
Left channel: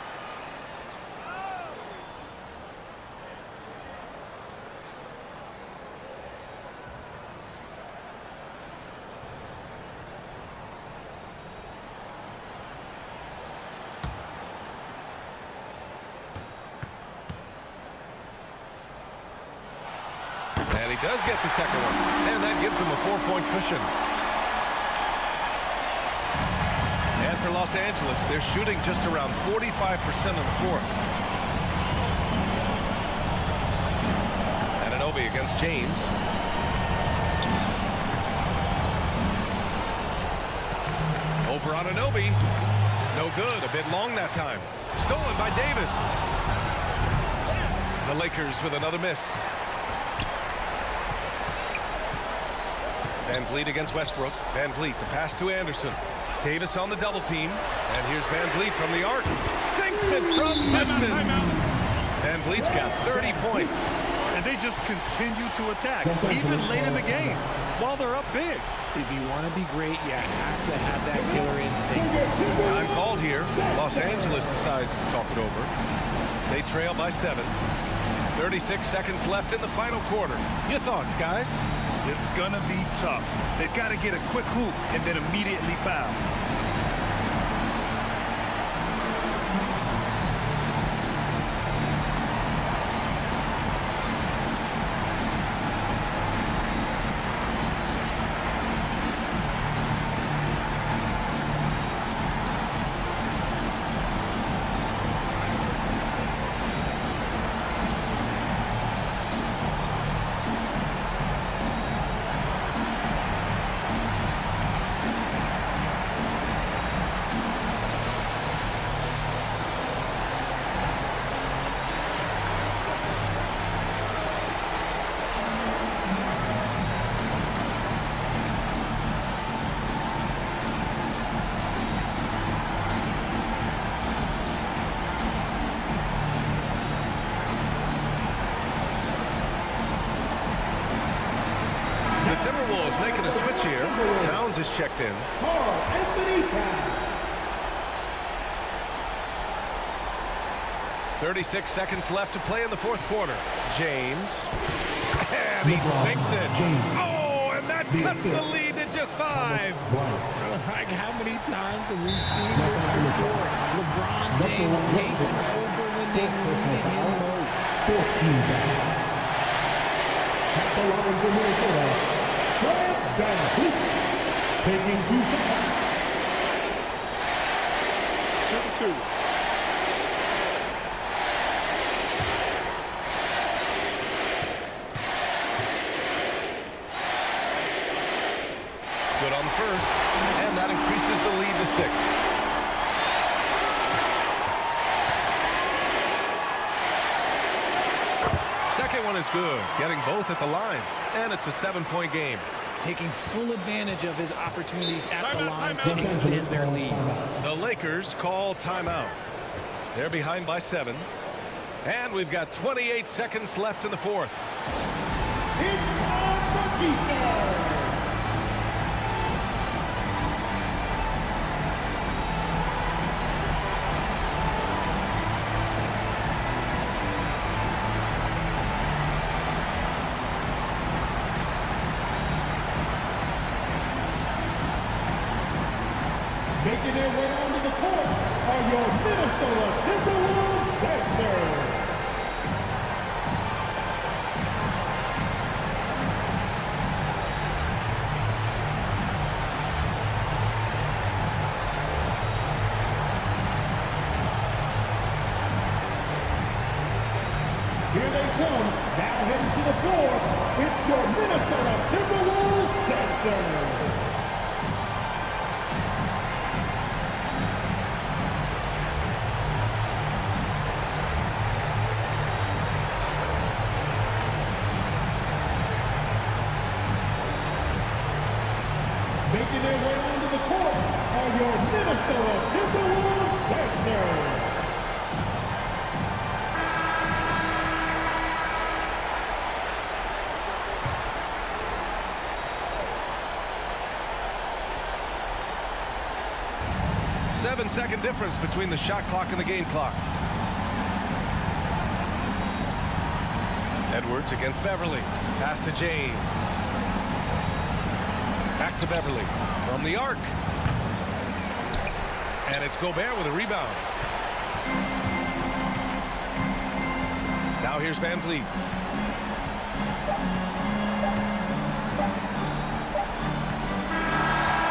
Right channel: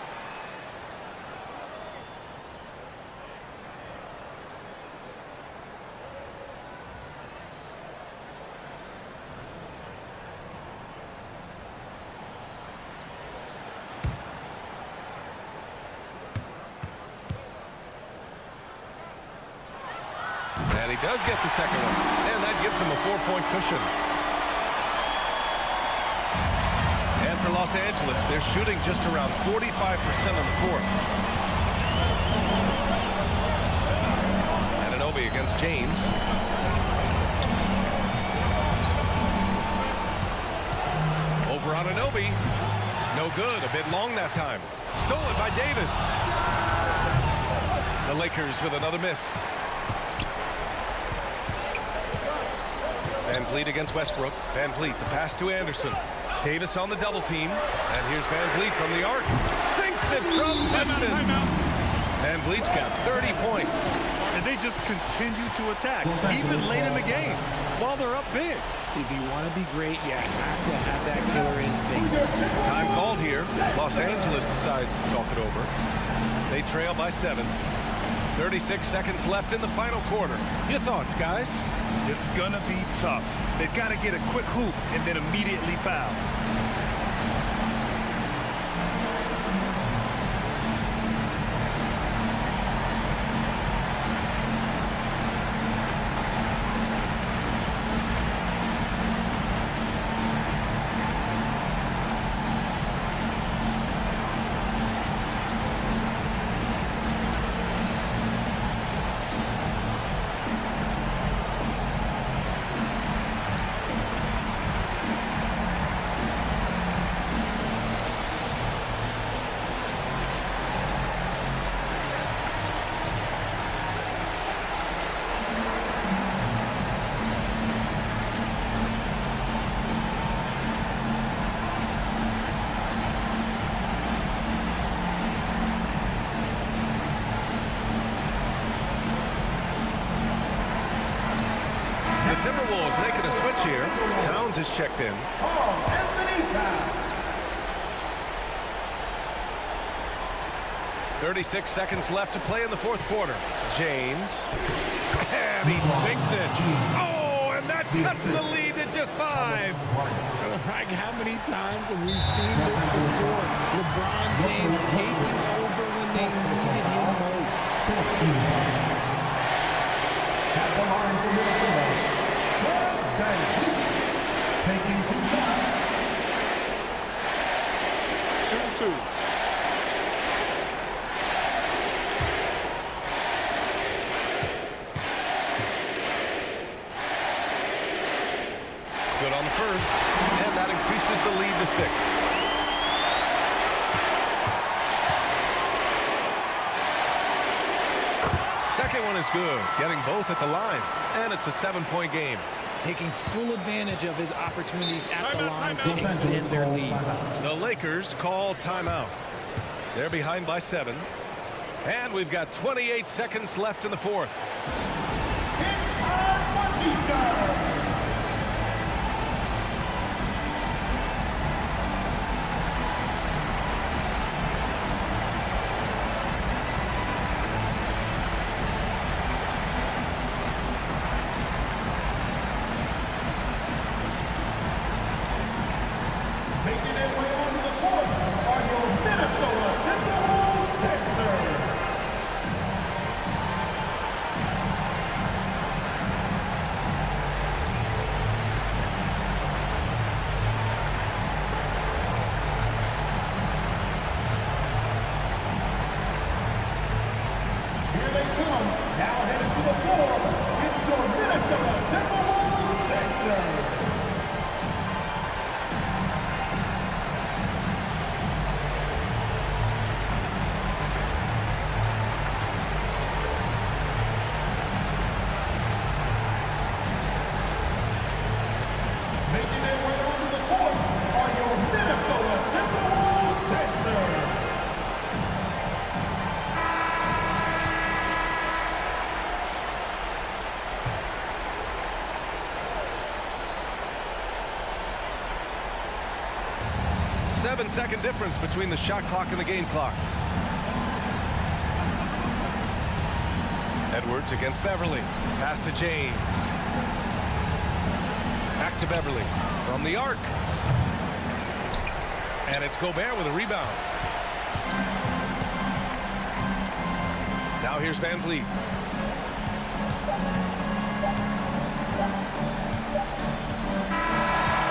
And he does get the second one. And that gives him a 4-point cushion. And for Los Angeles, they're shooting just around 45% in the fourth. Anunoby against James. Over Anunoby. No good. A bit long that time. Stolen by Davis. The Lakers with another miss. Van Vliet against Westbrook. Van Vliet, the pass to Anderson. Davis on the double team. And here's Van Vliet from the arc. Sinks it from distance. Van Vliet's got 30 points. And they just continue to attack, even late in the game, while they're up big. If you want to be great, you have to have that killer instinct. Time called here. Los Angeles decides to talk it over. They trail by 7. 36 seconds left in the final quarter. Your thoughts, guys? It's going to be tough. They've got to get a quick hoop and then immediately foul. The Timberwolves making a switch here. Towns is checked in. Karl-Anthony Towns. 36 seconds left to play in the fourth quarter. James. And he sinks it. Oh, and that cuts the lead to just 5. Like, how many times have we seen this before? LeBron James taking over when they needed him most. 14. At the line for Minnesota, Van Vliet, taking 2 shots. Shoot 2. Good on the first, and that increases the lead to 6. Second one is good, getting both at the line, and it's a 7-point game. Taking full advantage of his opportunities at the line to extend their lead. The Lakers call timeout. They're behind by 7, and we've got 28 seconds left in the fourth. It's time for defense. Making their way onto the court are your Minnesota Timberwolves dancers. Here they come, now heading to the floor. It's your Minnesota Timberwolves dancers. Making their way onto the court are your Minnesota Timberwolves dancers. Seven-second difference between the shot clock and the game clock. Edwards against Beverly. Pass to James. Back to Beverly from the arc. And it's Gobert with a rebound. Now here's Van Vliet.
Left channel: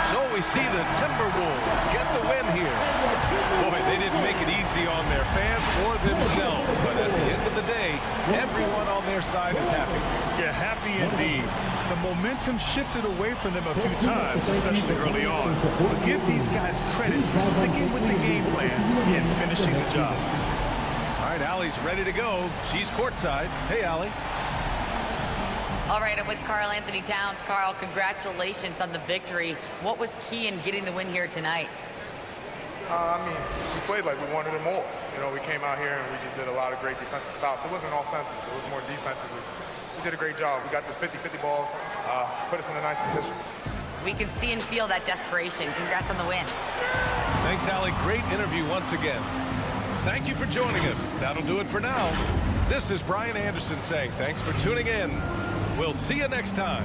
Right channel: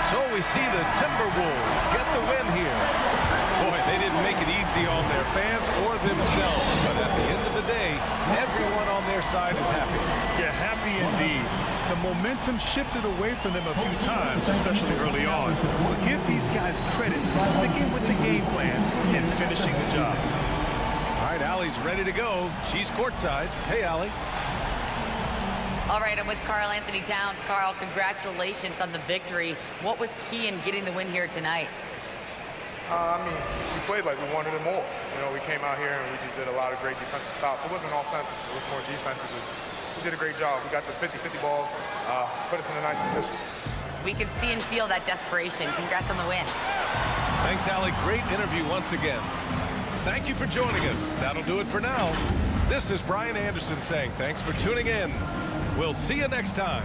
So we we see the Timberwolves get the win here. Boy, they didn't make it easy on their fans or themselves, but at the end of the day, everyone on their side is happy. Yeah, happy indeed. The momentum shifted away from them a few times, especially early on. But give these guys credit for sticking with the game plan and finishing the job. All right, Allie's ready to go. She's courtside. Hey, Allie. All right, I'm with Karl-Anthony Towns. Karl, congratulations on the victory. What was key in getting the win here tonight? I mean, we played like we wanted it more. You know, we came out here and we just did a lot of great defensive stops. It wasn't offensive. It was more defensively. We did a great job. We got the 50-50 balls, put us in a nice position. We can see and feel that desperation. Congrats on the win. Thanks, Allie. Great interview once again. Thank you for joining us. That'll do it for now. This is Brian Anderson saying thanks for tuning in. We'll see you next time.